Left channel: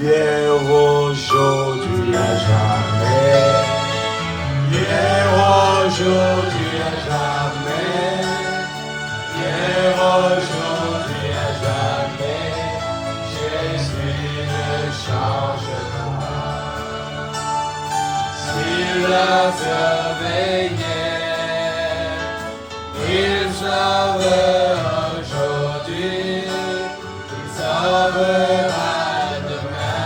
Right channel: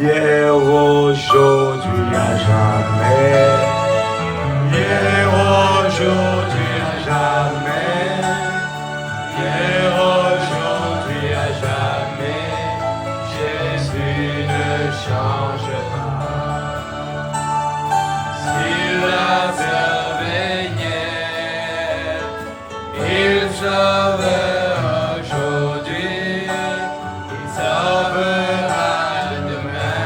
hier, aujourd'hui, à jamais. Hier, aujourd'hui, à jamais. Hier, aujourd'hui, à jamais. Jésus ne change pas. S'il a sauvé hier, il sauvera aujourd'hui, il sauvera demain.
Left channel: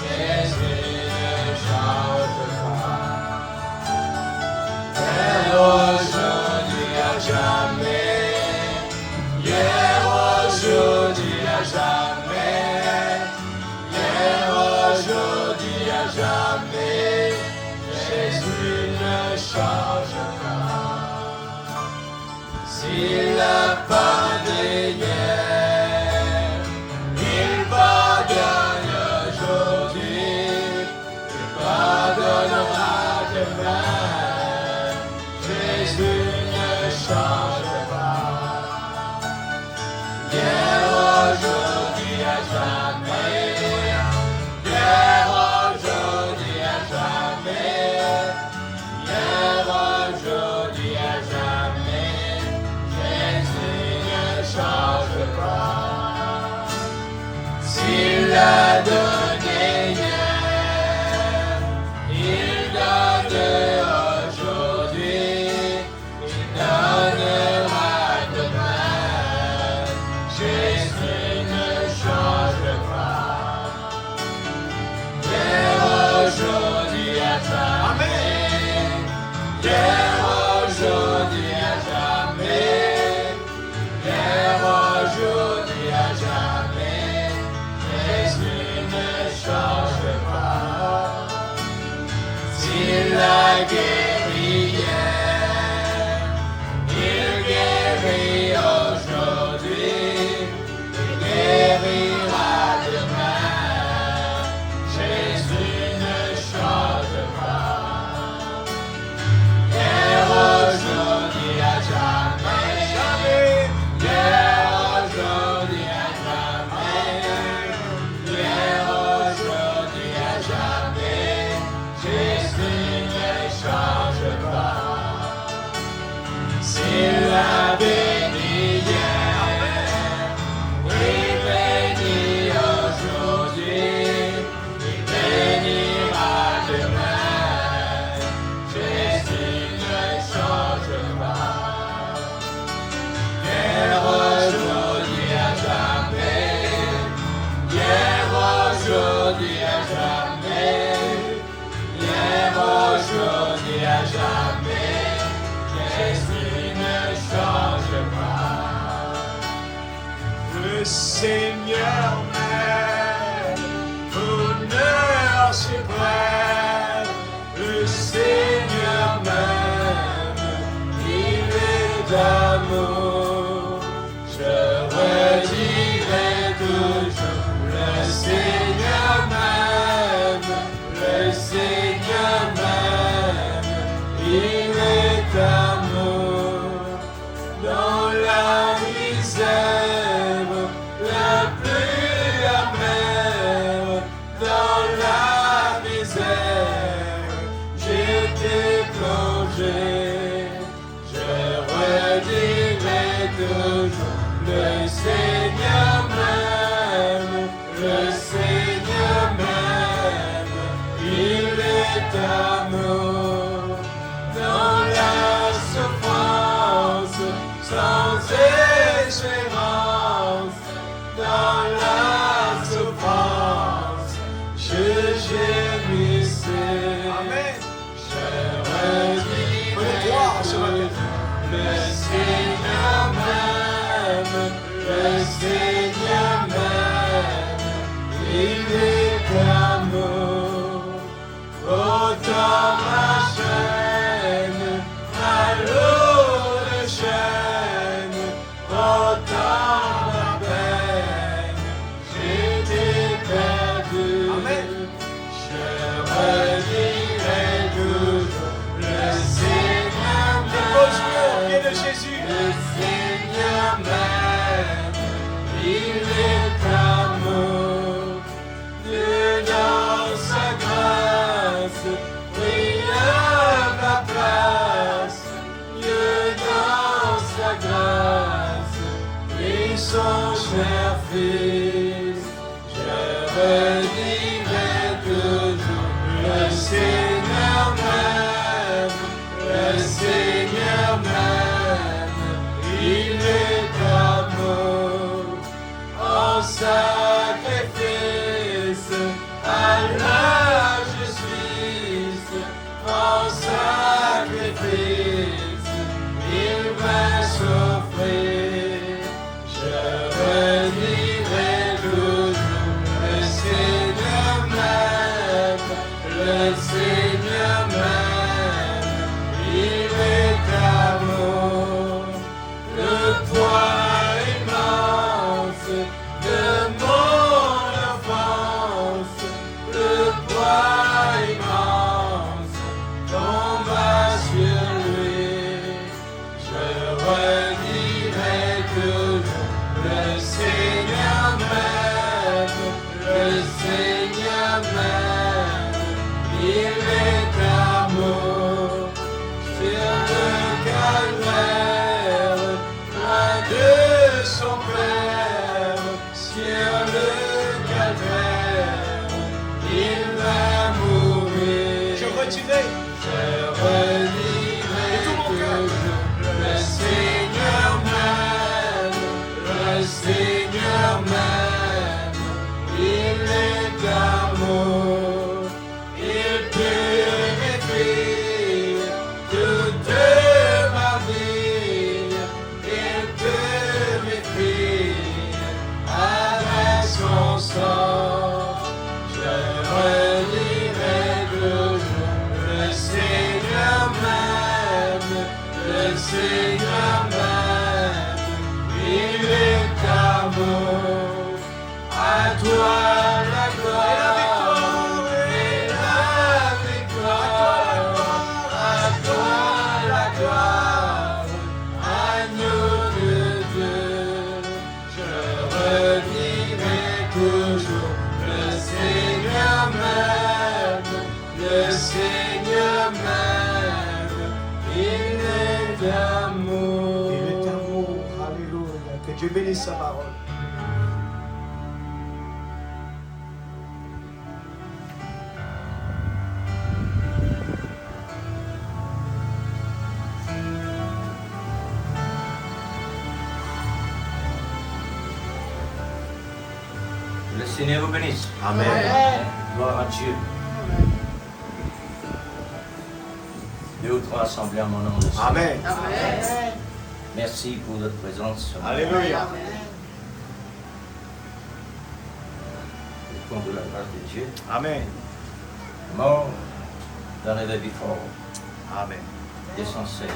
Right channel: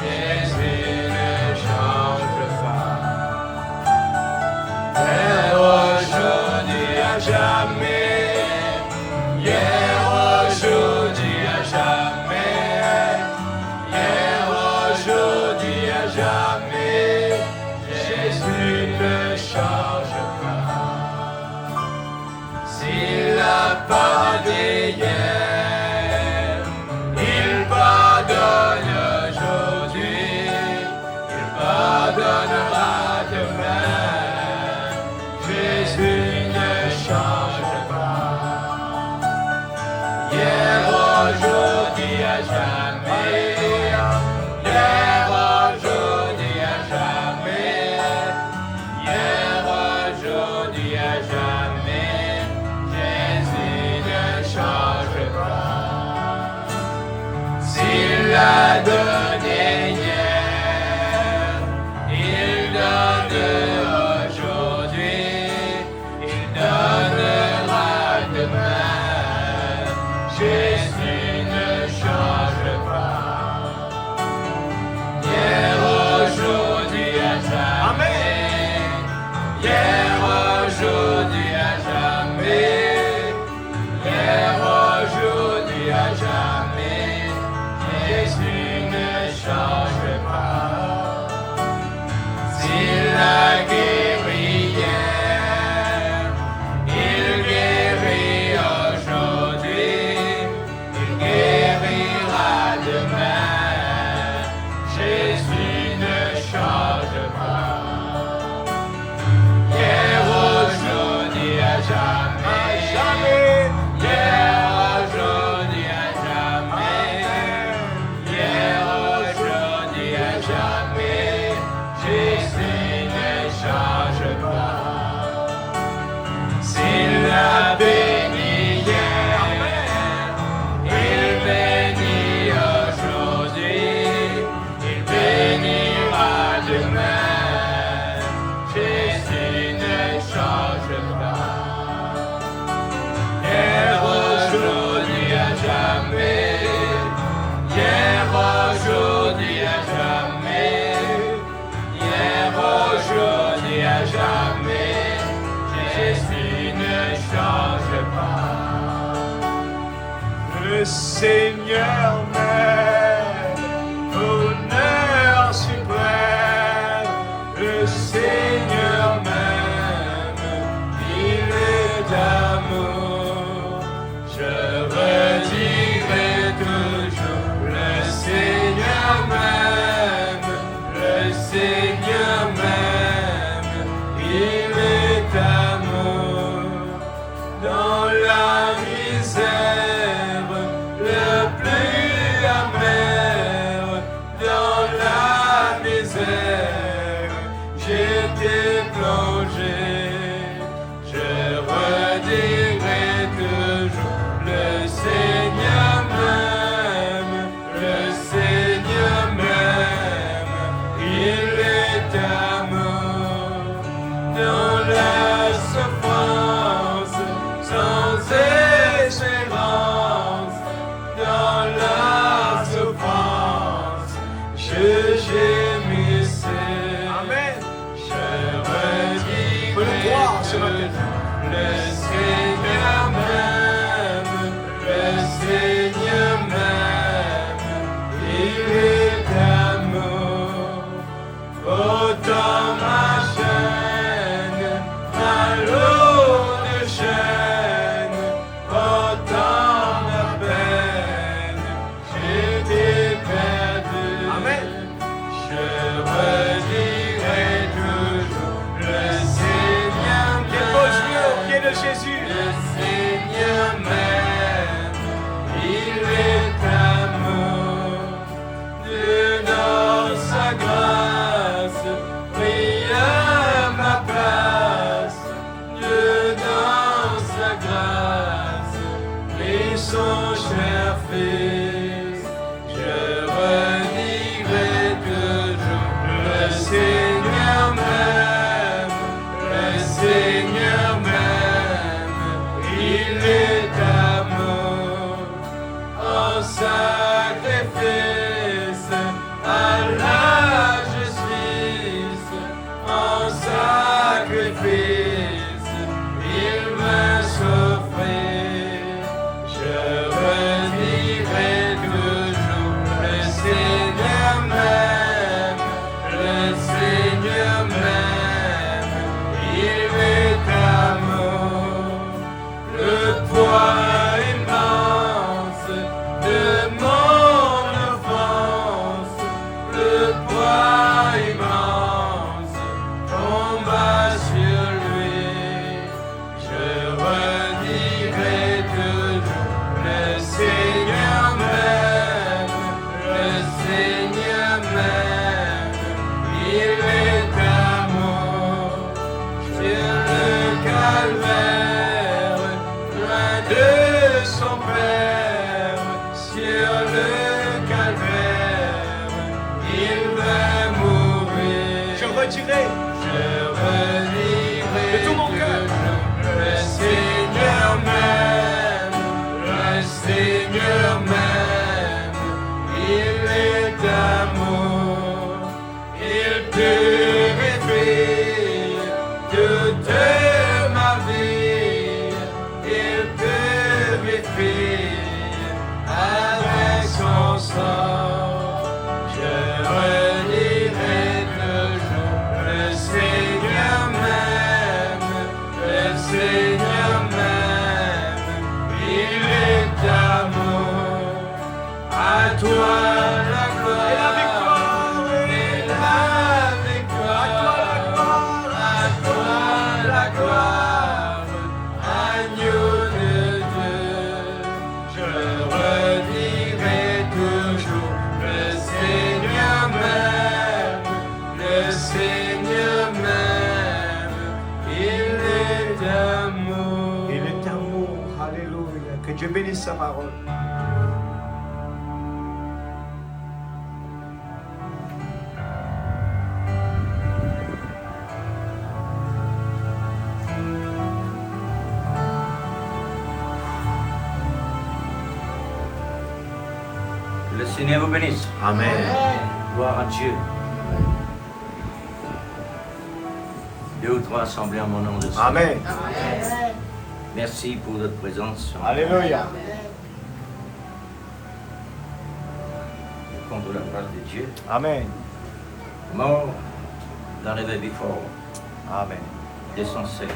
Jésus ne change pas. Hier, aujourd'hui, à jamais. Hier, aujourd'hui, à jamais. Hier, aujourd'hui, à jamais. Jésus ne change pas. S'il a pardonné hier, il pardonne aujourd'hui, il pardonnera demain. Jésus ne change pas. Hier, aujourd'hui, à jamais. Hier, aujourd'hui, à jamais. Hier, aujourd'hui, à jamais. Jésus ne change pas. S'il a donné hier, il donne aujourd'hui, il donnera demain. Jésus ne change pas. Hier, aujourd'hui, à jamais. Hier, aujourd'hui, à jamais. Hier, aujourd'hui, à jamais. Jésus ne change pas. S'il a guéri hier, il guérit aujourd'hui, il guérira demain. Jésus ne change pas. Hier, aujourd'hui, à jamais. Hier, aujourd'hui, à jamais. Hier, aujourd'hui, à jamais. Jésus ne change pas. S'il a béni hier, il bénit aujourd'hui, il bénira demain. Jésus ne change pas. Hier, aujourd'hui, à jamais. Hier, aujourd'hui, à jamais. Hier, aujourd'hui, à jamais. Jésus ne change pas. Le Seigneur m'aime, honneur suprême. Le Seigneur m'aime, il est d'amour. Je redirai toujours, le Seigneur m'aime, le Seigneur m'aime, il est d'amour. Dans la misère, le plus sacrifice, je redirai toujours. Le Seigneur m'aime, le Seigneur m'aime, il est amour en sacrifice à la justice, en sacrifice, il m'a sauvé. Je redirai toujours, le Seigneur m'aime, le Seigneur m'aime, il est amour. Le poids immense de mon offense, le poids immense tomba sur lui. Je redirai toujours, le Seigneur m'aime, le Seigneur m'aime, il est amour. Sur le calvaire, loin de son Père, sur le calvaire, il va mourir. Je redirai Je redirai de tout mon cœur. toujours, le Seigneur m'aime, le Seigneur m'aime, il est amour, il purifie toute ma vie, il purifie avec son sang. Je redirai toujours, le Seigneur m'aime, le Seigneur m'aime, il est amour. À toi la gloire et la victoire, à toi la gloire, agneau de Dieu. Je redirai toujours, le Seigneur m'aime, le Seigneur m'aime, il est amour. Il est amour. Alléluia. Que Dieu bénisse sa parole. Le Seigneur vous bénisse. Amen. Gloire à Dieu. Deux ou trois assemblées en mon nom de Seigneur. Amen. Merci pour votre présence. Alléluia. Contre la grâce de Dieu. Amen. Mort d'arriver before. Amen. 216.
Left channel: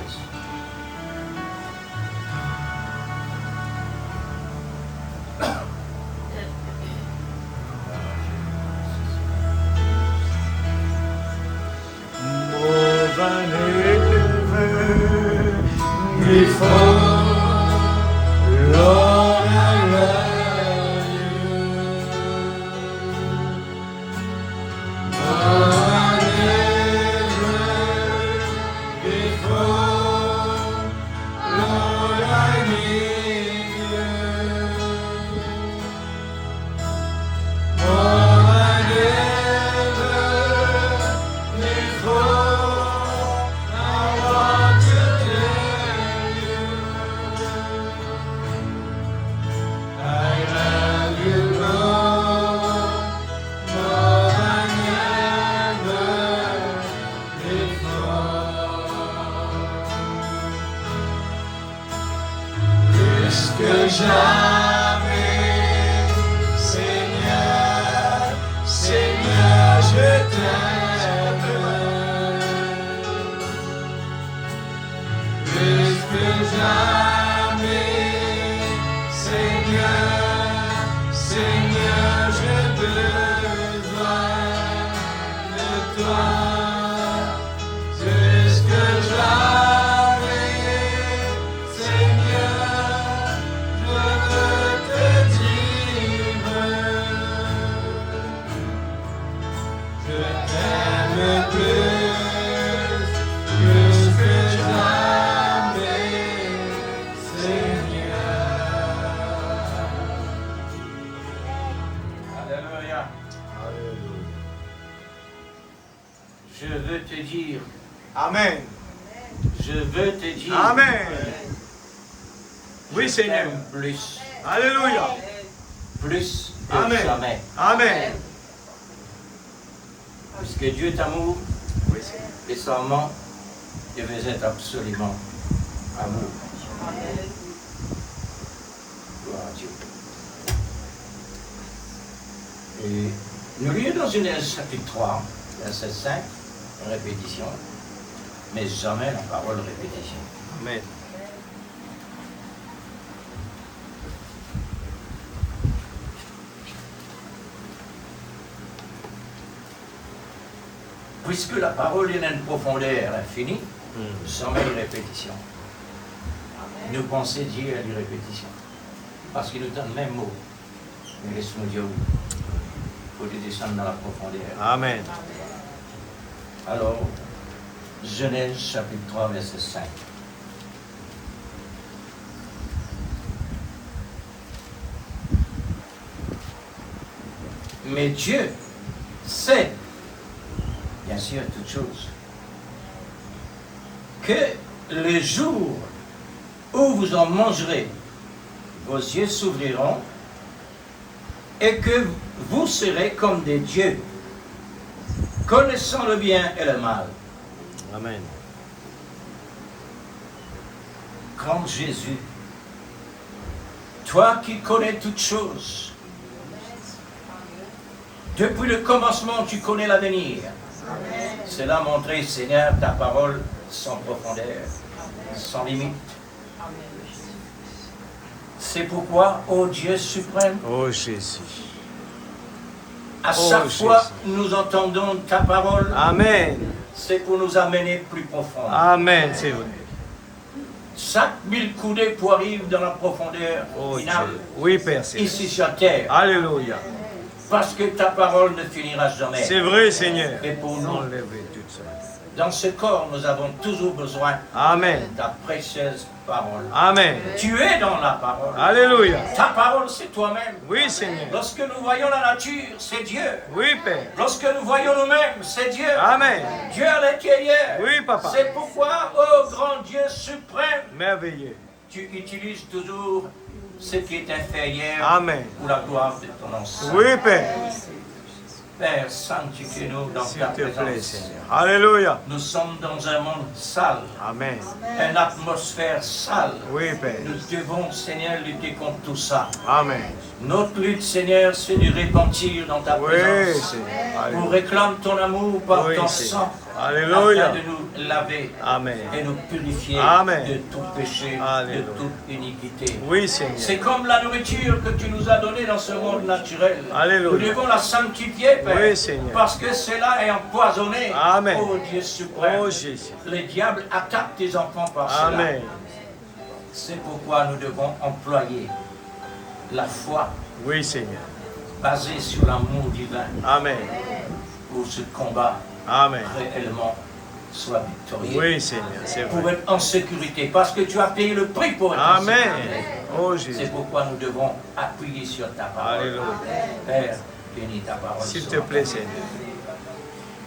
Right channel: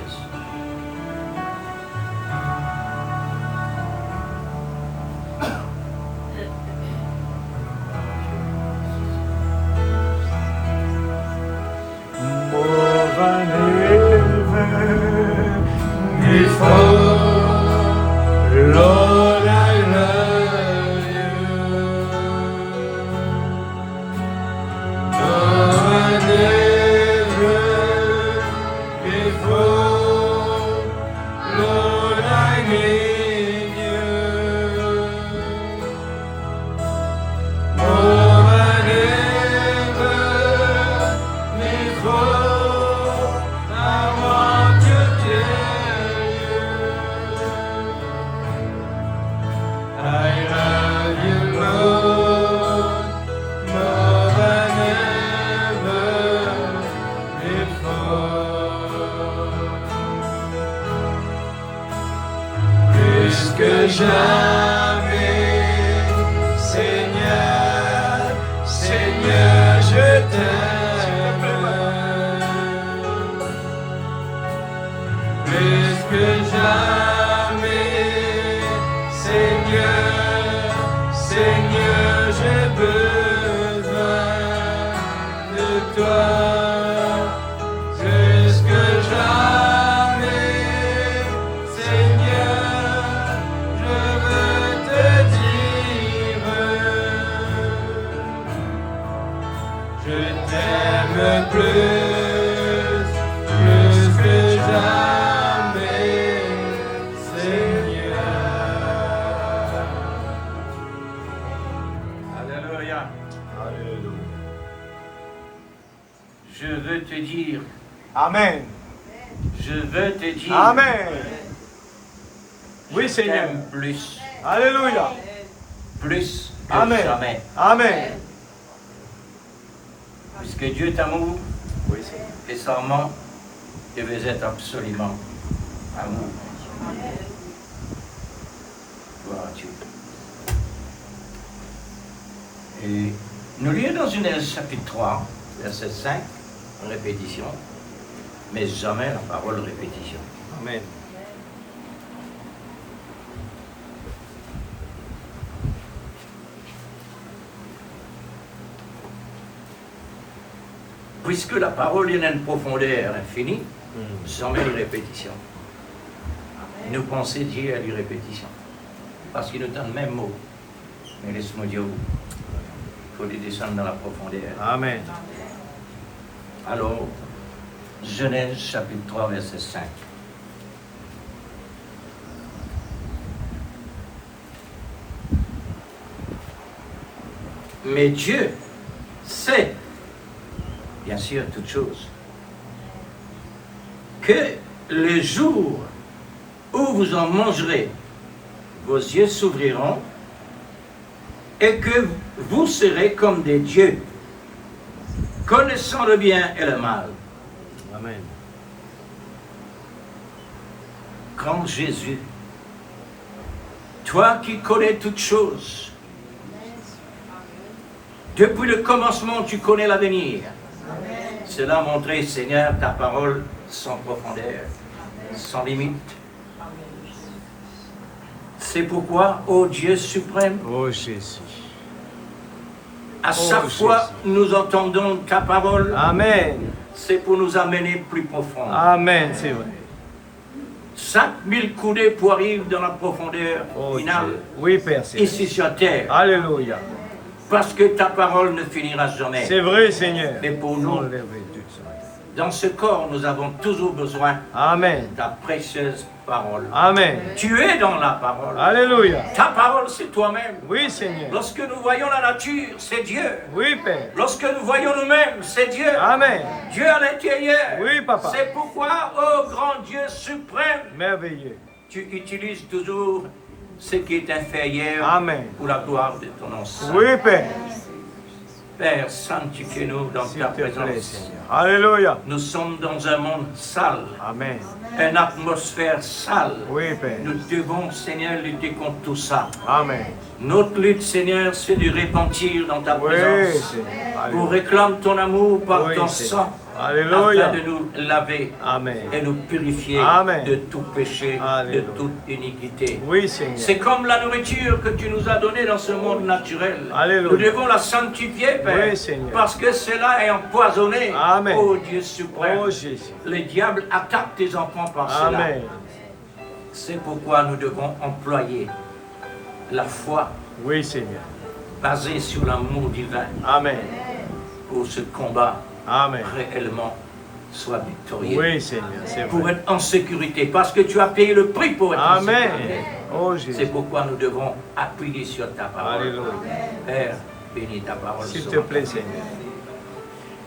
Lord, I love you. No one ever before. Lord, I need you. No one ever before. I want to tell you. I love you more than ever before. Plus que jamais, Seigneur, Seigneur, je t'aime. Plus que jamais, Seigneur, Seigneur, j'ai besoin de toi. Plus que jamais, Seigneur, je veux te dire, je t'aime plus que jamais, Seigneur. Je veux te dire, Amen. je veux te dire, Amen. Oui, je Seigneur. t'aime plus, Alléluia. plus que Amen. jamais. Amen. Puisque Dieu t'amour Oui, Seigneur. et seulement, et vous êtes absolument amour. Gloire à Dieu. Et nous lisons dans Genèse chapitre 3, verset 5, une répétition, mais jamais la parole répétition. Amen. Puisque la parole est une profondeur infinie, jamais une répétition. Nous pensons Dieu à une répétition. Parce qu'il nous donne le même mot. Mais laisse-moi dire où. Il faut les descendre dans la profondeur. Amen. Alors, Genèse chapitre 3, verset 5. Mais Dieu sait, bien sûr, toutes choses, que le jour où vous en mangerez, vos yeux s'ouvriront et que vous serez comme des dieux, connaissant le bien et le mal. Amen. Grand Jésus, toi qui connais toutes choses, depuis le commencement, tu connais l'avenir. Cela a montré, Seigneur, ta parole sans profondeur, sans limite. C'est pourquoi, ô Dieu suprême, Oh Jésus. à Oh, chaque fois Jésus. nous entendons ta parole, Amen. c'est pour nous amener plus profond. Amen, c'est vrai. 5000 coudées pour arriver dans la profondeur Oh finale, Dieu. Oui, Père Céleste. ici sur terre, Alléluia. parce que ta parole ne finira jamais. C'est vrai, Seigneur. Et pour nous, Enlève tout ce matin. dans ce corps, nous avons toujours besoin Amen. de ta précieuse parole. Amen. Tu es dans la parole. Alléluia. Ta parole, c'est toi-même. Oui, Seigneur. Lorsque nous voyons la nature, c'est Dieu. Oui, Père. Lorsque nous voyons nous-mêmes, c'est Dieu. Amen. Dieu à l'intérieur. Oui, Papa. C'est pourquoi, ô grand Dieu suprême, Merveilleux. tu utilises toujours ce qui est inférieur Amen. pour la gloire de ton nom saint. Oui, Père. Père, sanctifie-nous dans S'il ta te plaît, présence. Seigneur. Alléluia. Nous sommes dans un monde sale, Amen. une atmosphère sale. Oui, Père. Nous devons, Seigneur, lutter contre tout ça. Amen. Notre lutte, Seigneur, c'est de repentir dans ta Oui, présence. Seigneur. Pour Alléluia. réclamer ton amour par Oui, ton Seigneur. sang. Alléluia. Afin de nous laver Amen. et nous purifier Amen. de tout péché, Alléluia. de toute iniquité. Oui, Seigneur. C'est comme la nourriture que tu nous as donnée dans ce monde naturel. Alléluia. Nous devons la sanctifier, Père, Oui, Seigneur. parce que cela est empoisonné. Amen. Oh Dieu suprême. Oh Jésus. Le diable attaque tes enfants par cela. Amen. C'est pourquoi nous devons employer la foi Oui, Seigneur. basée sur l'amour divin Amen. pour ce combat Amen. réellement soit victorieux. Oui, Seigneur, c'est Pour vrai. être en sécurité, parce que tu as payé le prix pour être en Amen. sécurité. Oh C'est Jésus. pourquoi nous devons appuyer sur ta parole. Alléluia. Père, bénis ta parole. S'il ce te matin. plaît, Seigneur.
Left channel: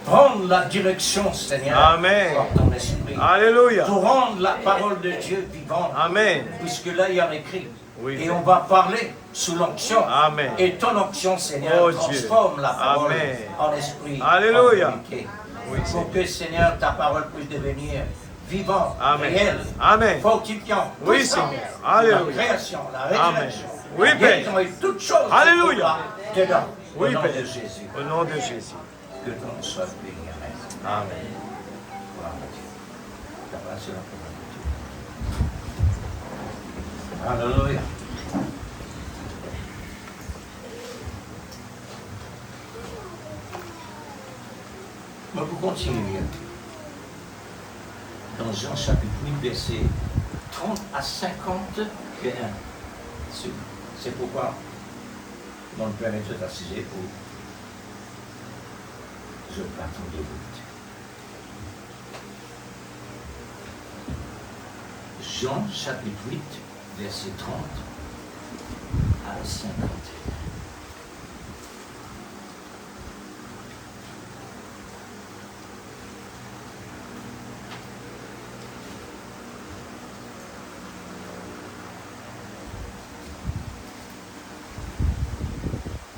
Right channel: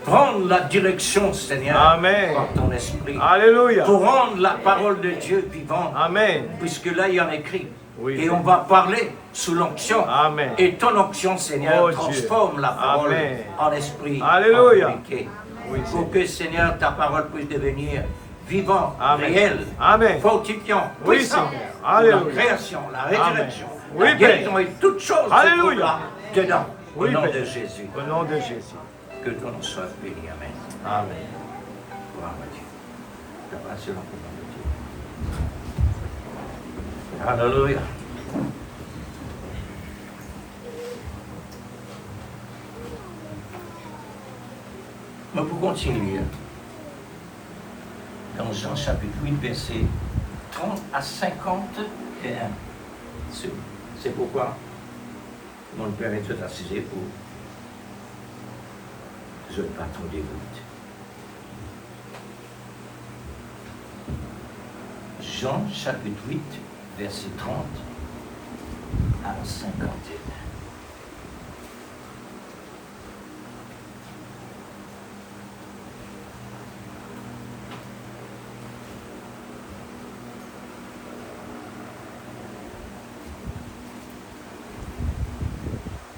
Prendre la direction, Seigneur, Amen. par ton esprit. Alléluia. Pour rendre la parole de Dieu vivante. Amen. Puisque là, il y en a écrit. Oui, Et Père. on va parler sous l'onction. Amen. Et ton onction, Seigneur, Oh, Dieu. transforme la parole Amen. en esprit. Alléluia. en vérité. Oui, Pour Seigneur. que, Seigneur, ta parole puisse devenir vivante, Amen. réelle, Amen. fortifiant, Oui, puissant. Seigneur. Pour Alléluia. La création, la résurrection, Oui, la Père. guérison et toutes choses. se Alléluia. trouvent dedans. Oui, Au nom Père. de Jésus. Au nom de Jésus. Que ton nom soit béni. Amen. Amen. Gloire à Dieu. La grâce et la parole de Dieu. Alléluia. Nous pouvons continuer dans Jean chapitre 8, verset 30 à 51. C'est pourquoi nous nous permettons d'assister pour je partons des routes. Jean chapitre 8, verset 30 à 51.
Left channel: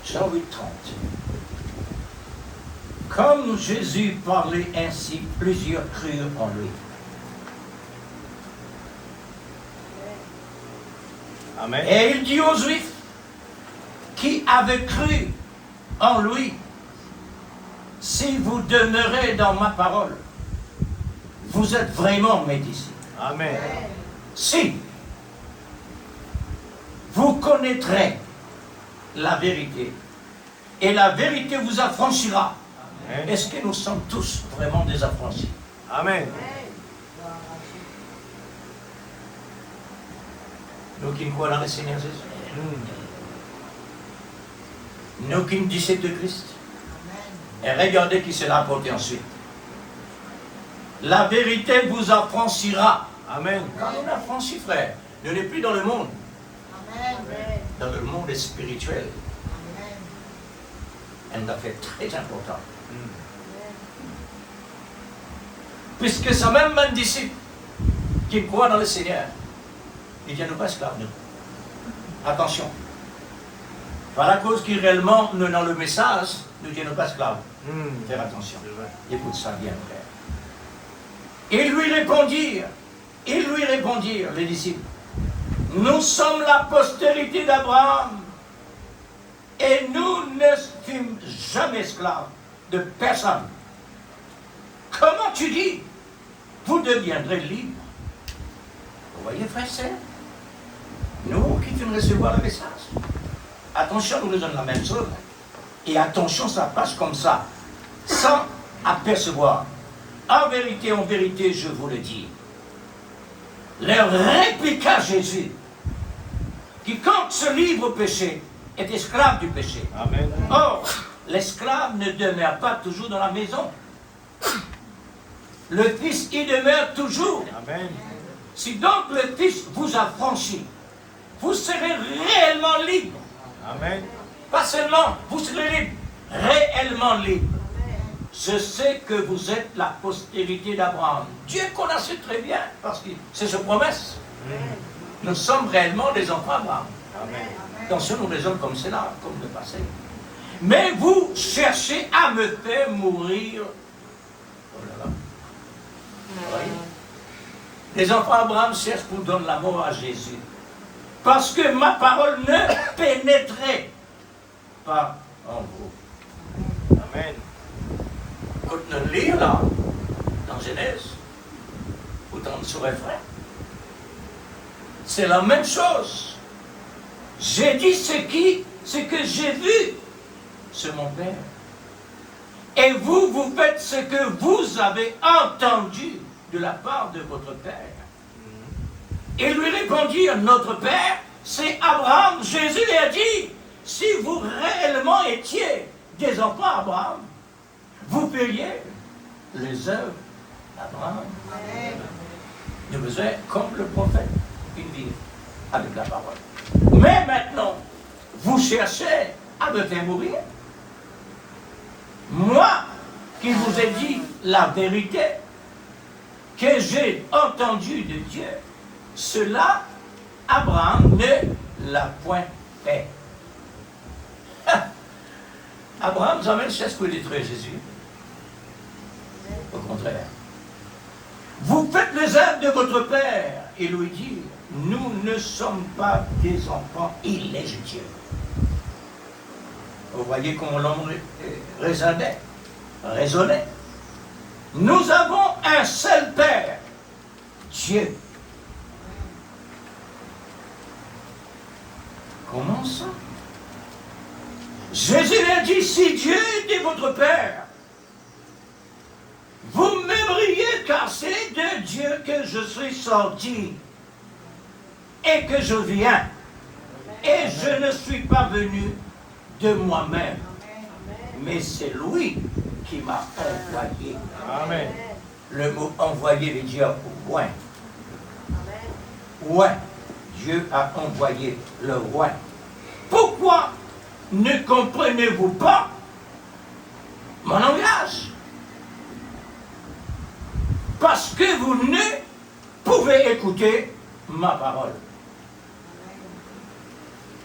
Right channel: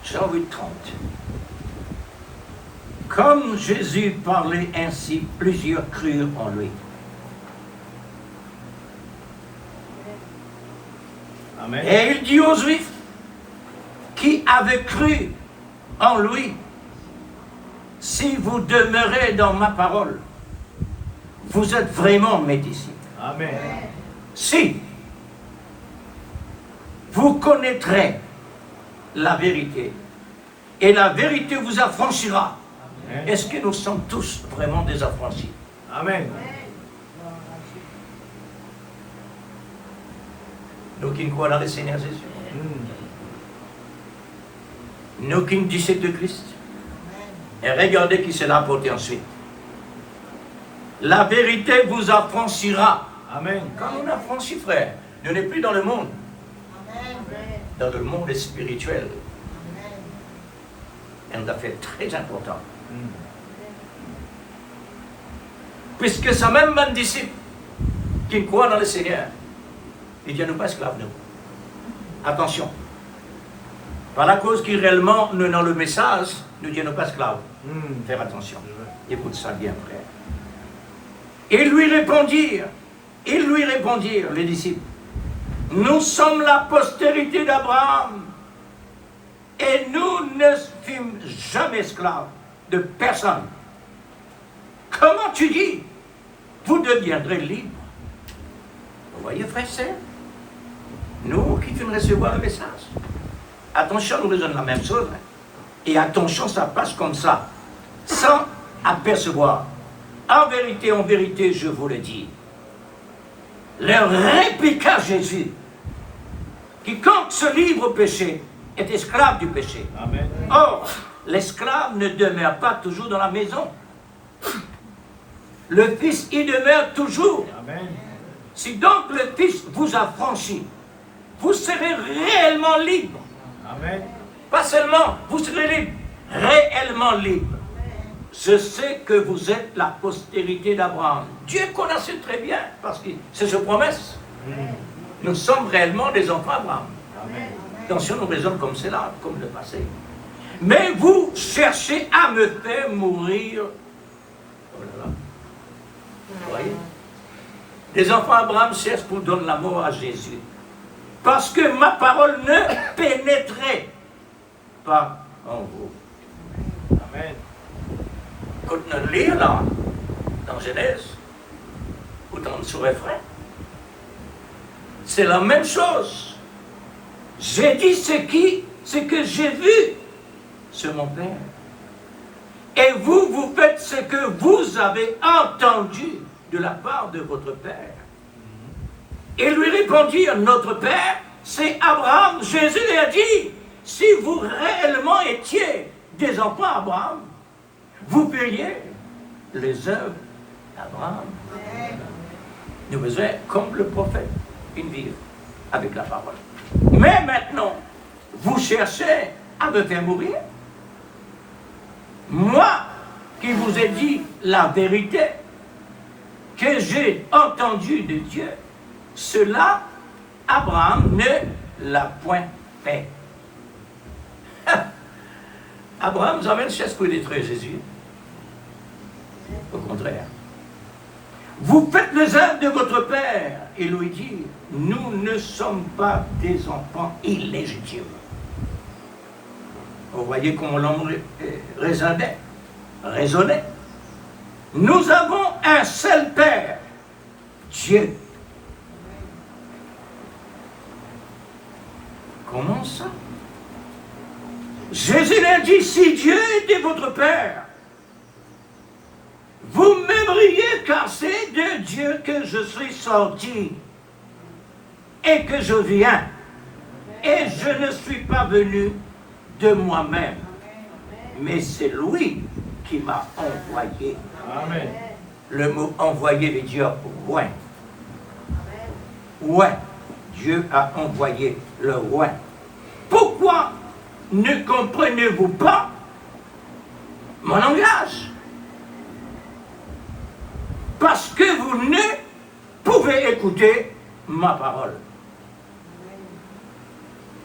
Jean 8, 30. Comme Jésus parlait ainsi, plusieurs crurent en lui. Amen. Et il dit aux Juifs qui avaient cru en lui, si vous demeurez dans ma parole, vous êtes vraiment mes disciples. Amen. Si vous connaîtrez la vérité, et la vérité vous affranchira. Amen. Est-ce que nous sommes tous vraiment des affranchis? Amen. Nous qui croyons dans le Seigneur Jésus, Mm. nous qui disciples de Christ, et regardez qui se l'a apporté ensuite. La vérité vous affranchira. Amen. Quand on affranchit, frère, nous n'est plus dans le monde, dans le monde spirituel. Un affaire très important. Puisque ce même disciple qui croit dans le Seigneur, il dit à nous pas esclaves, nous. Attention. Par la cause qui réellement nous dans le message, nous dit à nous pas esclaves. Mm. Faire attention. Écoute ça bien, frère. Ils lui répondirent, les disciples, nous sommes la postérité d'Abraham et nous ne fûmes jamais esclaves de personne. Comment tu dis, vous deviendrez libres? Vous voyez, frère, c'est nous qui venons recevoir le message. Attention, nous raisonnons la même chose. Et attention, ça passe comme ça, sans apercevoir. En vérité, je vous le dis. Leur répliqua Jésus. Quiconque se livre au péché est esclave du péché. Amen. Or, l'esclave ne demeure pas toujours dans la maison. Le Fils y demeure toujours. Amen. Si donc le Fils vous a franchi, vous serez réellement libre. Amen. Pas seulement, vous serez libre, réellement libre. Je sais que vous êtes la postérité d'Abraham. Dieu connaissait très bien, parce que c'est sa promesse. Nous sommes réellement des enfants d'Abraham. Amen. Attention, nous raisonnons comme cela, comme le passé. Mais vous cherchez à me faire mourir. Oh là là. Vous voyez? Les enfants d'Abraham cherchent pour donner la mort à Jésus. Parce que ma parole ne pénétrait pas en vous. Amen. Quand on lit là, dans Genèse, ou dans le sous-refrain, c'est la même chose. J'ai dit ce que j'ai vu sur mon Père. Et vous, vous faites ce que vous avez entendu de la part de votre Père. Et lui répondirent, notre Père, c'est Abraham. Jésus lui a dit, si vous réellement étiez des enfants d'Abraham, vous feriez les œuvres d'Abraham. Nous besoin, comme le prophète, une vie avec la parole. Mais maintenant, vous cherchez à me faire mourir. Moi, qui vous ai dit la vérité, que j'ai entendu de Dieu, cela, Abraham ne l'a point fait. Abraham jamais ne cherche pour détruire Jésus. Au contraire. Vous faites les œuvres de votre Père. Et lui dit, nous ne sommes pas des enfants illégitimes. Vous voyez comment l'homme raisonnait. Nous avons un seul Père, Dieu. Comment ça? Jésus l'a dit, si Dieu était votre Père, vous m'aimeriez car c'est de Dieu que je suis sorti et que je viens. Et je ne suis pas venu de moi-même, mais c'est lui qui m'a envoyé. Amen. Le mot envoyé veut dire loin. Ouais, Dieu a envoyé le roi. Pourquoi ne comprenez-vous pas mon langage? Parce que vous ne pouvez écouter ma parole.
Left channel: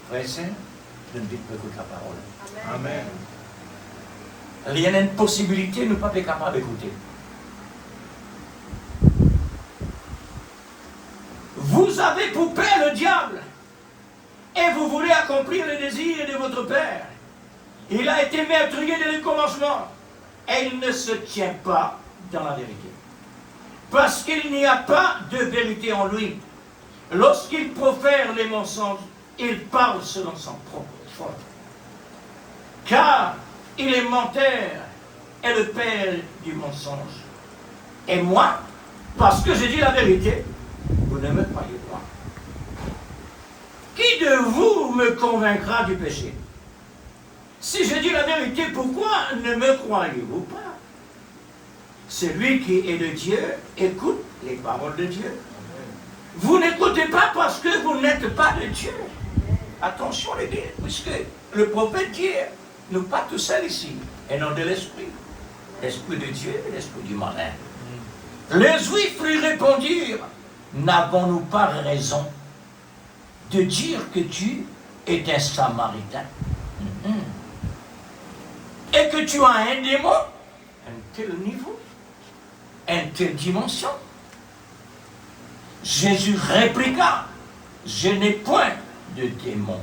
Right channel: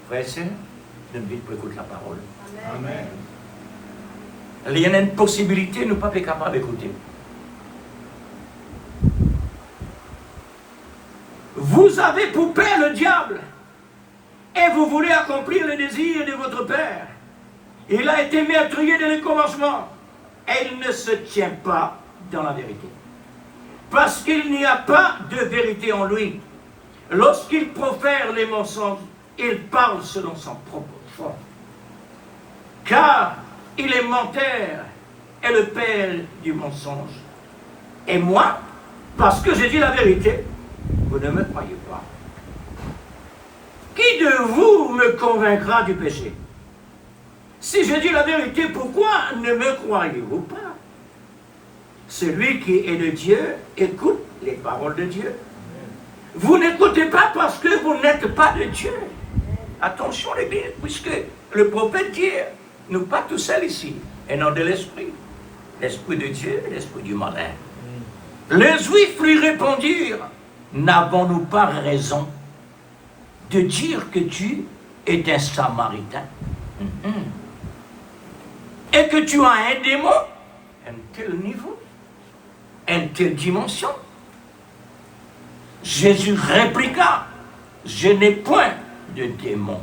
Frère, de ne pas écouter la parole. Amen. Il y a une possibilité, nous ne sommes pas capables d'écouter. Vous avez pour père le diable et vous voulez accomplir les désirs de votre père. Il a été meurtrier dès le commencement et il ne se tient pas dans la vérité. Parce qu'il n'y a pas de vérité en lui. Lorsqu'il profère les mensonges, il parle selon son propre foi. Car il est menteur et le père du mensonge. Et moi, parce que j'ai dit la vérité, vous ne me croyez pas. Qui de vous me convaincra du péché? Si je dis la vérité, pourquoi ne me croyez-vous pas? Celui qui est de Dieu écoute les paroles de Dieu. Vous n'écoutez pas parce que vous n'êtes pas de Dieu. Attention les gars, puisque le prophète dit, nous pas tous seuls ici, et non de l'esprit. L'esprit de Dieu et l'esprit du malin. Les Juifs lui répondirent, n'avons-nous pas raison de dire que tu es un Samaritain et que tu as un démon, un tel niveau, une telle dimension? Jésus répliqua, je n'ai point de démon,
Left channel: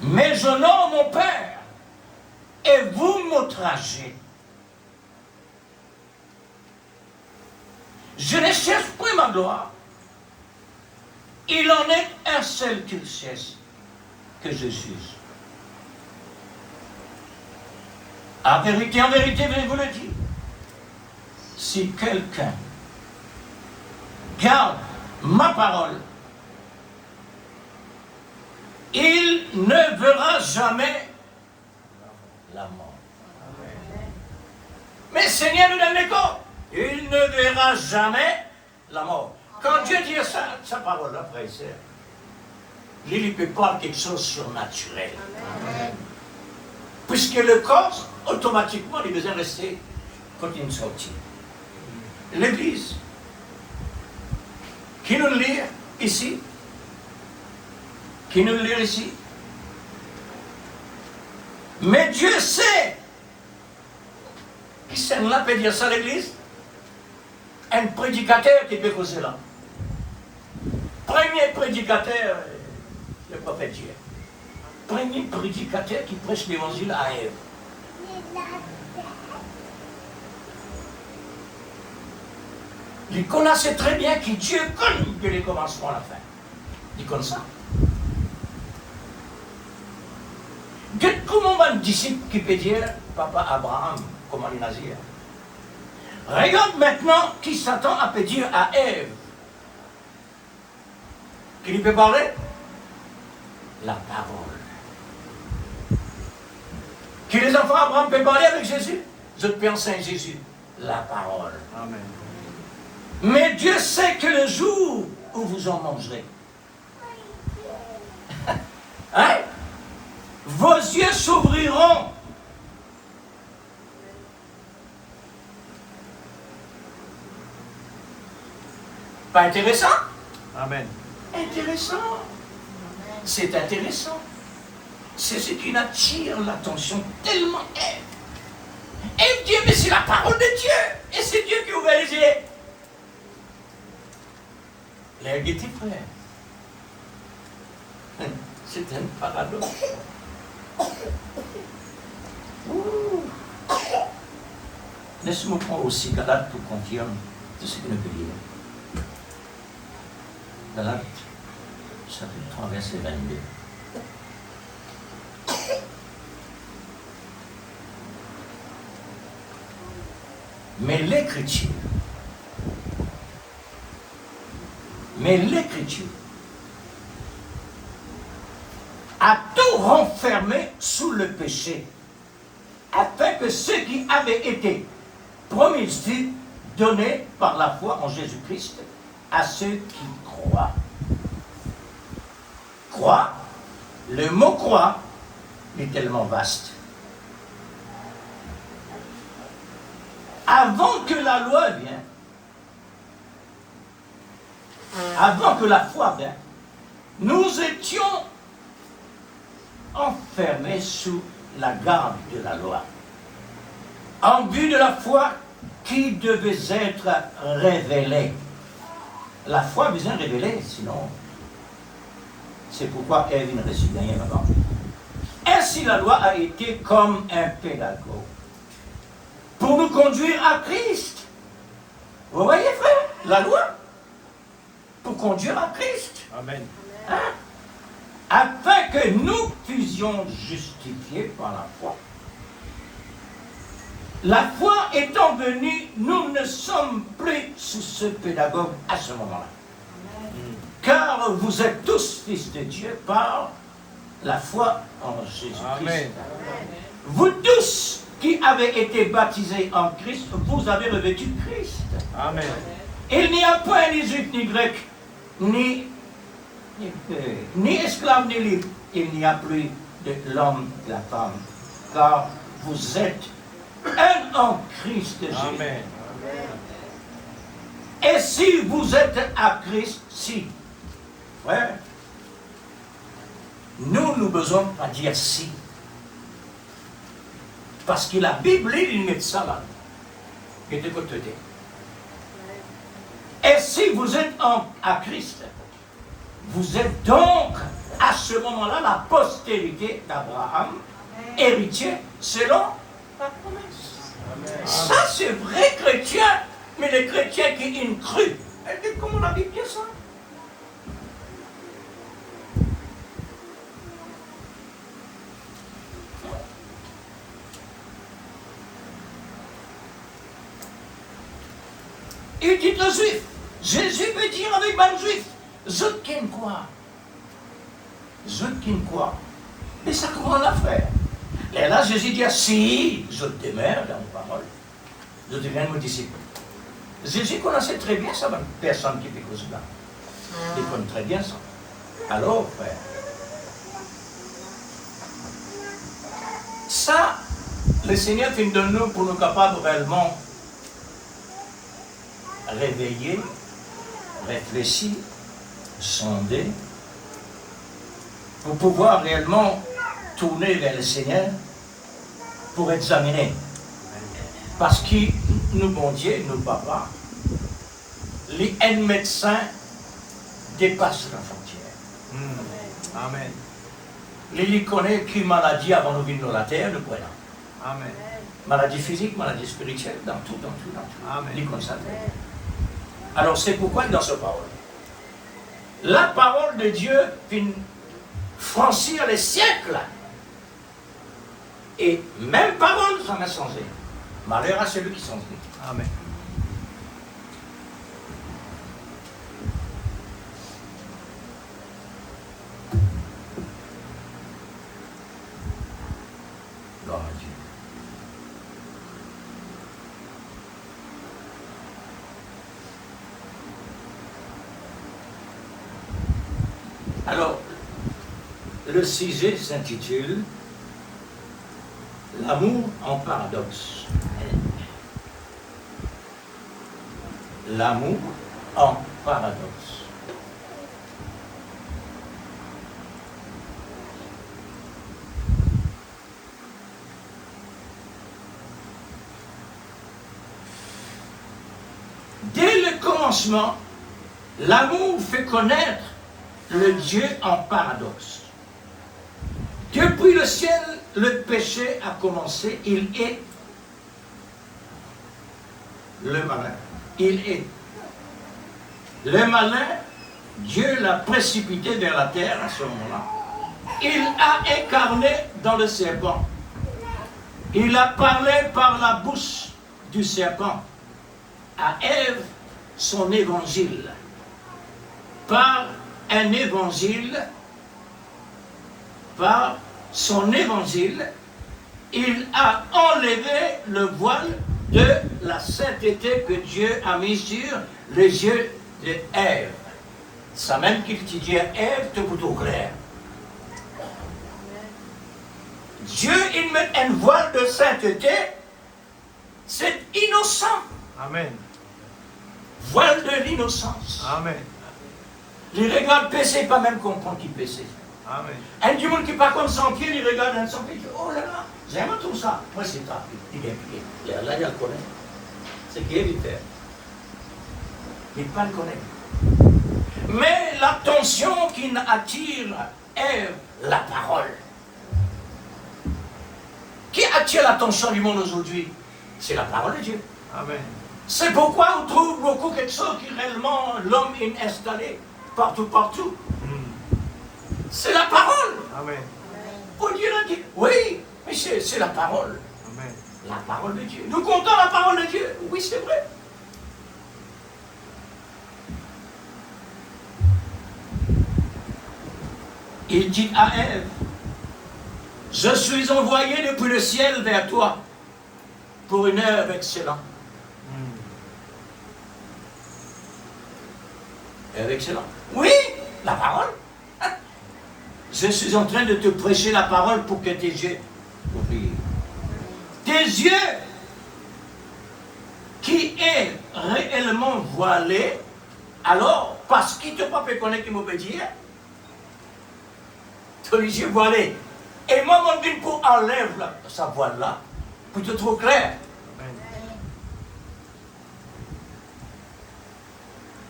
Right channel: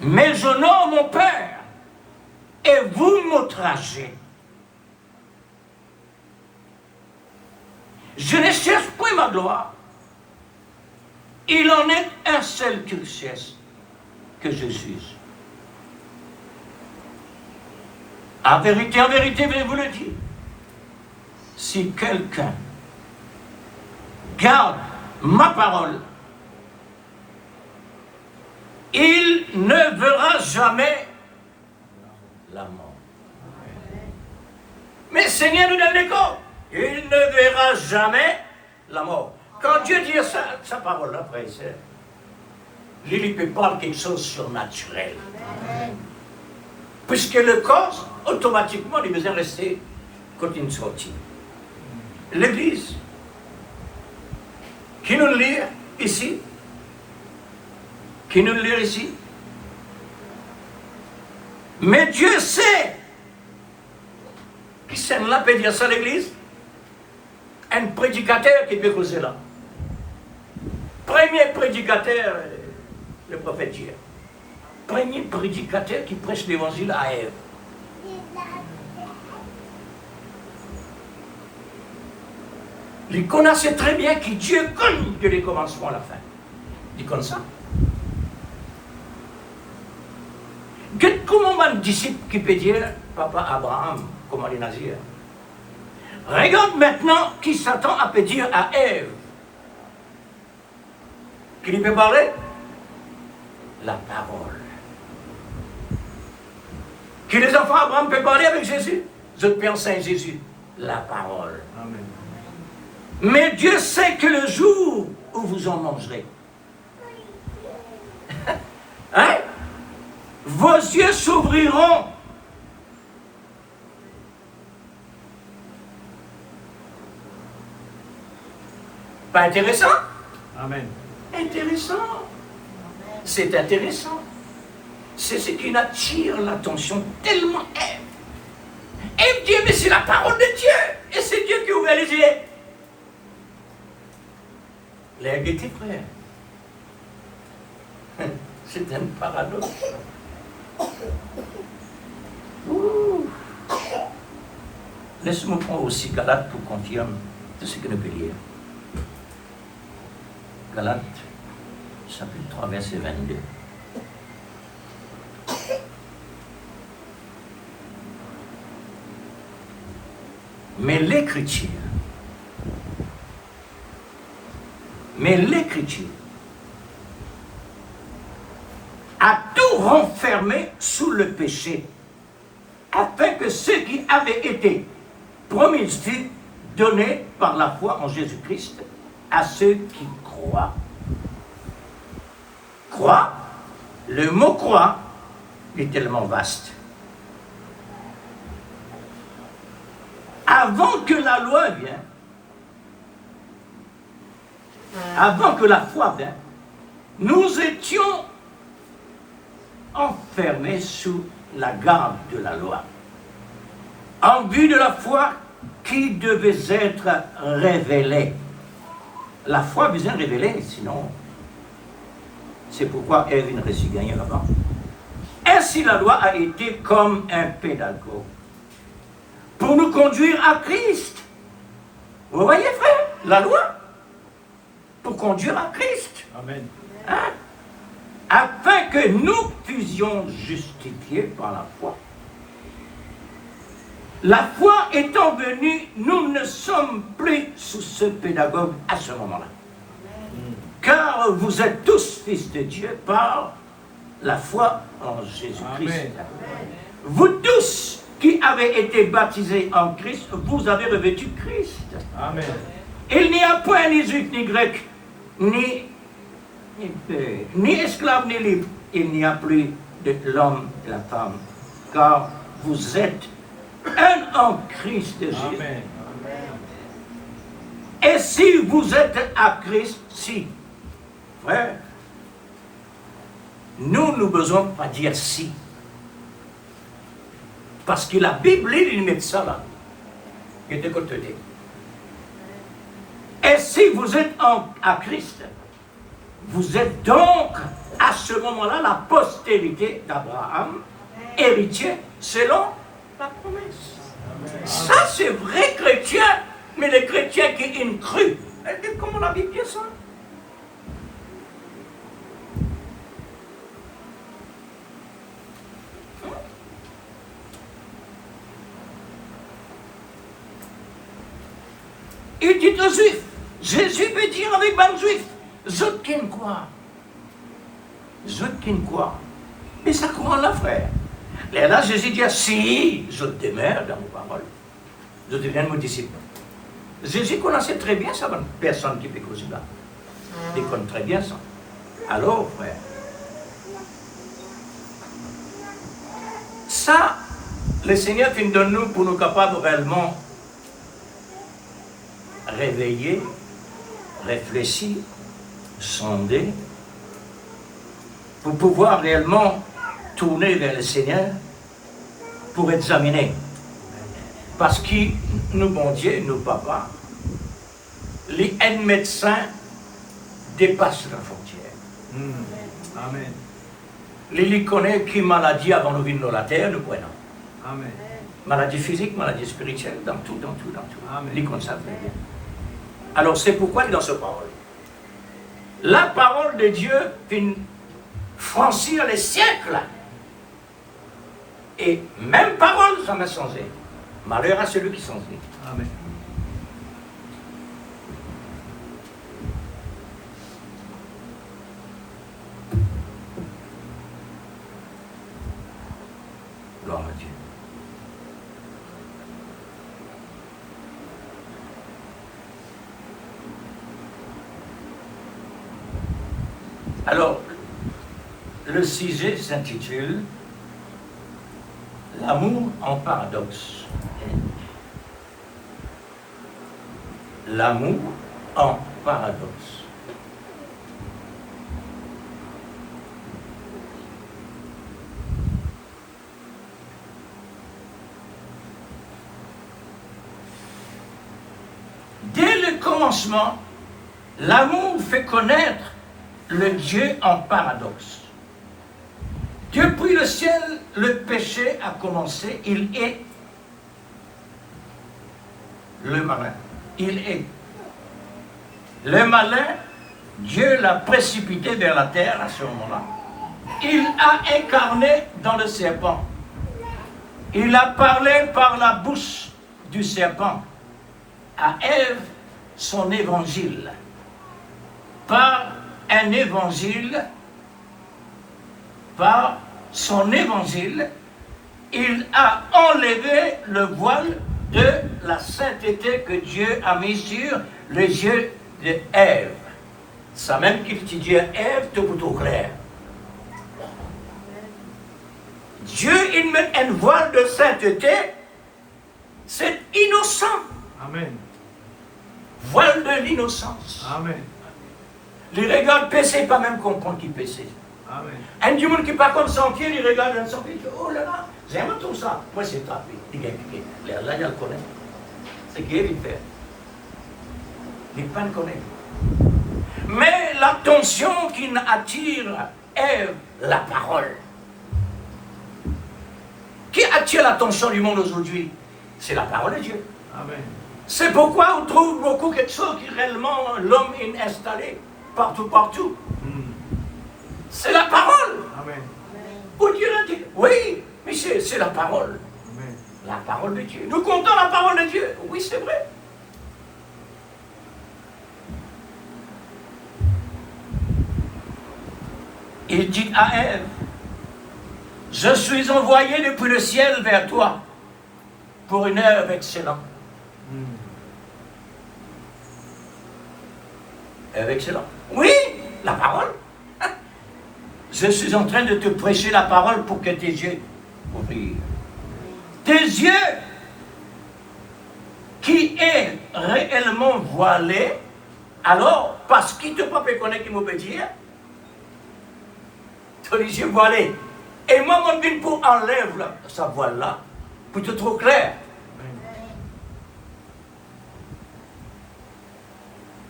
mais j'honore mon Père, et vous m'outragez. Je ne cherche point ma gloire. Il en est un seul qu'il cherche, que je juge. En vérité, je vous le dis, si quelqu'un garde ma parole, il ne verra jamais la mort. Mais Seigneur nous donne l'écho. Il ne verra jamais la mort. Quand Dieu dit sa parole, là, frère et sœur, il peut parler quelque chose de surnaturel. Amen. Puisque le corps, automatiquement, il besoin de rester quand il sortit. L'Église, qui nous lit ici, qui nous lit ici. Mais Dieu sait, qui s'en là peut dire ça à l'Église? Un prédicateur qui peut causer là. Premier prédicateur, le prophète hier. Premier prédicateur qui prêche l'évangile à Ève. Il connaissait très bien que Dieu connaît que les commencements à la fin. Il connaît ça. Comment un disciple qui peut dire, Papa Abraham, comment il a dit? Regarde maintenant qui s'attend à dire à Ève. Qui lui peut parler? La parole. Que les enfants d'Abraham peuvent parler avec Jésus? Je pense à Jésus. La parole. Amen. Mais Dieu sait que le jour où vous en mangerez, hein? Vos yeux s'ouvriront. Pas intéressant? Amen. Intéressant. C'est intéressant. C'est ce qui attire l'attention tellement. Et Dieu, mais c'est la parole de Dieu. Et c'est Dieu qui ouvre les yeux. Les petits frères. C'est un paradoxe. Laisse-moi prendre aussi Galate pour confirmer tout ce que nous peut dire. Galate, chapitre 3, verset 22. Mais l'écriture a tout renfermé sous le péché, afin que ceux qui avaient été promis fût donné par la foi en Jésus-Christ à ceux qui croient. Croire, le mot croire est tellement vaste. Avant que la loi vienne, avant que la foi vienne, nous étions enfermés sous la garde de la loi, en vue de la foi qui devait être révélée. La foi besoin de révéler, sinon, c'est pourquoi Ève ne reçut rien avant. Ainsi, la loi a été comme un pédagogue pour nous conduire à Christ. Vous voyez, frère, la loi pour conduire à Christ. Amen. Hein? Afin que nous fussions justifiés par la foi. La foi étant venue, nous ne sommes plus sous ce pédagogue à ce moment-là. Car vous êtes tous fils de Dieu par la foi en Jésus-Christ. Vous tous qui avez été baptisés en Christ, vous avez revêtu Christ. Amen. Il n'y a point ni juif ni grec, ni esclave ni libre. Il n'y a plus de l'homme et la femme. Car vous êtes un en Christ Jésus. Amen. Et si vous êtes à Christ, si, frère, nous ne besoin pas dire si. Parce que la Bible, il met ça là. Il était côté. Et si vous êtes à Christ, vous êtes donc à ce moment-là la postérité d'Abraham, héritier selon la promesse. Ça, c'est vrai chrétien, mais les chrétiens qui ont cru. Comment la Bible dit ça? Il dit aux Juifs, Jésus veut dire avec les Juifs, zot qui quoi? Zot qui quoi? Et ça comment là, frère? Et là, Jésus dit, si je demeure dans les paroles, je deviens mon disciple. Jésus connaissait très bien ça, personne qui fait cela. Il connaît très bien ça. Alors, frère, ça, le Seigneur fait de nous pour nous capables réellement réveiller, réfléchir, sonder, pour pouvoir réellement tourner vers le Seigneur pour examiner. Parce que nous, bon Dieu, nous papa, les médecins dépassent la frontière. Amen. Les connaissent qui maladie avant de venir dans la terre, nous prenons. Amen. Maladie physique, maladie spirituelle, dans tout. Amen. Les consacrés. Alors c'est pourquoi il est dans ce parole. La parole de Dieu vient franchir les siècles. Et même parole, ça m'a changé. Malheur à celui qui change. Amen. Gloire à Dieu. Alors, le sujet s'intitule L'amour en paradoxe. L'amour en paradoxe. Dès le commencement, l'amour fait connaître le Dieu en paradoxe. Depuis le ciel, le péché a commencé, il est le malin. Il est le malin, Dieu l'a précipité vers la terre à ce moment-là. Il a incarné dans le serpent. Il a parlé par la bouche du serpent à Ève son évangile. Par un évangile, par son évangile, il a enlevé le voile de la sainteté que Dieu a mis sur les yeux d'Ève. Ça même qu'il te dit Ève, te plutôt clair. Dieu, il met un voile de sainteté, c'est innocent. Amen. Voile de l'innocence. Amen. Les regards péché, pas même comprendre qu'il péché. Amen. Un du monde qui part comme sans pied, il regarde dans son pied, il dit, oh là là, j'aime tout ça. Moi, c'est ça. Il dit, là, il le connaît. C'est qui il fait. Il ne pas le connaît. Mais l'attention qui attire est la parole. Qui attire l'attention du monde aujourd'hui? C'est la parole de Dieu. Amen. C'est pourquoi on trouve beaucoup quelque chose qui réellement l'homme est installé partout. C'est la parole. Amen. Pour Dieu l'a dit. Oui, mais c'est la parole. Amen. La parole de Dieu. Nous comptons la parole de Dieu. Oui, c'est vrai. Il dit à Ève, je suis envoyé depuis le ciel vers toi pour une œuvre excellente. Œuvre excellente. Oui, la parole. Je suis en train de te prêcher la parole pour que tes yeux ouvrent. Tes yeux qui est réellement voilé, alors, parce qu'il ne peut pas connaître qui m'obéit, tu as les yeux voilés. Et moi, mon but pour enlève sa voile-là, pour te trouver clair.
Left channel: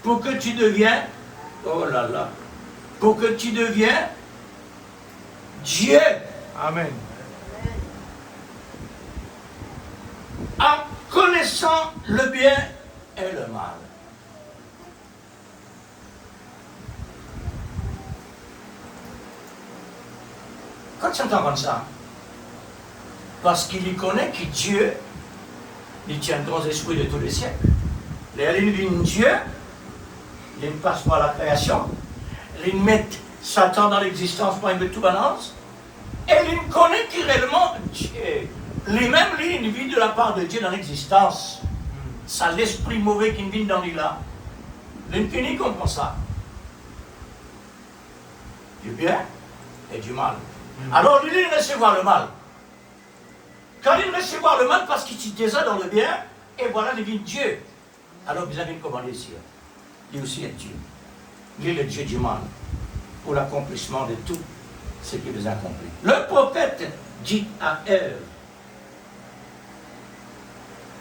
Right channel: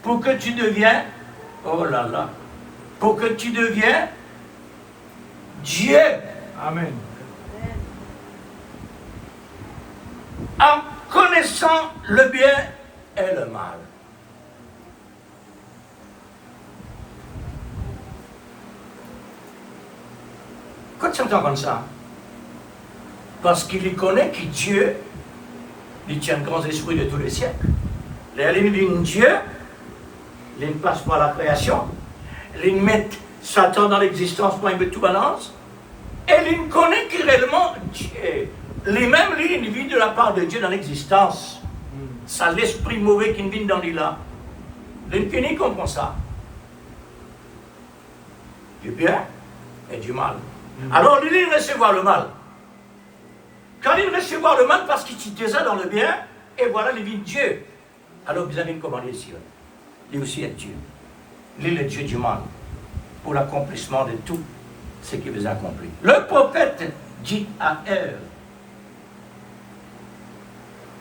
Pour que tu deviennes, oh là là, pour que tu deviennes Dieu. Amen. En connaissant le bien et le mal. Quand tu entends comme ça, parce qu'il y connaît que Dieu, il tient le grand esprit de tous les siècles. Il dit Dieu, il passe par la création, il met Satan dans l'existence pour il met tout balance, et il connaît que réellement Dieu, lui-même, il vit de la part de Dieu dans l'existence. Ça, l'esprit mauvais qui vit dans lui là. Il comprend ça. Du bien et du mal. Alors, lui, il recevoir le mal. Quand il recevoir le mal, parce qu'il était ça dans le bien, et voilà, il dit Dieu. Alors, vous avez commandé les cieux. Il aussi est Dieu. Il est le Dieu du mal, pour l'accomplissement de tout ce qu'il vous a accompli. Le prophète dit à Ève,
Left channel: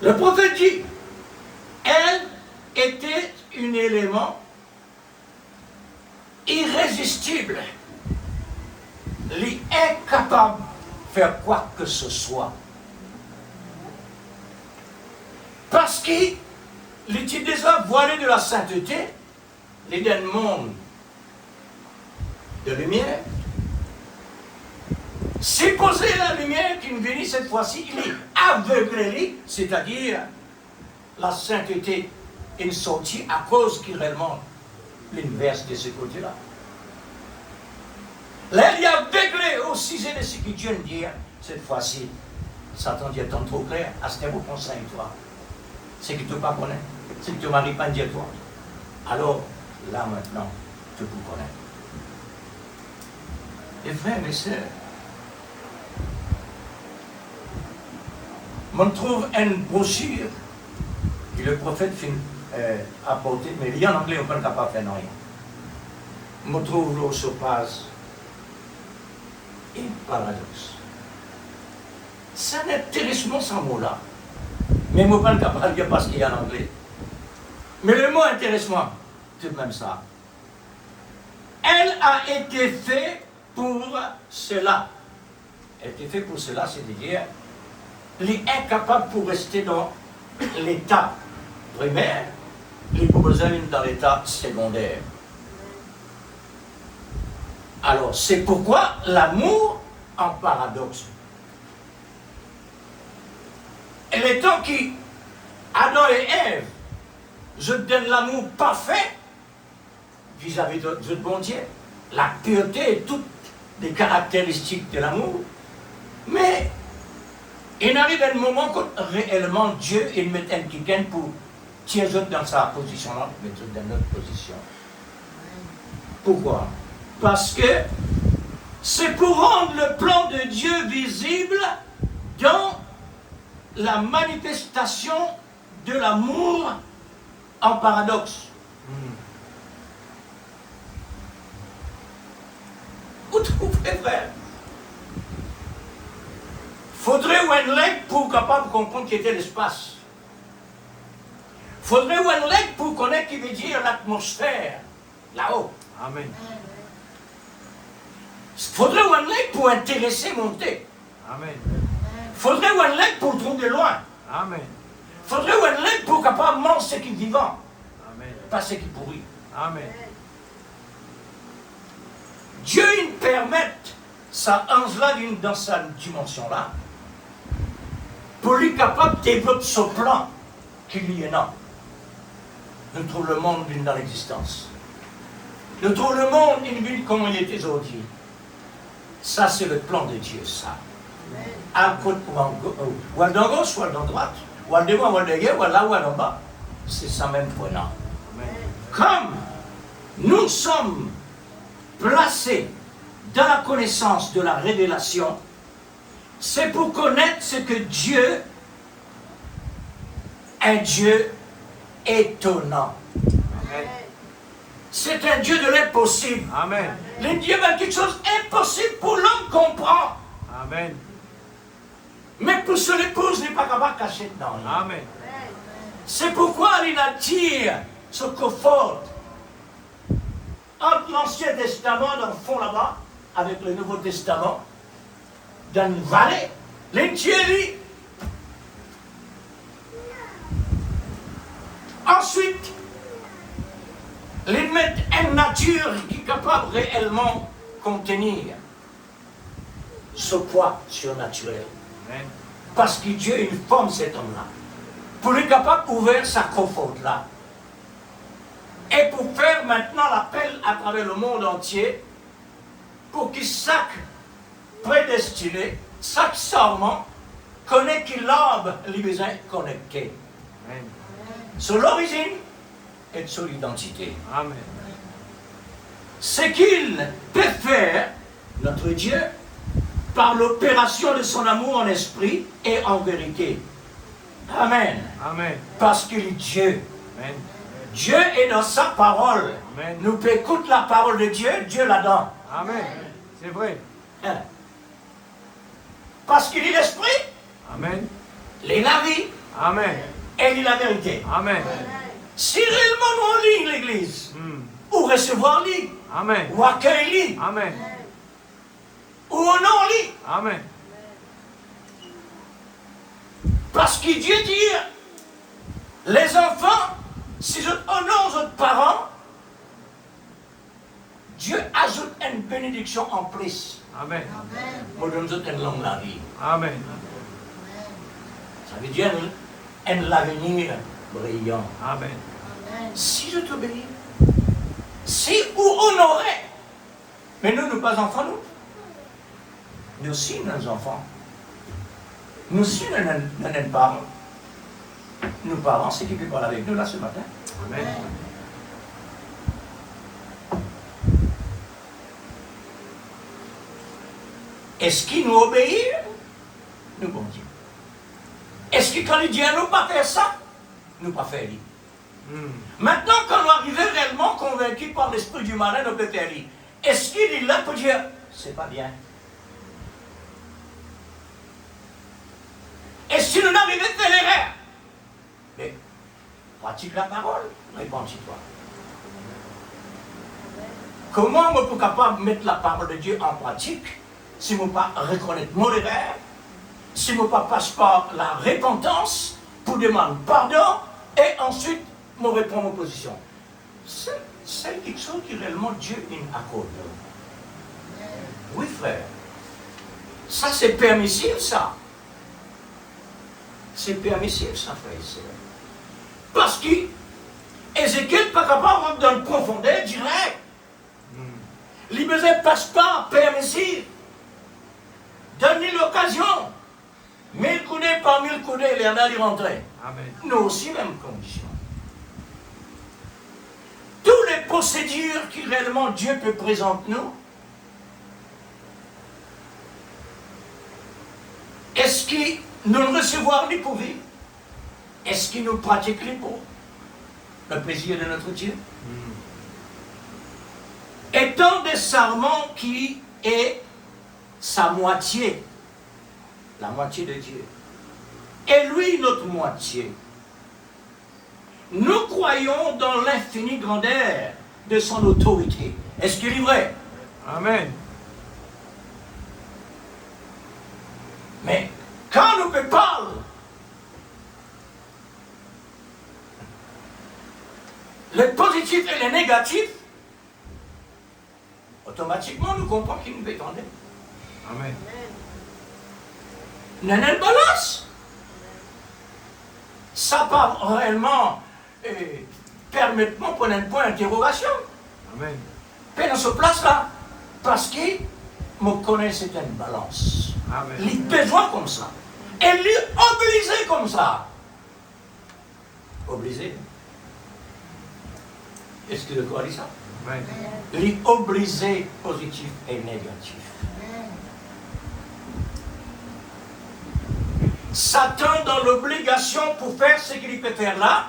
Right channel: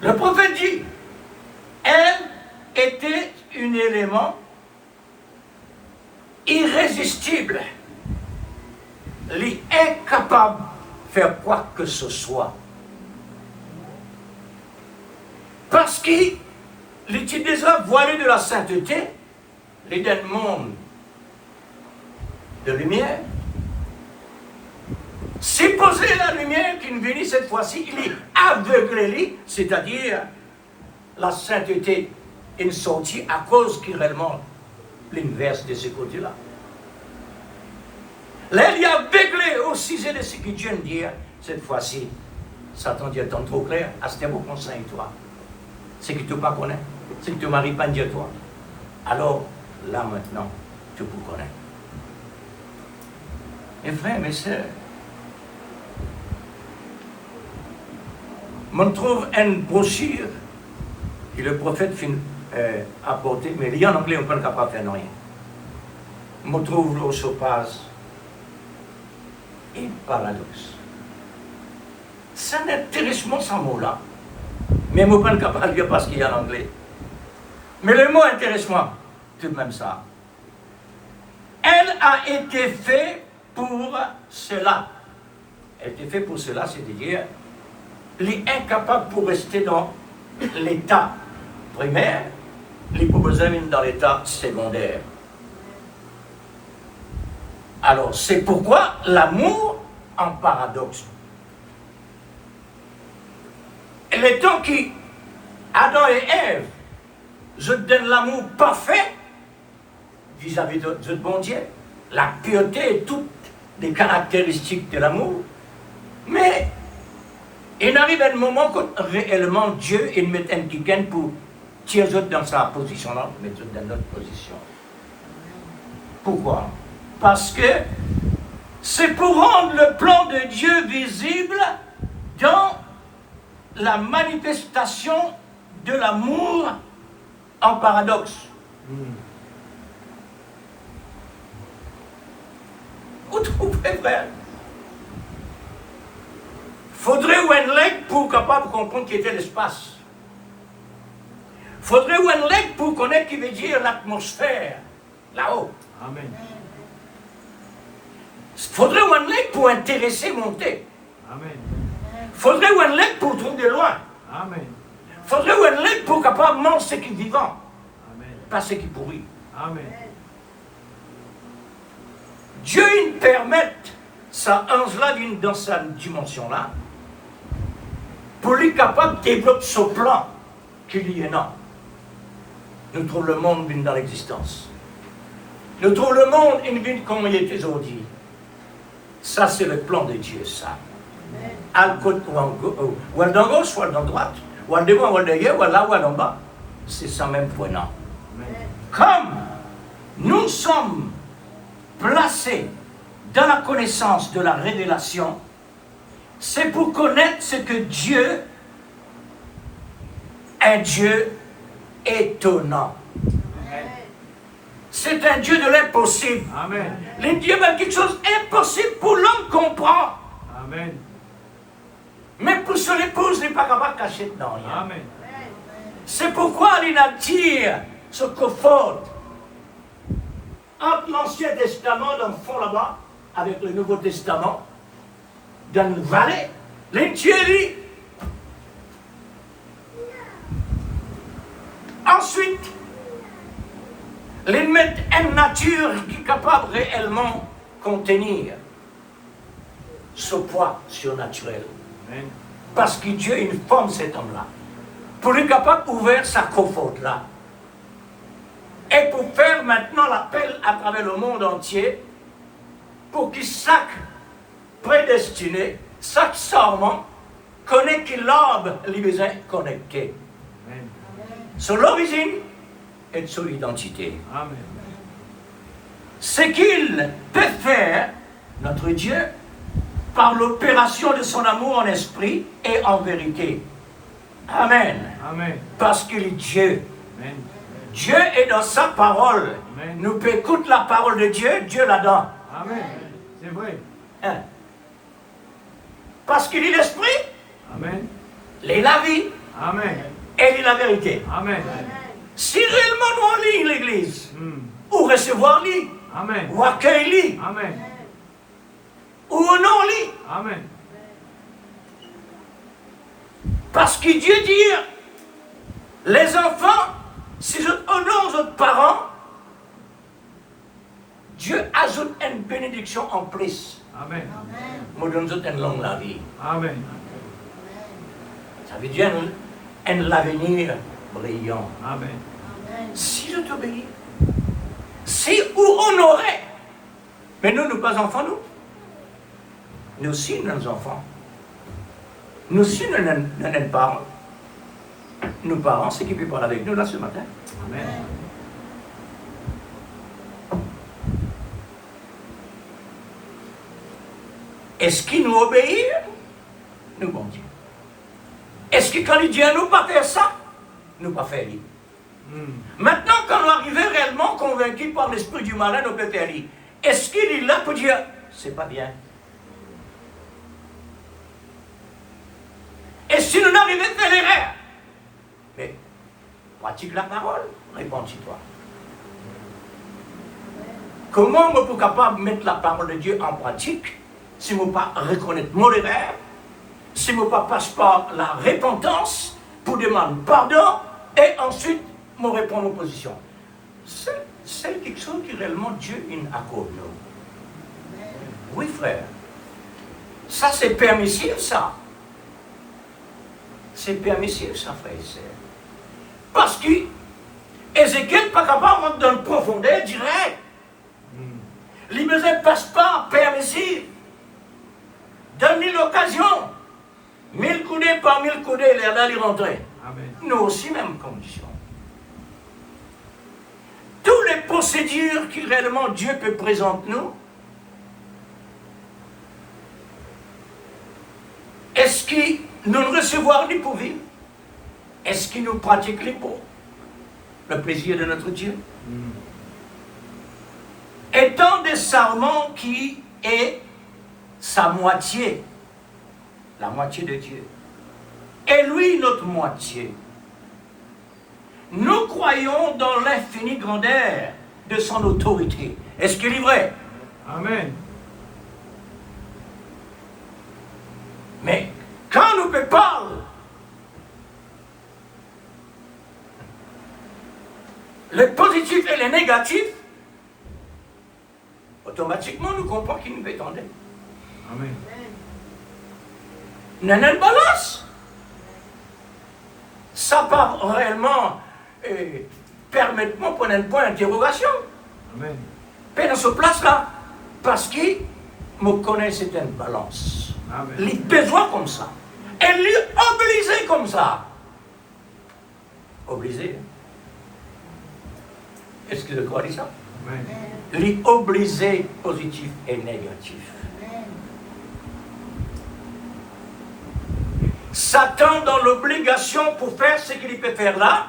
le prophète dit, elle était un élément irrésistible, incapable de faire quoi que ce soit. Parce qu'il était déjà voilé de la sainteté, il est d'un monde de lumière. C'est posé la lumière qui venait cette fois-ci, il est aveuglé, c'est-à-dire la sainteté est sortie à cause qu'il réellement l'inverse de ce côté-là. Là, il est aveuglé au sujet de ce que Dieu me dit. Cette fois-ci, Satan dit tant trop clair, à ce niveau conseille-toi. Ce que tu ne pas connais, ce que tu ne m'arrives pas à dire toi. Alors, là maintenant, tu peux connaître. Et frères, mes sœurs, on trouve une brochure que le prophète a portée, mais il y en anglais, on ne peut pas faire rien. On trouve le sopase et paradoxe. C'est un intéressement sans mot-là. Mais je ne peux pas capable de dire parce qu'il y a en anglais. Mais le mot intéressement, tout de même ça. Elle a été faite pour cela. Elle a été faite pour cela, c'est-à-dire il est incapable pour rester dans l'état primaire, il est besoin dans l'état secondaire. Alors, c'est pourquoi l'amour en paradoxe. Et le temps qui, Adam et Ève, je donne l'amour parfait vis-à-vis de bon Dieu, la pureté et toutes les caractéristiques de l'amour, mais il arrive un moment que réellement Dieu il met un quelqu'un pour tirer dans sa position là, mettre dans notre position. Pourquoi? Parce que c'est pour rendre le plan de Dieu visible dans la manifestation de l'amour en paradoxe. Vous trouvez, frère? Faudrait un leg pour capable de comprendre qui était l'espace. Faudrait un leg pour connaître qui veut dire l'atmosphère, là-haut. Amen. Faudrait un leg pour intéresser monter. Amen. Faudrait un leg pour tourner de loin. Amen. Faudrait un leg pour capable manger ce qui est vivant, Amen. pas ce qui pourrit. Amen. Dieu, il permet ça ange-là dans sa dimension-là, pour lui capable de développer ce plan qu'il y est non. Nous trouvons le monde vient dans l'existence. Nous trouvons le monde une vie comme il était aujourd'hui. Ça, c'est le plan de Dieu, ça. À côté, ou à gauche, ou à droite, ou à devant, ou à derrière, ou à là, ou à en bas. C'est ça même prenant. Comme nous sommes placés dans la connaissance de la révélation, c'est pour connaître ce que Dieu est, un Dieu étonnant. C'est un Dieu de l'impossible. Amen. Le Dieu a quelque chose d'impossible pour l'homme comprendre. Amen. Mais pour se l'épouse, il n'est pas capable de cacher dedans. Amen. C'est pourquoi il attire ce confort entre l'Ancien Testament, dans le fond là-bas, avec le Nouveau Testament, dans une vallée. L'intérieur. Ensuite, les mettre une nature qui est capable réellement contenir ce poids surnaturel. Amen. Parce que Dieu, il forme cet homme-là. Pour être capable d'ouvrir sa coffre-là. Et pour faire maintenant l'appel à travers le monde entier, pour que chaque prédestiné, chaque serment, connaît qu'il a les besoins connectés. Amen. Sur l'origine et sur l'identité. Amen. Ce qu'il peut faire, notre Dieu, par l'opération de son amour en esprit et en vérité. Amen. Amen. Parce qu'il est Dieu. Amen. Dieu est dans sa parole. Amen. Nous pouvons écouter la parole de Dieu, Dieu là-dedans. Amen. C'est vrai. Hein? Parce qu'il est l'esprit, Amen. il est la vie Amen. et il est la vérité. Amen. Si réellement nous on lit l'église, Hmm. ou recevoir lit, Amen. ou accueillir lit, Amen. ou honorer lit, Amen. parce que Dieu dit, les enfants, si je honore votre parents, Dieu ajoute une bénédiction en plus. Amen. Moi, donne une longue la vie. Amen. Ça veut dire un avenir brillant. Amen. Si je t'obéis, si ou honorer, mais nous, nous pas enfants, nous. Nous aussi, nos enfants. Nous aussi, nos parents. Nos parents, c'est qui peut parler avec nous là ce matin. Amen. Est-ce qu'il nous obéit? Nous bon Dieu. Est-ce que quand il dit à nous pas faire ça, nous pas faire lui? Maintenant, quand on arrive réellement convaincu par l'esprit du malin, nous peut faire lui. Est-ce qu'il est là pour dire, c'est pas bien? Et si nous arrivons à faire l'erreur, mais pratique la parole, répondis-toi. Comment moi pour capable de mettre la parole de Dieu en pratique si je ne pas reconnaître mon erreur, si je ne passe par la repentance pour demander pardon et ensuite me répondre aux positions. C'est quelque chose qui réellement Dieu accorde. Oui frère. Ça c'est permissif ça. C'est permissif ça frère et sœur. Parce que Ézéchiel n'est pas capable de dans le profondeur direct. Les besoins ne passent pas permissif. Donne-lui l'occasion. 1000 coudées par 1000 coudées, il est là, il rentrer. Amen. Nous aussi, même condition. Toutes les procédures qui réellement Dieu peut présenter nous, est-ce que nous recevons les pour vivre? Est-ce qu'il nous pratique les pour le plaisir de notre Dieu? Étant des serments qui et sa moitié, la moitié de Dieu, et lui notre moitié. Nous croyons dans l'infinie grandeur de son autorité. Est-ce qu'il est vrai? Amen. Mais quand nous parlons, les positifs et les négatifs, automatiquement nous comprenons qu'il nous étendait. Amen. Nous avons une balance. Ça part réellement, permettement pour un point d'interrogation. Amen. Mais dans ce place-là, parce qu'il me connaît certaines balances. Amen. Les besoins comme ça. Et les obligés comme ça. Obligés. Est-ce que je crois dire ça? Amen. Les obligés positifs et négatifs. Satan dans l'obligation pour faire ce qu'il peut faire là,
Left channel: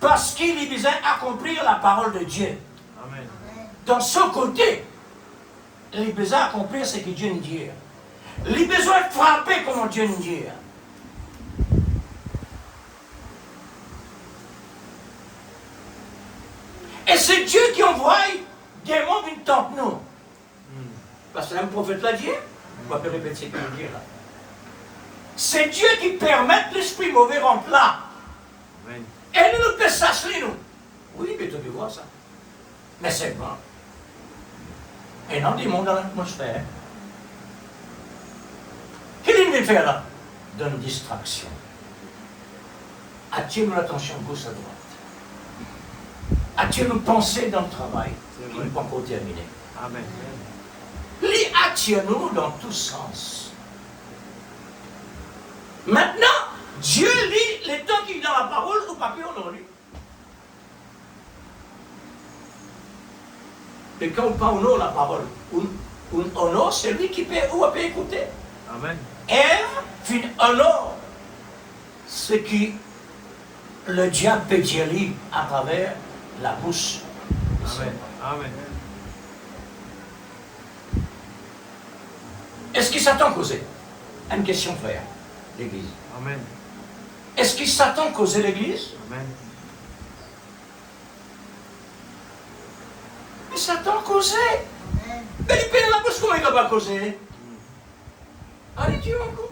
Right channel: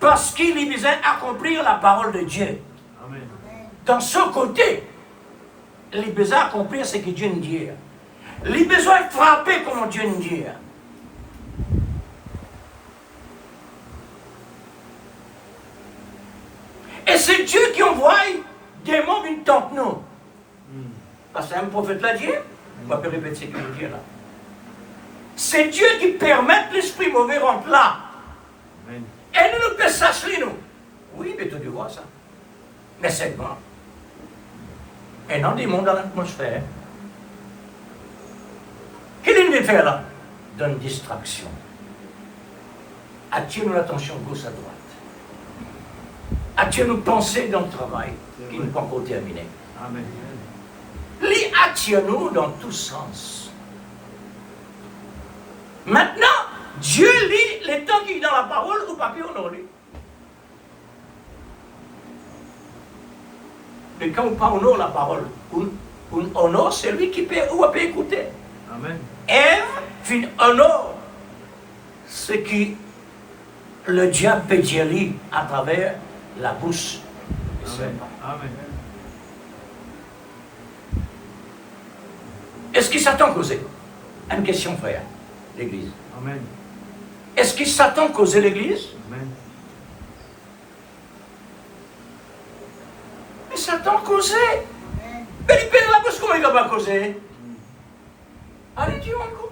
parce qu'il est besoin d'accomplir la parole de Dieu. Amen. Dans ce côté, il a besoin d'accomplir ce que Dieu nous dit. Il a besoin de frapper comme Dieu nous dit. Et c'est Dieu qui envoie des mots d'une tente nous. Parce qu'un prophète l'a dit, on va pas répéter ce qu'il dit là. C'est Dieu qui permet que l'esprit mauvais rentre là. Amen. Et nous peut s'asseoir nous. Oui, mais tu vois ça. Mais c'est bon. Et non des mondes dans l'atmosphère. Qu'est-ce qu'il veut faire là? Donne distraction. Attire l'attention gauche à droite. Attire nos pensées dans le travail qui n'est pas encore terminé. Amen. Les attire-nous dans tous sens. Maintenant, Dieu lit les temps qu'il est dans la parole au papier on lit. Mais quand on parle la parole, on honore celui qui peut ou peut écouter. Amen. Ève fit honore ce qui le diable peut dire à travers la bouche. Amen. Amen. Est-ce qu'il s'attend causer? Une question, frère, l'Église. Amen. Est-ce qu'il s'attend causer l'Église? Amen. Il s'attend causer. Mais il peine dans la bouche, comment il va pas causer? Allez, dis encore.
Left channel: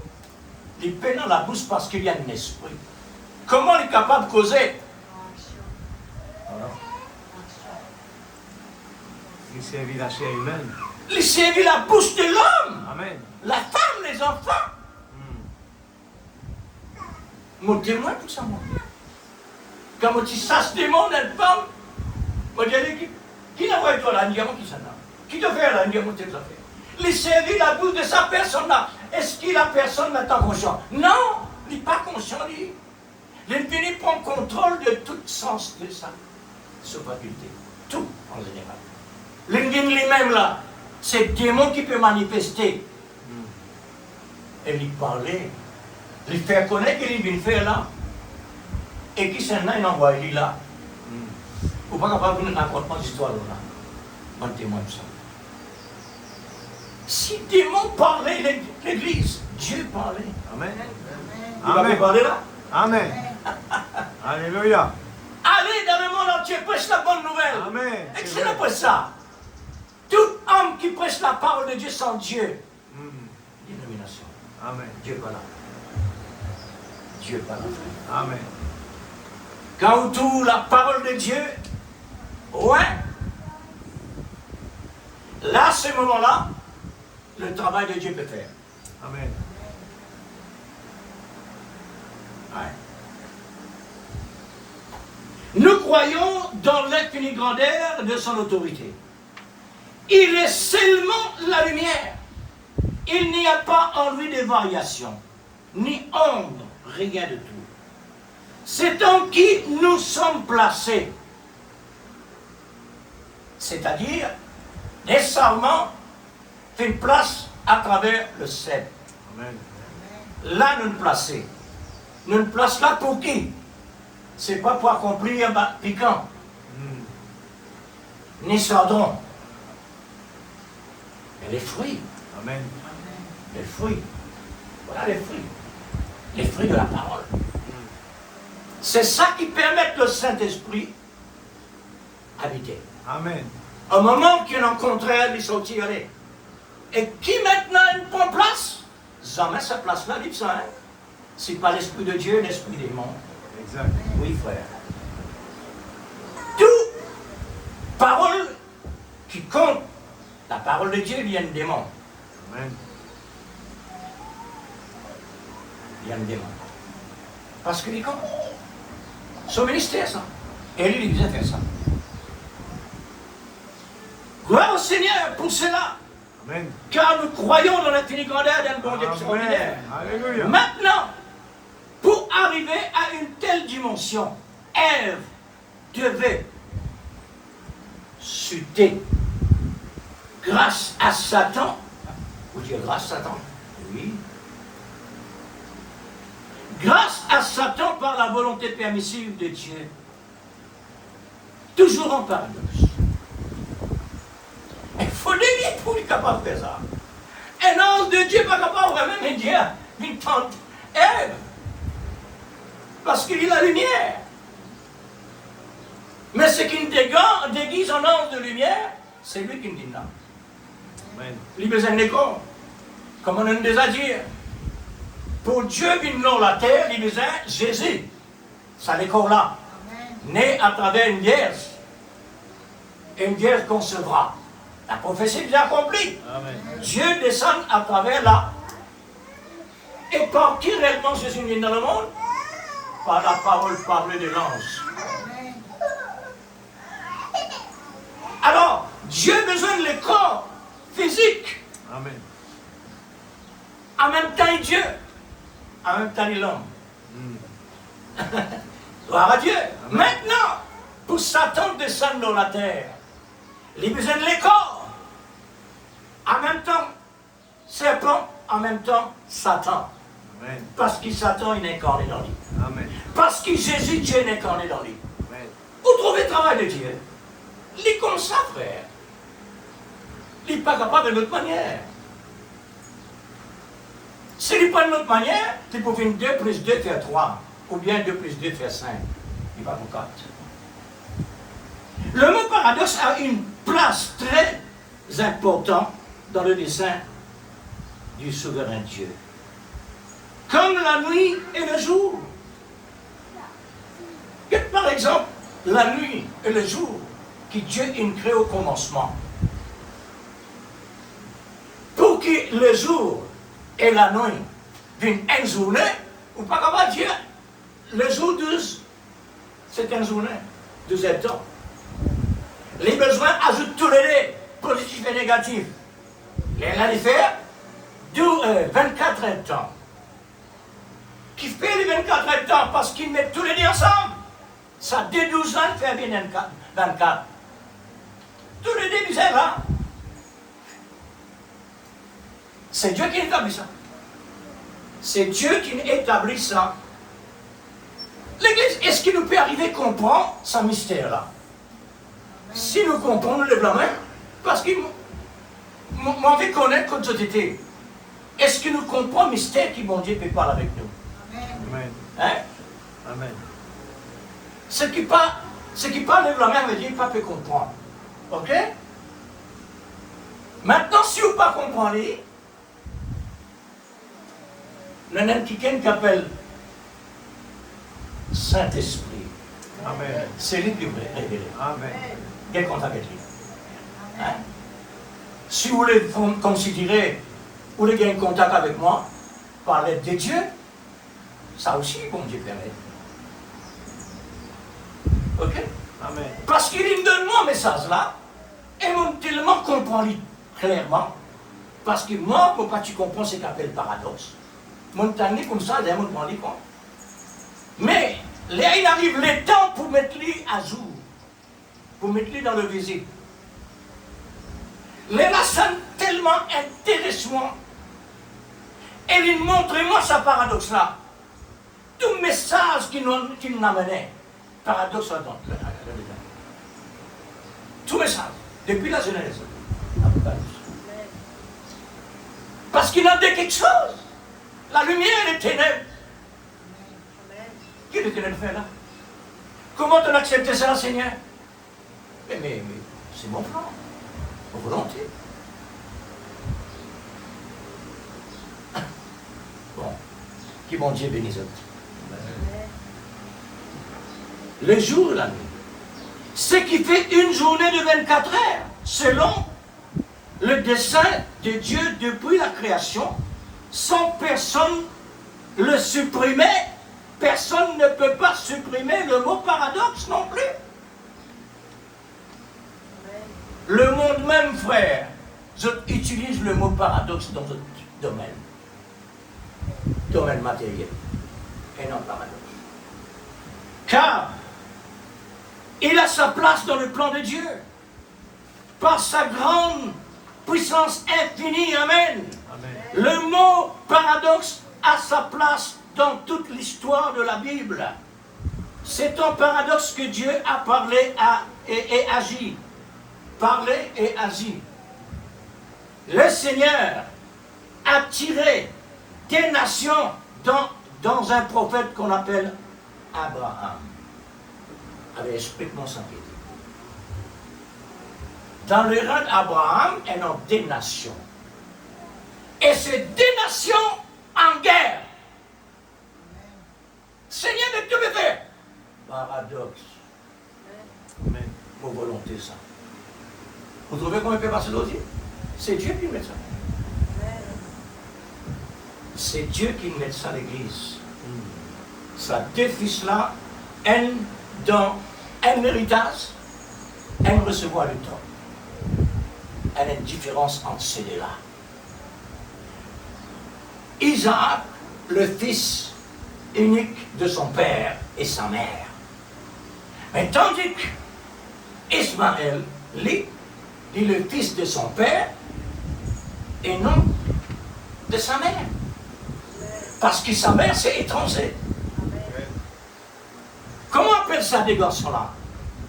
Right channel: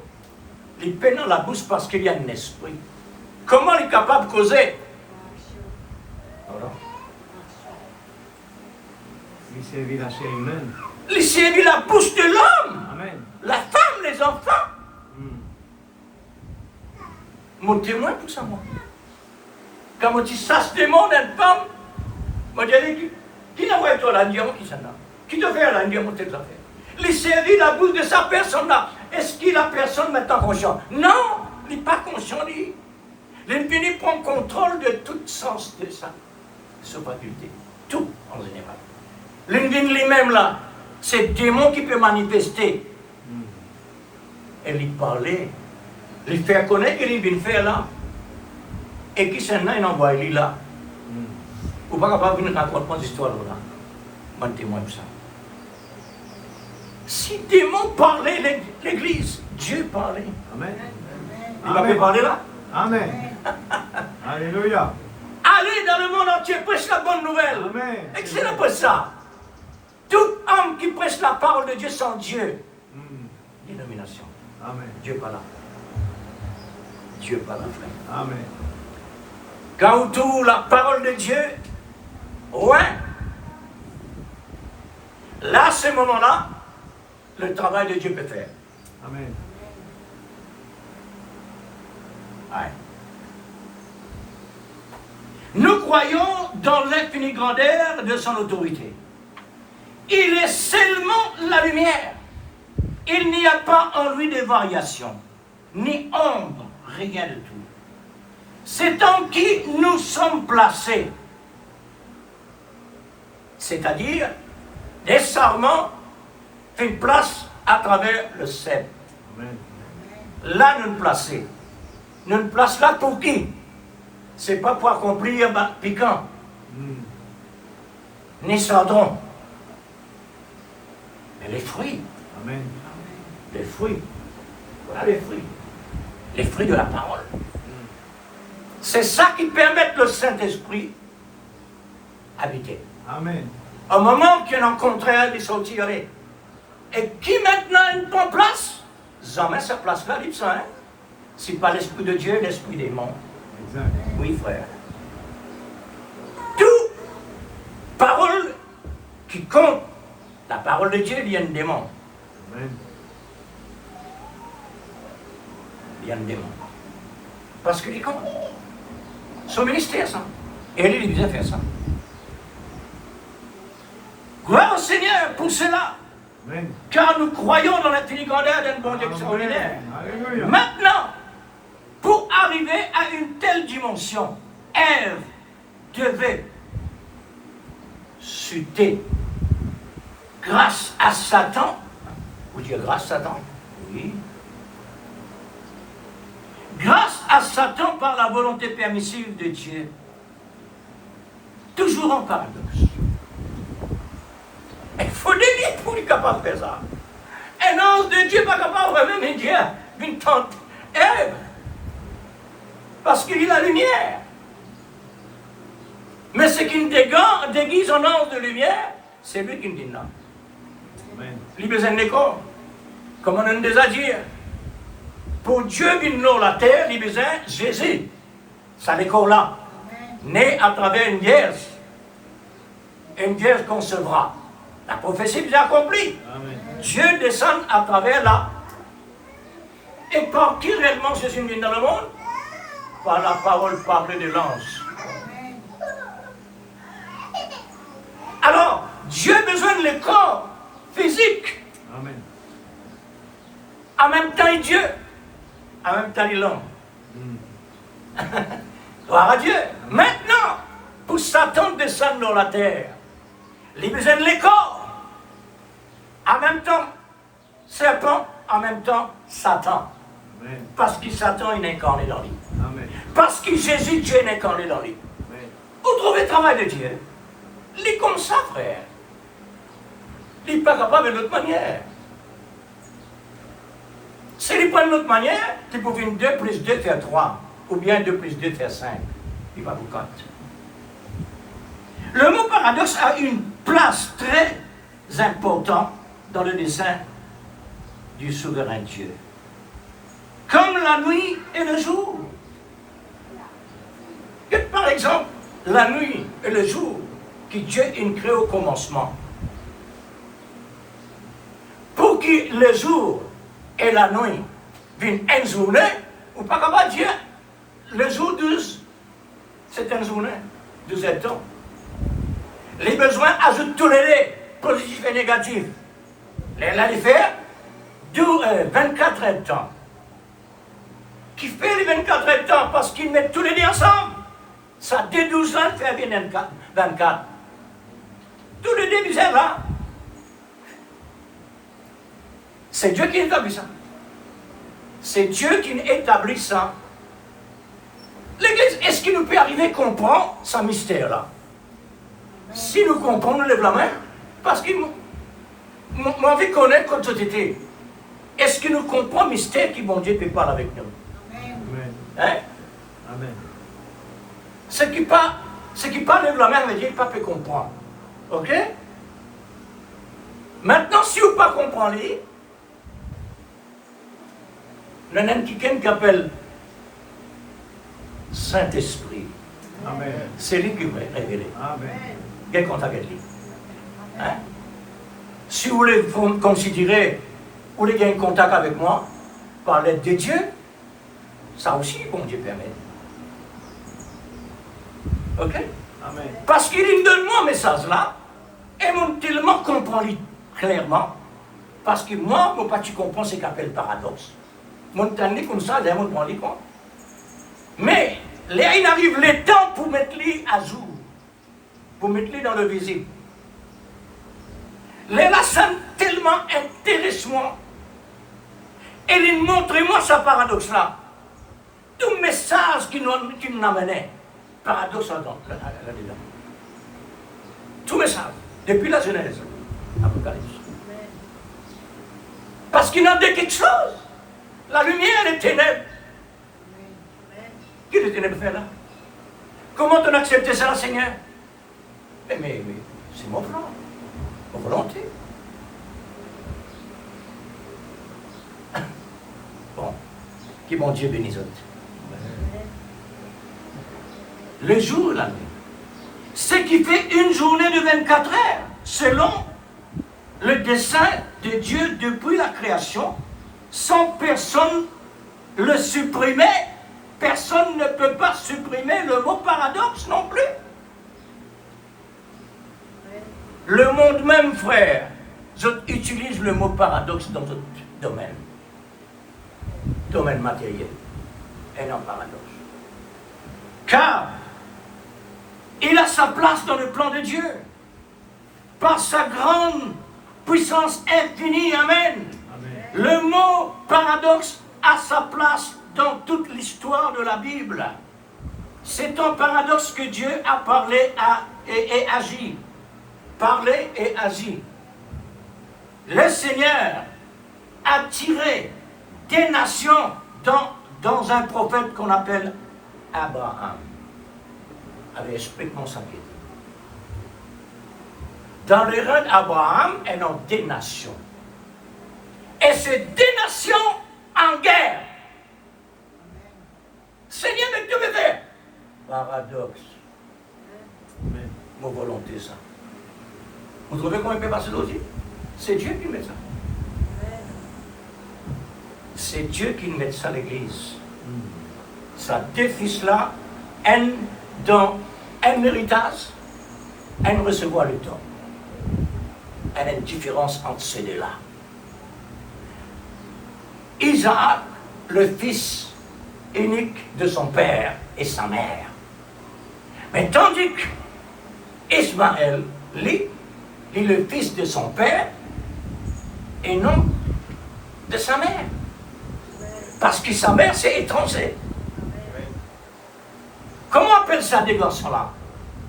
Il peine dans la bouche parce qu'il y a un esprit. Comment il est capable de causer? Voilà. Il servit la chair humaine. Il servit la bouche de l'homme, Amen. la femme, les enfants. Mon témoin pour ça, moi. Quand on dit ça, se demande à une femme, on dit, qui n'a pas été là, qui s'en a? Qui te fait là, mon tête là? Il servit la bouche de sa personne là. Est-ce que la personne n'est pas consciente? Non, il n'est pas conscient, lui. L'infini prend contrôle de tout sens de sa faculté. Tout, en général. L'infini lui-même là, c'est le démon qui peut manifester. Et lui parler, lui faire connaître qu'il vient faire là. Et qui s'en a, il envoie lui là. Ou pas capable de nous raconter l'histoire là. Bon témoin de ça. Si le démon parlait l'église, Dieu parlait. Amen. Il va Amen. parler là. Amen. Alléluia. Allez dans le monde entier, prêche la bonne nouvelle. Amen. Excellent pour ça. Tout homme qui prêche la parole de Dieu sans Dieu, dénomination. Amen. Dieu n'est pas là. Dieu n'est pas là. Amen. Quand on tourne la parole de Dieu, ouais, là, à ce moment-là, le travail de Dieu peut faire. Amen. Ouais. Nous croyons dans l'infinie grandeur de son autorité. Il est seulement la lumière. Il n'y a pas en lui de variation, ni ombre, rien de tout. C'est en qui nous sommes placés. C'est-à-dire, les sarments fait une place à travers le sel. Amen. Là, nous nous plaçons. Nous nous plaçons là pour qui? C'est pas pour accomplir piquant, ni sardon. Mais les fruits, Amen. les fruits, voilà les fruits. Les fruits de la parole. C'est ça qui permet le Saint-Esprit habiter. Amen. Au moment qu'il y en a un contraire, il sortir. Et qui maintenant prend place? Jamais sa place là, dit ça. Hein? Si pas l'Esprit de Dieu, l'Esprit des mondes. Exact. Oui, frère. Tout parole qui compte, la parole de Dieu vient des mondes. Amen. Vient des mondes. Parce qu'il compte. Son ministère, ça. Et lui, il disait faire ça. Gloire au Seigneur pour cela. Amen. Car nous croyons dans l'infini grandeur d'un bon Dieu extraordinaire. Alléluia. Maintenant, pour arriver à une telle dimension, Ève devait chuter grâce à Satan. Vous dites grâce à Satan? Oui. Grâce à Satan par la volonté permissive de Dieu. Toujours en paradoxe. Il faut délier pour être capable de faire ça. Un ange de Dieu n'est pas capable vraiment de dire une tante Ève. Parce qu'il a la lumière. Mais ce qui déguise un ange de lumière, c'est lui qui me dit non. Amen. Il a besoin de corps. Comme on a déjà dit. Pour Dieu, il n'a la terre, il a besoin de Jésus. Ça l'école là. Né à travers une vierge. Une vierge concevra. La prophétie est déjà accomplie. Amen. Dieu descend à travers là. Et par qui réellement Jésus vient dans le monde? Par la parole parlée de l'ange. Alors, Dieu a besoin de le corps physique. Amen. En même temps, il est Dieu. En même temps, il est l'homme. Gloire à Dieu. Maintenant, pour Satan descendre dans la terre, il a besoin de le corps. En même temps, serpent, en même temps, Satan. Amen. Parce que Satan, il est incarné dans lui. Amen. Parce que Jésus, Dieu est incarné dans lui. Amen. Vous trouvez le travail de Dieu? Il est comme ça, frère. Il n'est pas capable de l'autre manière. S'il n'est pas de l'autre manière, tu peux faire 2 plus 2 faire 3. Ou bien 2 plus 2 faire 5. Il va vous battre. Le mot paradoxe a une place très importante dans le dessein du souverain Dieu. Comme la nuit et le jour. Et par exemple, la nuit et le jour que Dieu a créé au commencement. Pour que le jour et la nuit viennent une journée, ou pas capable de dire, le jour 12, c'est une journée, 12 temps. Les besoins ajoutent tous les positifs et négatifs. Les faire 24 temps. Qui fait les 24 temps parce qu'ils mettent tous les deux ensemble. Ça dès 12 ans, fait bien 24. Tous les deux bizarres là. C'est Dieu qui établit ça. C'est Dieu qui établit ça. L'Église, est-ce qu'il nous peut arriver à comprendre ce mystère-là? Si nous comprenons, nous lève la main. Parce que moi, envie de connaître comme société. Est-ce que nous comprenons le mystère que mon Dieu peut parler avec nous? Amen. Hein? Amen. Ce qui parle de la main, veut dire qu'il ne peut pas comprendre. Ok? Maintenant, si vous ne pas comprendre, il y a quelqu'un qui appelle Saint-Esprit. Amen. C'est lui qui va révéler. Amen. Quel contact avec lui? Hein? Si vous voulez considérer, vous voulez gagner contact avec moi, par l'aide de Dieu, ça aussi, bon Dieu permet. Ok? Amen. Parce qu'il me donne moi un message là, et mon tellement comprend clairement, parce que moi, pour pas tu comprends ce qu'on appelle paradoxe. Mon temps comme ça, j'ai mon point de compte. Mais là, il arrive le temps pour mettre lui à jour, pour mettre lui dans le visible. Là, ça tellement intéressant. Et il montre-moi ce paradoxe-là. Tout message qui nous amenait, paradoxe là-dedans. Tout message, depuis la Genèse, Apocalypse. Parce qu'il en dit quelque chose. La lumière et les ténèbres. Qui les ténèbres fait là? Comment on accepte ça, Seigneur? Mais c'est mon plan, mon volonté. Bon, que bon Dieu bénisse. Le jour et la nuit. Ce qui fait une journée de 24 heures, selon le dessein de Dieu depuis la création, sans personne le supprimer. Personne ne peut pas supprimer le mot paradoxe non plus. Le monde même, frère, utilise le mot paradoxe dans d'autres domaines. Domaine matériel. Et non paradoxe. Car il a sa place dans le plan de Dieu. Par sa grande puissance infinie. Amen. Amen. Le mot paradoxe a sa place dans toute l'histoire de la Bible. C'est un paradoxe que Dieu a parlé et agi. Parlé et agi. Le Seigneur a tiré des nations dans un prophète qu'on appelle Abraham. Allez, explique-moi ça. Dans le règne d'Abraham, elles ont des nations. Et c'est des nations en guerre. Seigneur, mais tu me fais. Paradoxe. Amen. Mon volonté, ça. Vous trouvez comment il peut passer d'autres? C'est Dieu qui met ça. C'est Dieu qui met ça à l'église. Ça deux fils-là, un dans un héritage, un recevoir le temps. Il y a une différence entre ces deux-là. Isaac, le fils unique de son père et sa mère. Mais tandis qu'Ismaël, lui, est le fils de son père et non de sa mère. Parce que sa mère, c'est étranger. Comment on appelle ça des garçons-là?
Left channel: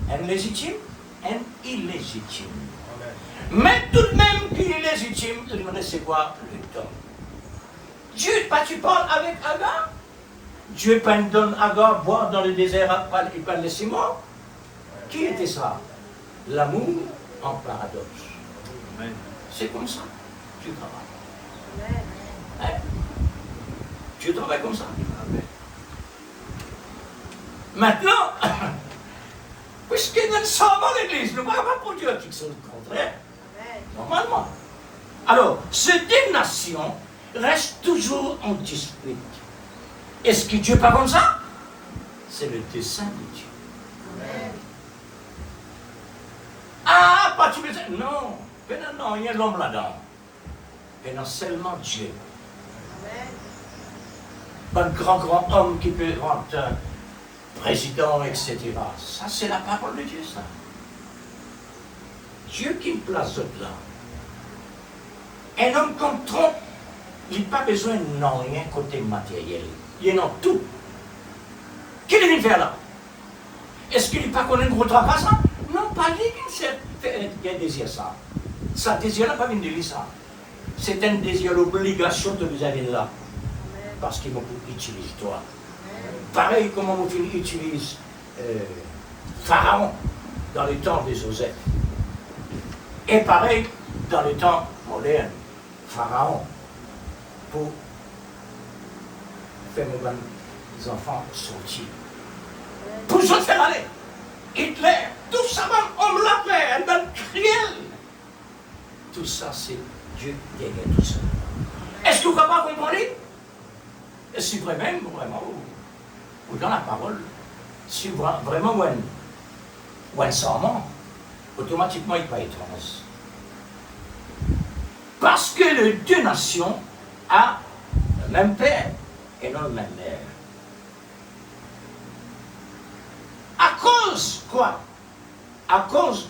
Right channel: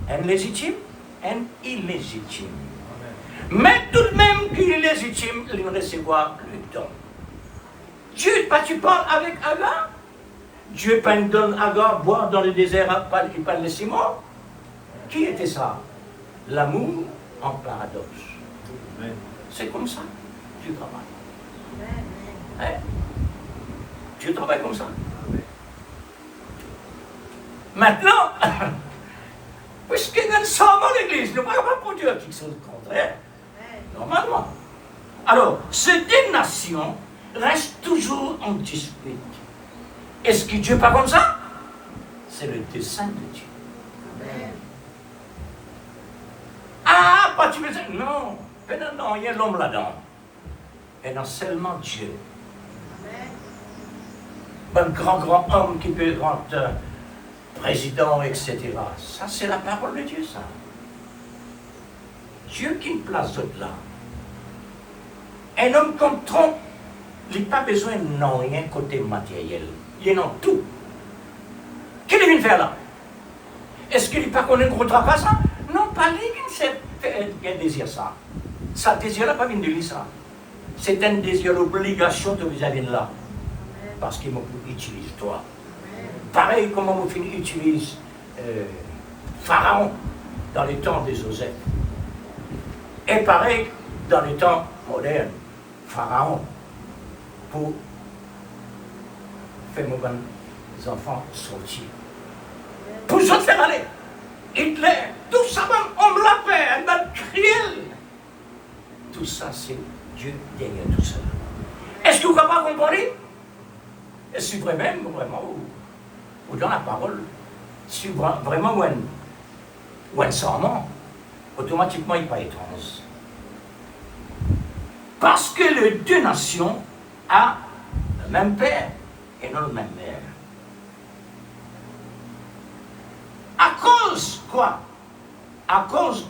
Un légitime, un illégitime. Mais tout de même qu'il est légitime, il ne recevra plus d'homme. Dieu, tu parles avec Agar? Dieu donne Agar boire dans le désert, il parle de Simon. Qui était ça? L'amour en paradoxe. Amen. C'est comme ça. Tu travailles. Hein? Tu travailles comme ça. Maintenant, puisque nous sommes dans l'église, nous ne pouvons pas produire quelque chose de contraire. Normalement. Alors, ces deux nations restent toujours en dispute. Est-ce que Dieu n'est pas comme ça? C'est le dessein de Dieu. Ah, pas tu veux dire? Non. Non, il y a l'homme là-dedans. Et non seulement Dieu. Un grand homme qui peut rentrer président, etc. Ça, c'est la parole de Dieu, ça. Dieu qui place d'autres là. Un homme comme Trump, il n'a pas besoin de rien côté matériel. Il est en tout. Qu'est-ce qu'il vient faire là? Est-ce qu'il n'est pas qu'on ne voudra pas ça? Non, pas lui qui désire ça. Ça désir là, pas venu de lui ça. C'est un désir, l'obligation de vous aller là. Parce qu'il m'a utilisé toi. Pareil comment vous utilise Pharaon dans les temps des Joseph. Et pareil dans les temps modernes, Pharaon, pour faire mes enfants sortir. Pour se faire aller. Hitler, tout ça, on l'a fait, dans criel. Tout ça, c'est Dieu derrière tout ça. Est-ce que vous ne pouvez pas comprendre? Est-ce que vraiment, ou dans la parole, si vraiment, ou un serment, automatiquement, il n'est pas étrange. Parce que les deux nations ont le même père et non le même mère. À cause quoi? À cause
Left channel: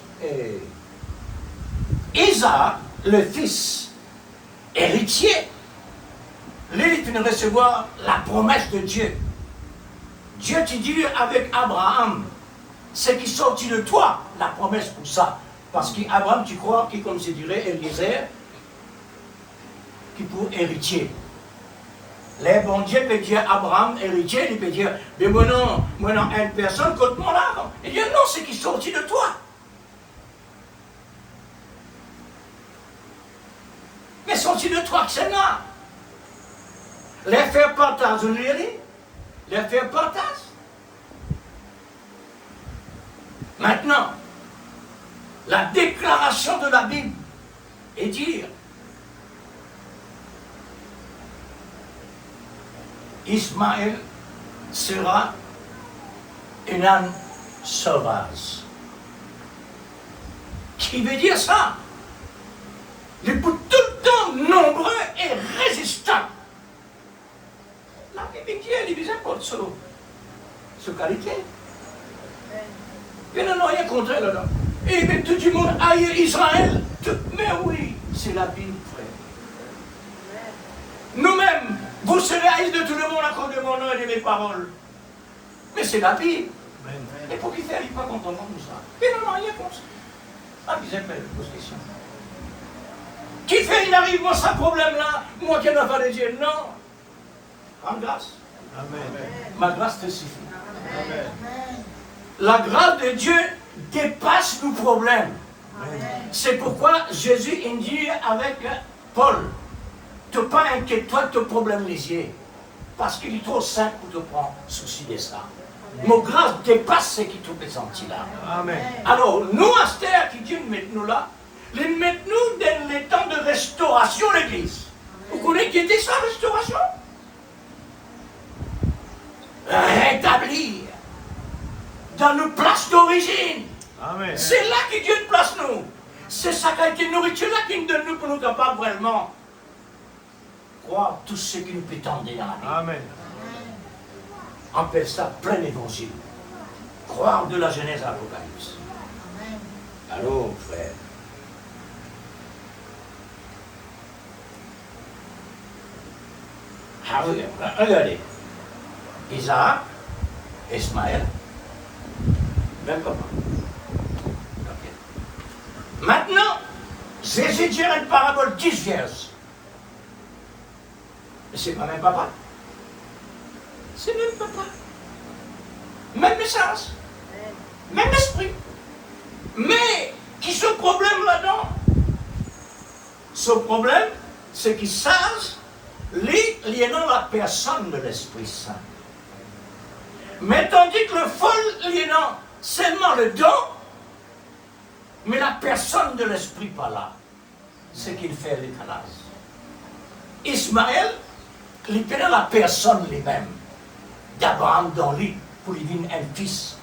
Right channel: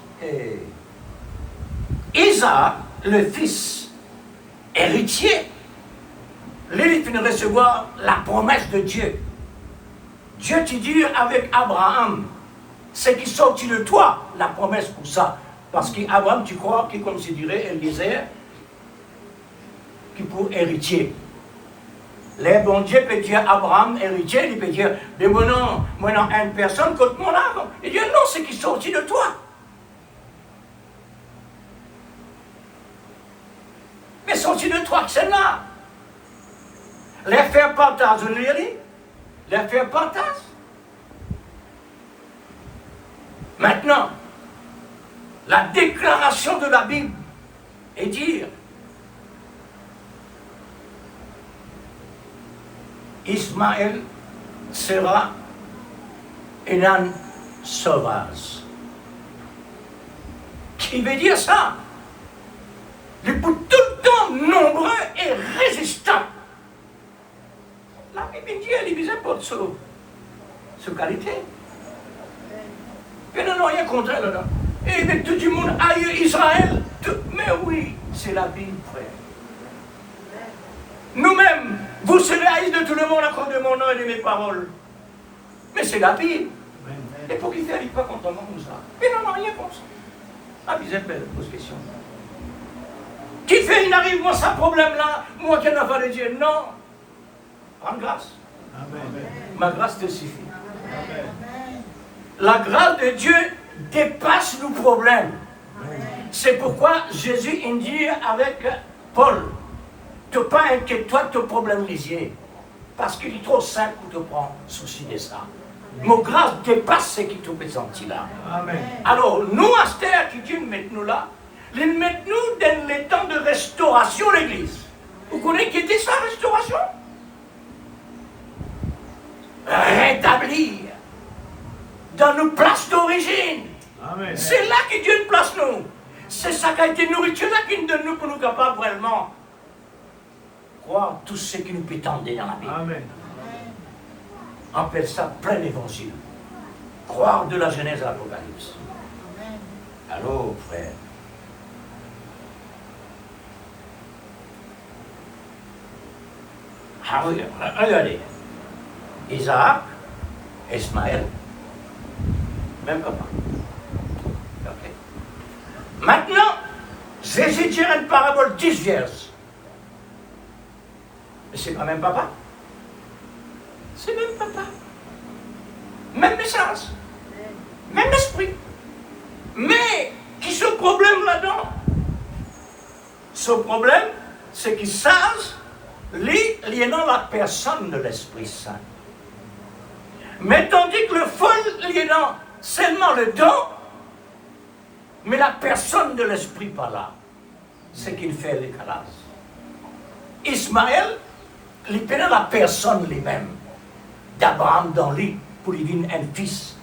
Isaac, le fils héritier, lui, il ne recevoir la promesse de Dieu. Dieu te dit avec Abraham, ce qui sortit de toi, la promesse pour ça. Parce qu'Abraham, tu crois qu'il considérait Eliezer, qui pour héritier. Les bon Dieu peut dire Abraham, héritier, il peut dire, mais moi non, une personne contre mon âme. Il dit, non, c'est qui sortit de toi. Mais sorti de toi, que c'est là. Les faire partage, vous les dit? Les faire partage. Maintenant, la déclaration de la Bible est dire Ismaël sera un âne sauvage. Qui veut dire ça? Il est pour tout le temps nombreux et résistant. La Bible dit, elle est divisée pour ce qualité. Il n'y a rien contre elle là. Et mais tout le monde aille Israël. Mais oui, c'est la Bible, frère. Nous-mêmes, vous serez haïs de tout le monde à cause de mon nom et de mes paroles. Mais c'est la Bible. Et pour qu'il ne fait pas contre moi comme ça. Il n'en a rien contre ça. Ah, vous êtes belle, pose question. Qui fait, il arrive, moi, ça problème-là, moi qui n'ai pas de Dieu. Non. En grâce. Amen. Ma grâce te suffit. La grâce de Dieu dépasse nos problèmes. C'est pourquoi Jésus dit avec Paul, ne pas inquiète-toi de ton problème léger, parce qu'il est trop simple pour te prendre souci de ça. Mon grâce dépasse ce qui te présente là. Amen. Alors, nous, à cette terre qui Dieu met nous là, il met nous dans les temps de restauration de l'Église. Vous connaissez qui était ça, restauration? Rétablir dans nos places d'origine. Amen. C'est là que Dieu nous place nous. C'est ça qui a été nourriture là qui nous donne nous pour nous capables vraiment croire tout ce qui nous peut tendre dans la vie. Amen. On appelle ça plein évangile. Croire de la Genèse à l'Apocalypse. Alors, frère. Ah, regardez. Isaac, Ismaël, même papa. Okay. Maintenant, Jésus dit une parabole 10 vierges. Mais c'est pas même papa. C'est même papa. Même message. Même esprit. Mais, qui ce problème là-dedans? Ce problème, c'est qu'ils savent lié dans la personne de l'Esprit Saint. Mais tandis que le fol lié dans seulement le don, mais la personne de l'Esprit pas là. C'est qu'il fait le décalage. Ismaël, il est dans la personne lui-même d'Abraham dans lui pour lui donner un fils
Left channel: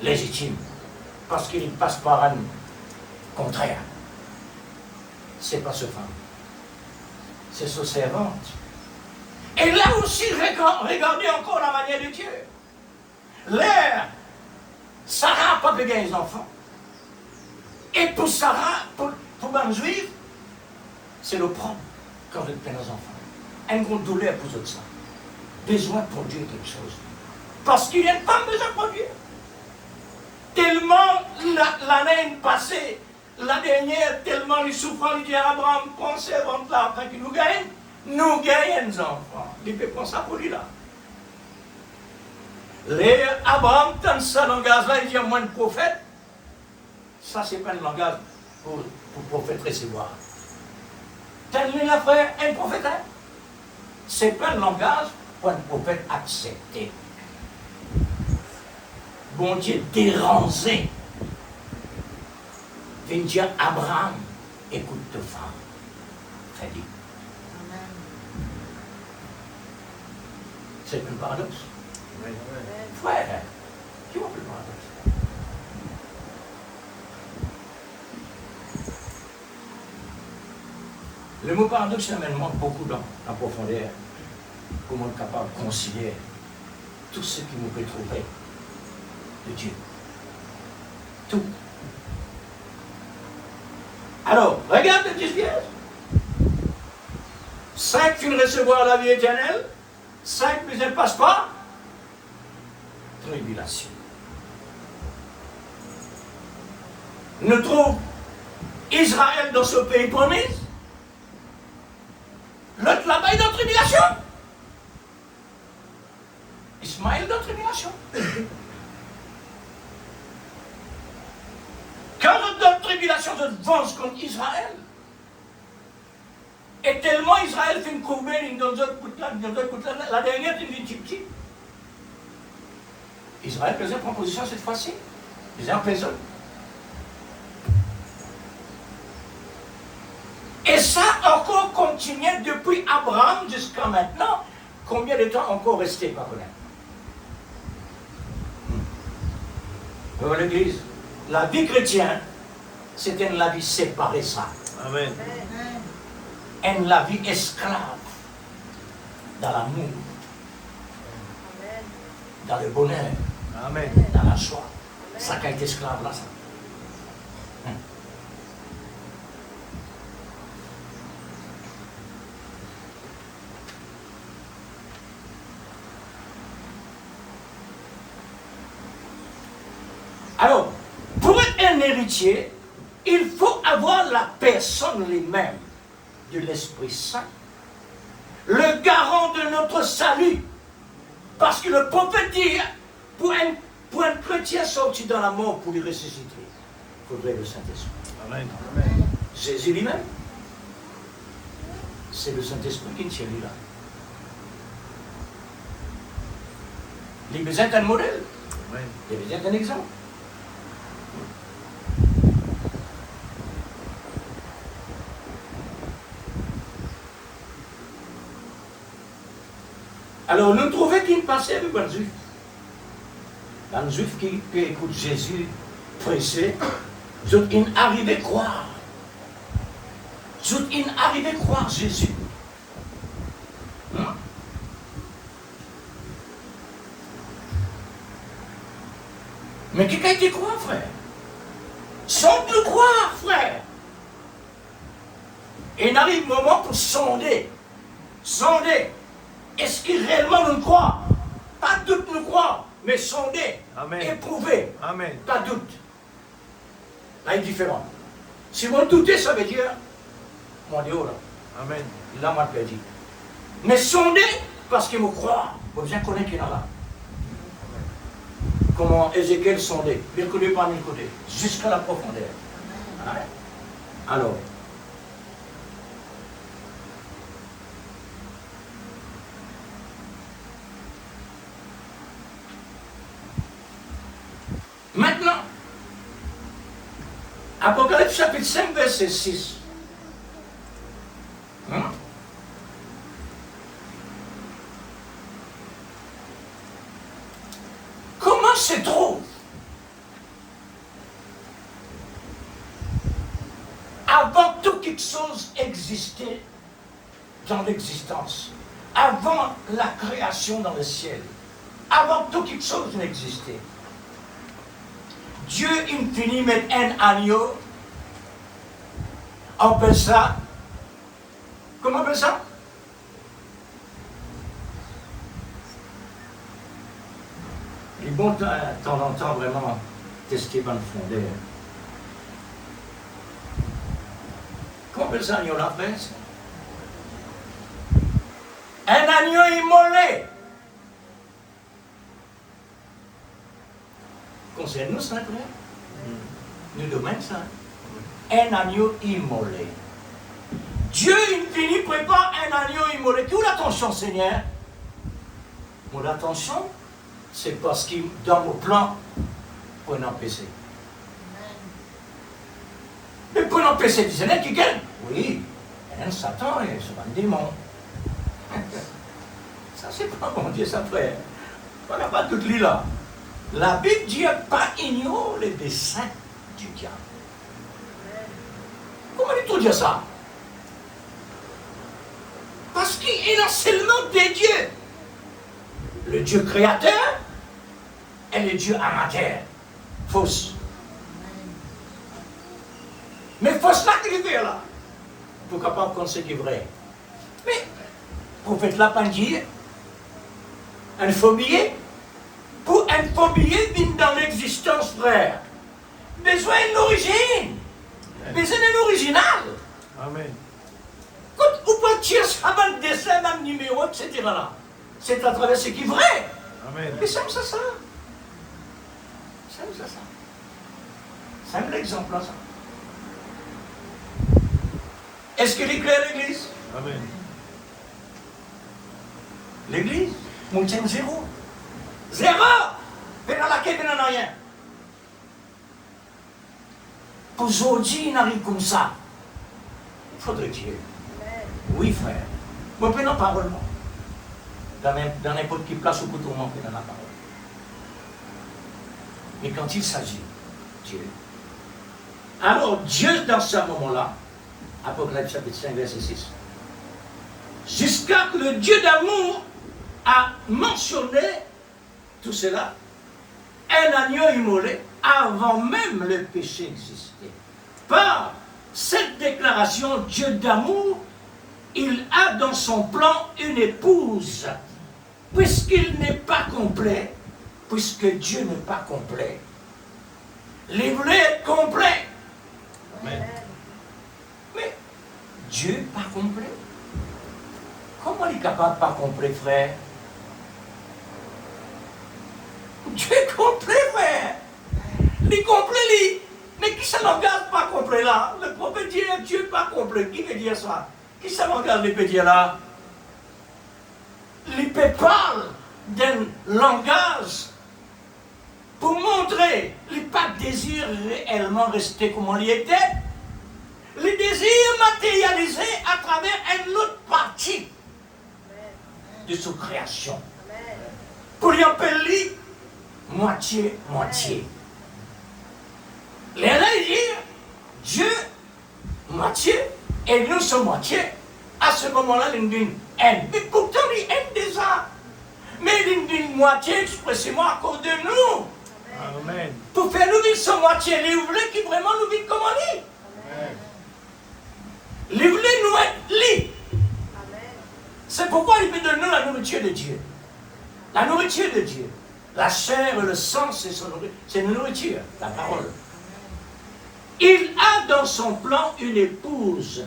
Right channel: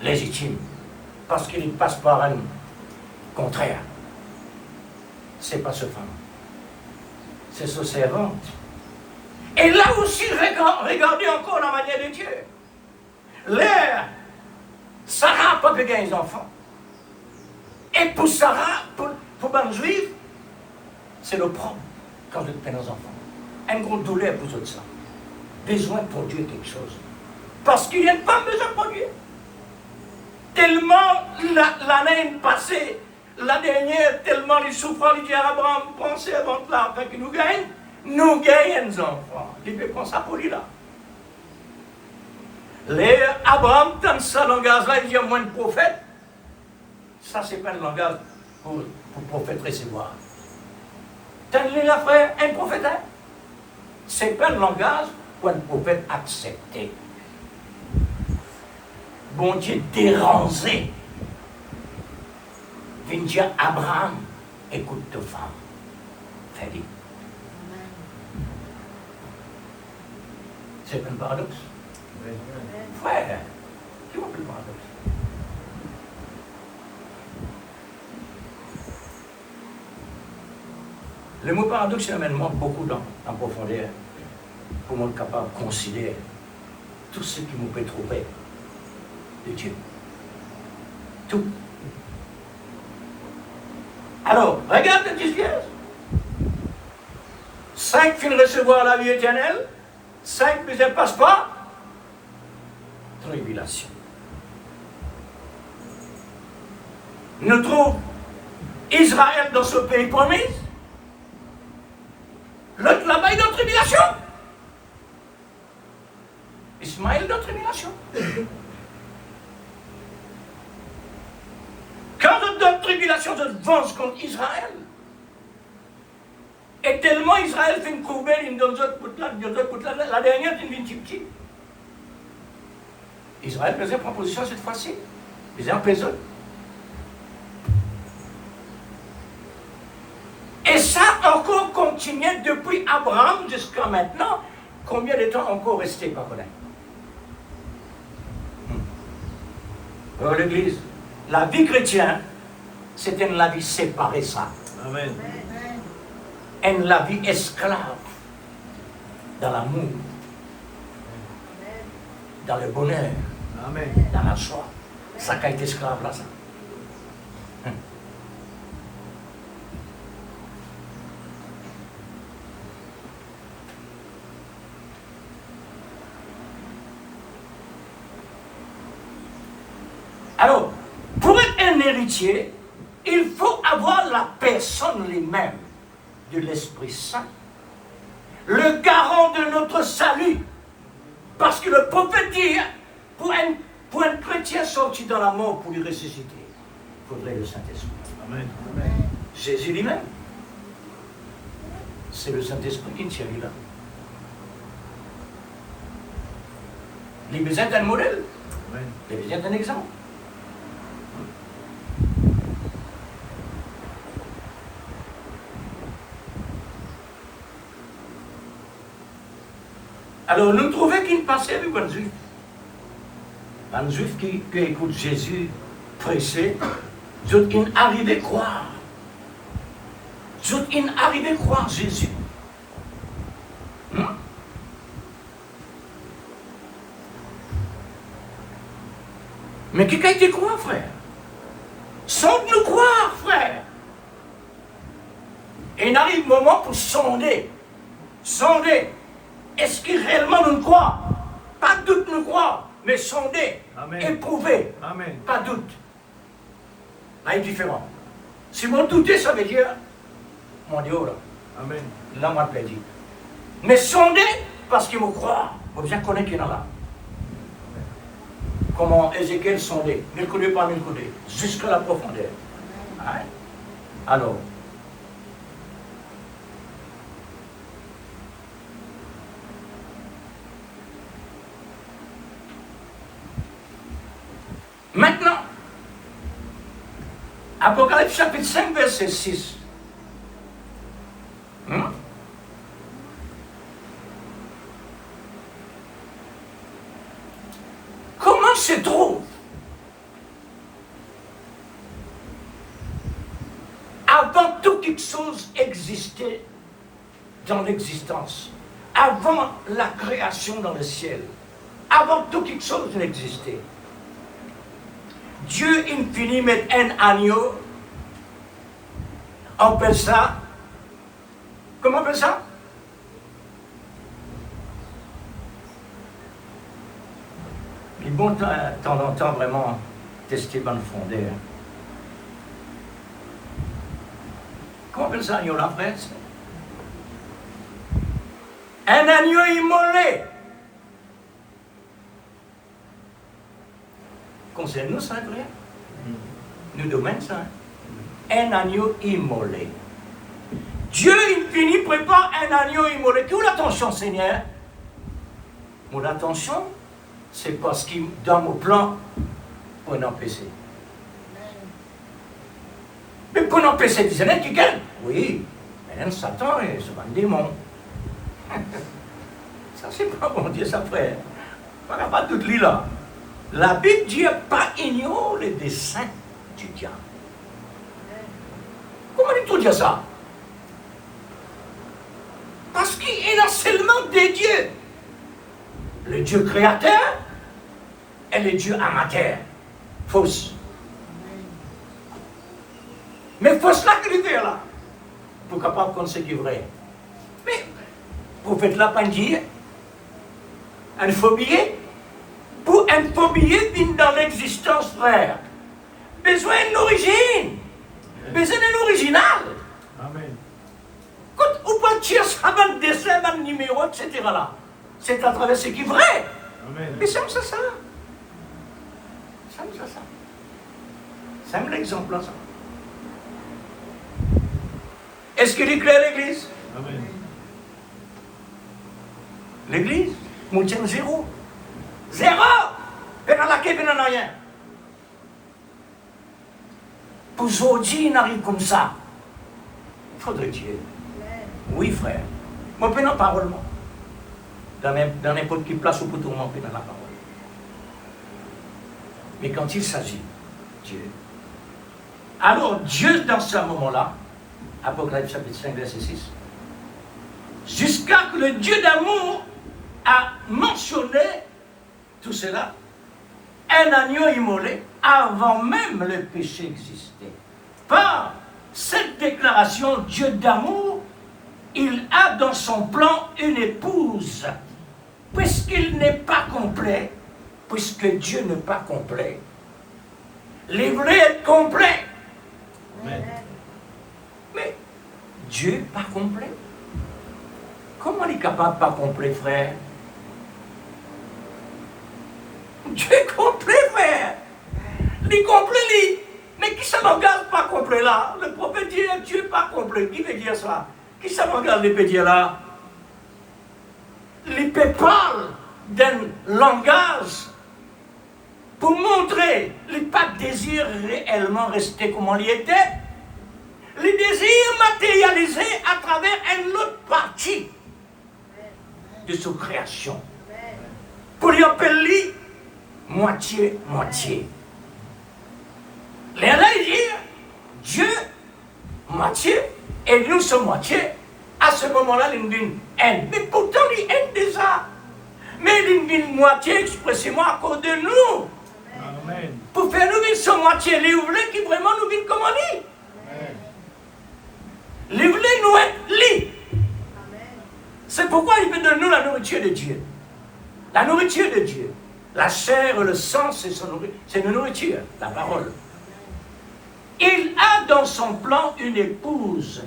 légitime. Parce qu'il passe par un contraire. C'est pas ce femme. C'est ce servante. Et là aussi, regardez encore la manière de Dieu. L'air, Sarah n'a pas pu gagner les enfants. Et pour Sarah, pour un juif, c'est le problème quand elle peine les enfants. Une grande douleur pour tout ça. Besoin de produire quelque chose. Parce qu'il y a une femme besoin de produire. Tellement l'année passée, la dernière, tellement il souffrait, il dit à Abraham, pensez avant là, afin qu'il nous gagne des enfants. Il peut prendre ça pour lui là. Les Abraham, dans ce langage-là, il dit à moi un prophète. Ça, c'est pas un langage pour prophète recevoir. T'as lu là, frère, un prophète, hein? C'est pas un langage pour un prophète accepter. Bon Dieu dérangé. Vient dire Abraham, écoute ta femme. Fais-le. C'est un paradoxe. Oui. Frère, qui va le paradoxe? Le mot paradoxe m'amène beaucoup en profondeur pour être capable de considérer tout ce qui nous peut trouver de Dieu. Tout. Alors, regarde le 10 vierges. 5 finissent recevoir la vie éternelle. 5 plus elles ne passent pas. Tribulation. Nous trouvons Israël dans ce pays promis. L'autre là-bas est dans la tribulation. Ismaël est dans la tribulation. Quand vous êtes dans la tribulation, vous êtes venge contre Israël. Et tellement Israël fait une courbe, une donne la dernière, c'est une victime. Israël faisait proposition cette fois-ci. Ils ont pesé. Et ça encore continué depuis Abraham jusqu'à maintenant. Combien de temps encore resté par là? Alors l'Église, la vie chrétienne, c'était une vie séparée ça. Amen. Une la vie esclave dans l'amour, dans le bonheur, Amen. dans la joie. Ça qui est esclave là, ça. Alors, pour être un héritier, il faut avoir la personne elle-même de l'Esprit Saint, le garant de notre salut. Parce que le prophète dit, pour un chrétien sorti dans la mort, pour lui ressusciter, il faudrait le Saint-Esprit. Amen. Jésus lui-même, c'est le Saint-Esprit qui tient lui là. Il a besoin d'un modèle, Amen. il a besoin d'un exemple. Alors, nous trouvons qu'il passait avec un juif. Un juif qui écoute Jésus prêcher, il arrivait à croire. Il arrivait à croire Jésus. Mais qui a été croire, frère? Sans nous croire, frère. Et il arrive un moment pour sonder. Sonder. Est-ce qu'il réellement nous croit? Pas doute nous croit, mais sonder, Amen. éprouver, Amen. pas doute. Là, il est différent. Si vous doutez, ça veut dire, mon Dieu, là, Amen. là, moi, je l'ai dit. Mais sonder, parce qu'il me croit, vous bien connaître qu'il est là. Comment Ézéchiel sondait, il connaît pas mille côtés, jusqu'à la profondeur. Ouais. Alors, maintenant, Apocalypse chapitre 5, verset 6. Comment se trouve avant toute chose existait dans l'existence, avant la création dans le ciel, avant toute chose n'existait, Dieu infini met un agneau, on appelle ça, comment on appelle ça? Les bons temps en temps vraiment testé dans le fondé. Comment on appelle ça, agneau, la presse? Un agneau immolé. Concerne-nous ça, frère? Nous domaine ça. Un agneau immolé. Dieu infini prépare un agneau immolé. Où l'attention, Seigneur? Mon attention, c'est parce que dans mon plan, pour un empêcher. Mais pour un empêcher, tu gagnes? Oui, un Satan, c'est un démon. Ça, c'est pas mon Dieu, ça, frère. On n'a pas tout lu là. La Bible dit pas ignore les desseins du diable. Comment dit-on dire ça? Parce qu'il a seulement des dieux. Le Dieu créateur et le Dieu amateur. Fausse. Mais fausse là qu'il est là. Pour capable qu'on sait qui est vrai. Mais, pour faire la pandille, un phobie, pour un phobie vient dans l'existence, frère. Besoin d'une origine. Besoin d'un original. Amen. Quand vous voiture sera dans le dessin, dans le numéro, etc. là. C'est à travers ce qui est vrai. Amen. Mais c'est ça. C'est ça. C'est l'exemple, ça. Est-ce qu'il est clair, l'Église? Amen. L'Église, nous tient zéro. Zéro! Et dans laquelle il n'en a rien. Pour aujourd'hui, il arrive comme ça. Il faudrait Dieu. Oui, frère. Moi, je n'ai pas parole, moi. Dans n'importe quelle place où tout le monde peut dans la parole. Mais quand il s'agit, Dieu. Alors, Dieu, dans ce moment-là, Apocalypse chapitre 5, verset 6, jusqu'à que le Dieu d'amour a mentionné tout cela, un agneau immolé avant même le péché existait. Par cette déclaration, Dieu d'amour, il a dans son plan une épouse. Puisqu'il n'est pas complet, puisque Dieu n'est pas complet, il voulait être complet. Amen. Mais Dieu n'est pas complet. Comment il est capable de pas complet, frère? Dieu est complet, frère. Il est complet, lui. Mais qui ça n'engage pas complet là? Le prophète dit Dieu n'est pas complet. Qui veut dire ça? Qui ça m'engage de dire là? L'épée parle d'un langage pour montrer qu'il n'a pas de désir réellement resté comme il était. Le désir matérialisé à travers une autre partie de sa création. Pour lui appeler moitié-moitié. Là, il dit Dieu, moitié, et nous sommes moitié. À ce moment-là, il dit haine. Mais pourtant, il aime déjà. Mais il dit moitié expressément à cause de nous. Amen. Pour faire nous vivre sans moitié, il voulait qu'il vraiment nous vive comme lui. Il voulait nous être lui. C'est pourquoi il veut de nous la nourriture de Dieu. La nourriture de Dieu. La chair et le sang, c'est une nourriture, la parole. Il a dans son plan une épouse,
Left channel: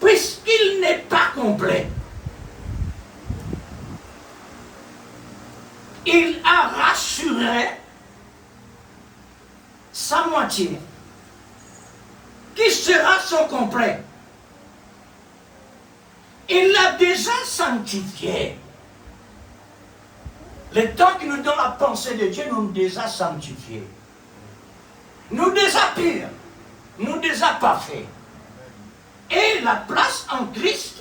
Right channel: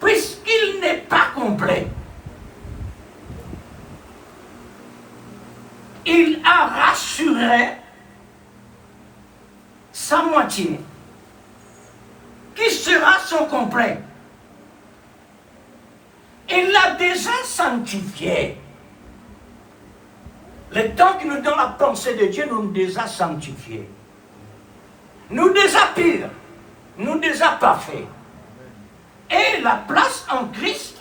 puisqu'il n'est pas complet. Il a rassuré sa moitié, qui sera son complet. Il l'a déjà sanctifié. Le temps qui nous donne la pensée de Dieu, nous déjà sanctifiés. Nous déjà purs. Nous déjà parfaits. Et la place en Christ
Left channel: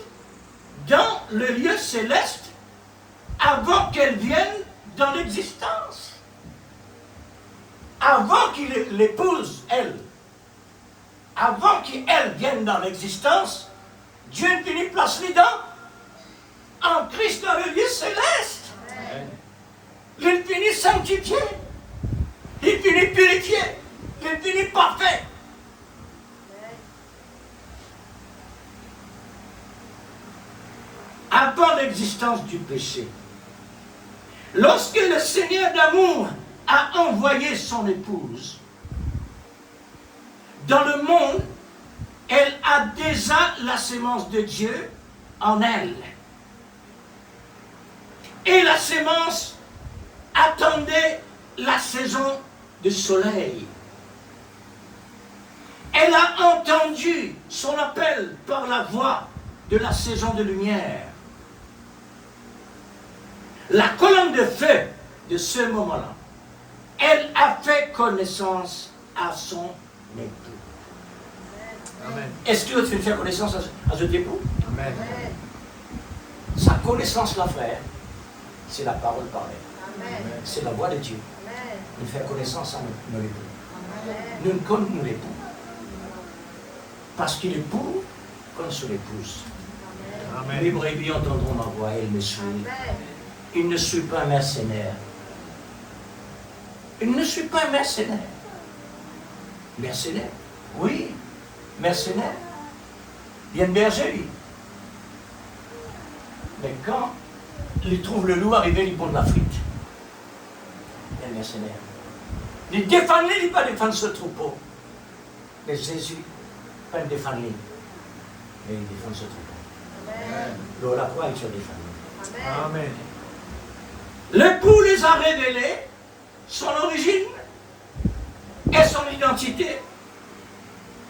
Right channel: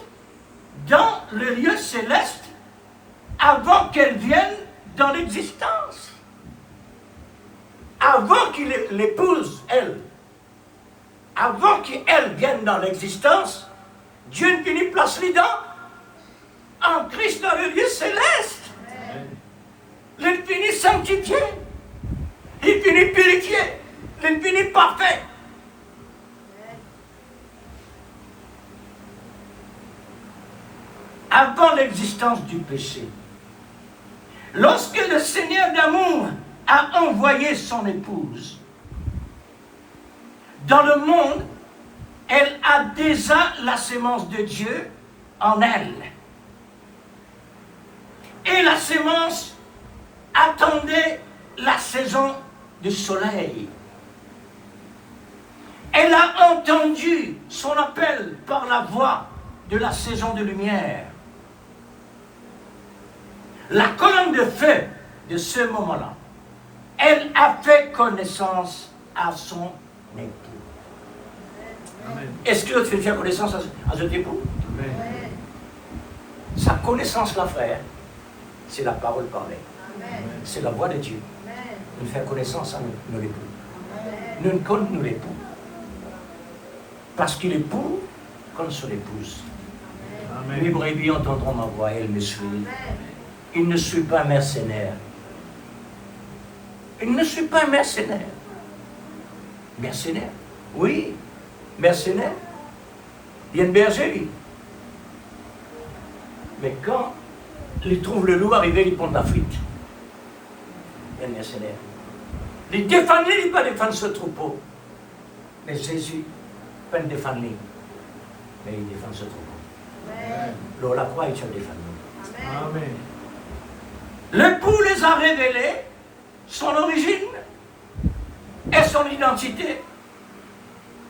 dans le lieu céleste avant qu'elle vienne dans l'existence. Avant qu'il l'épouse, elle. Avant qu'elle vienne dans l'existence, Dieu ne finit place dedans. En Christ dans le lieu céleste. Il finit sanctifié. Il finit purifié. Il finit parfait. Avant l'existence du péché. Lorsque le Seigneur d'amour a envoyé son épouse dans le monde, elle a déjà la sémence de Dieu en elle. Et la sémence attendait la saison du soleil. Elle a entendu son appel par la voix de la saison de lumière. La colonne de feu de ce moment-là, elle a fait connaissance à son époux. Amen. Est-ce que tu fais connaissance à son époux? Amen. Sa connaissance, là, frère, c'est la parole parlée. C'est la voix de Dieu. Il fait connaissance à nos époux. Nous ne connaissons nos époux. Parce qu'il est pour comme son épouse. Les Amen. brebis entendront ma voix, elles me suivent. Il ne suit pas un mercenaire. Il ne suit pas un mercenaire. Mercenaire? Oui, mercenaire. Il y a un berger, lui. Mais quand il trouve le loup arriver, il prend de la frite. Il y a un mercenaire. Il défend, il ne peut pas défendre ce troupeau. Mais Jésus ne peut pas défendre, mais il défend ce troupeau. Alors la croix est sur les familles. Amen. L'époux les a révélés, son origine et son identité.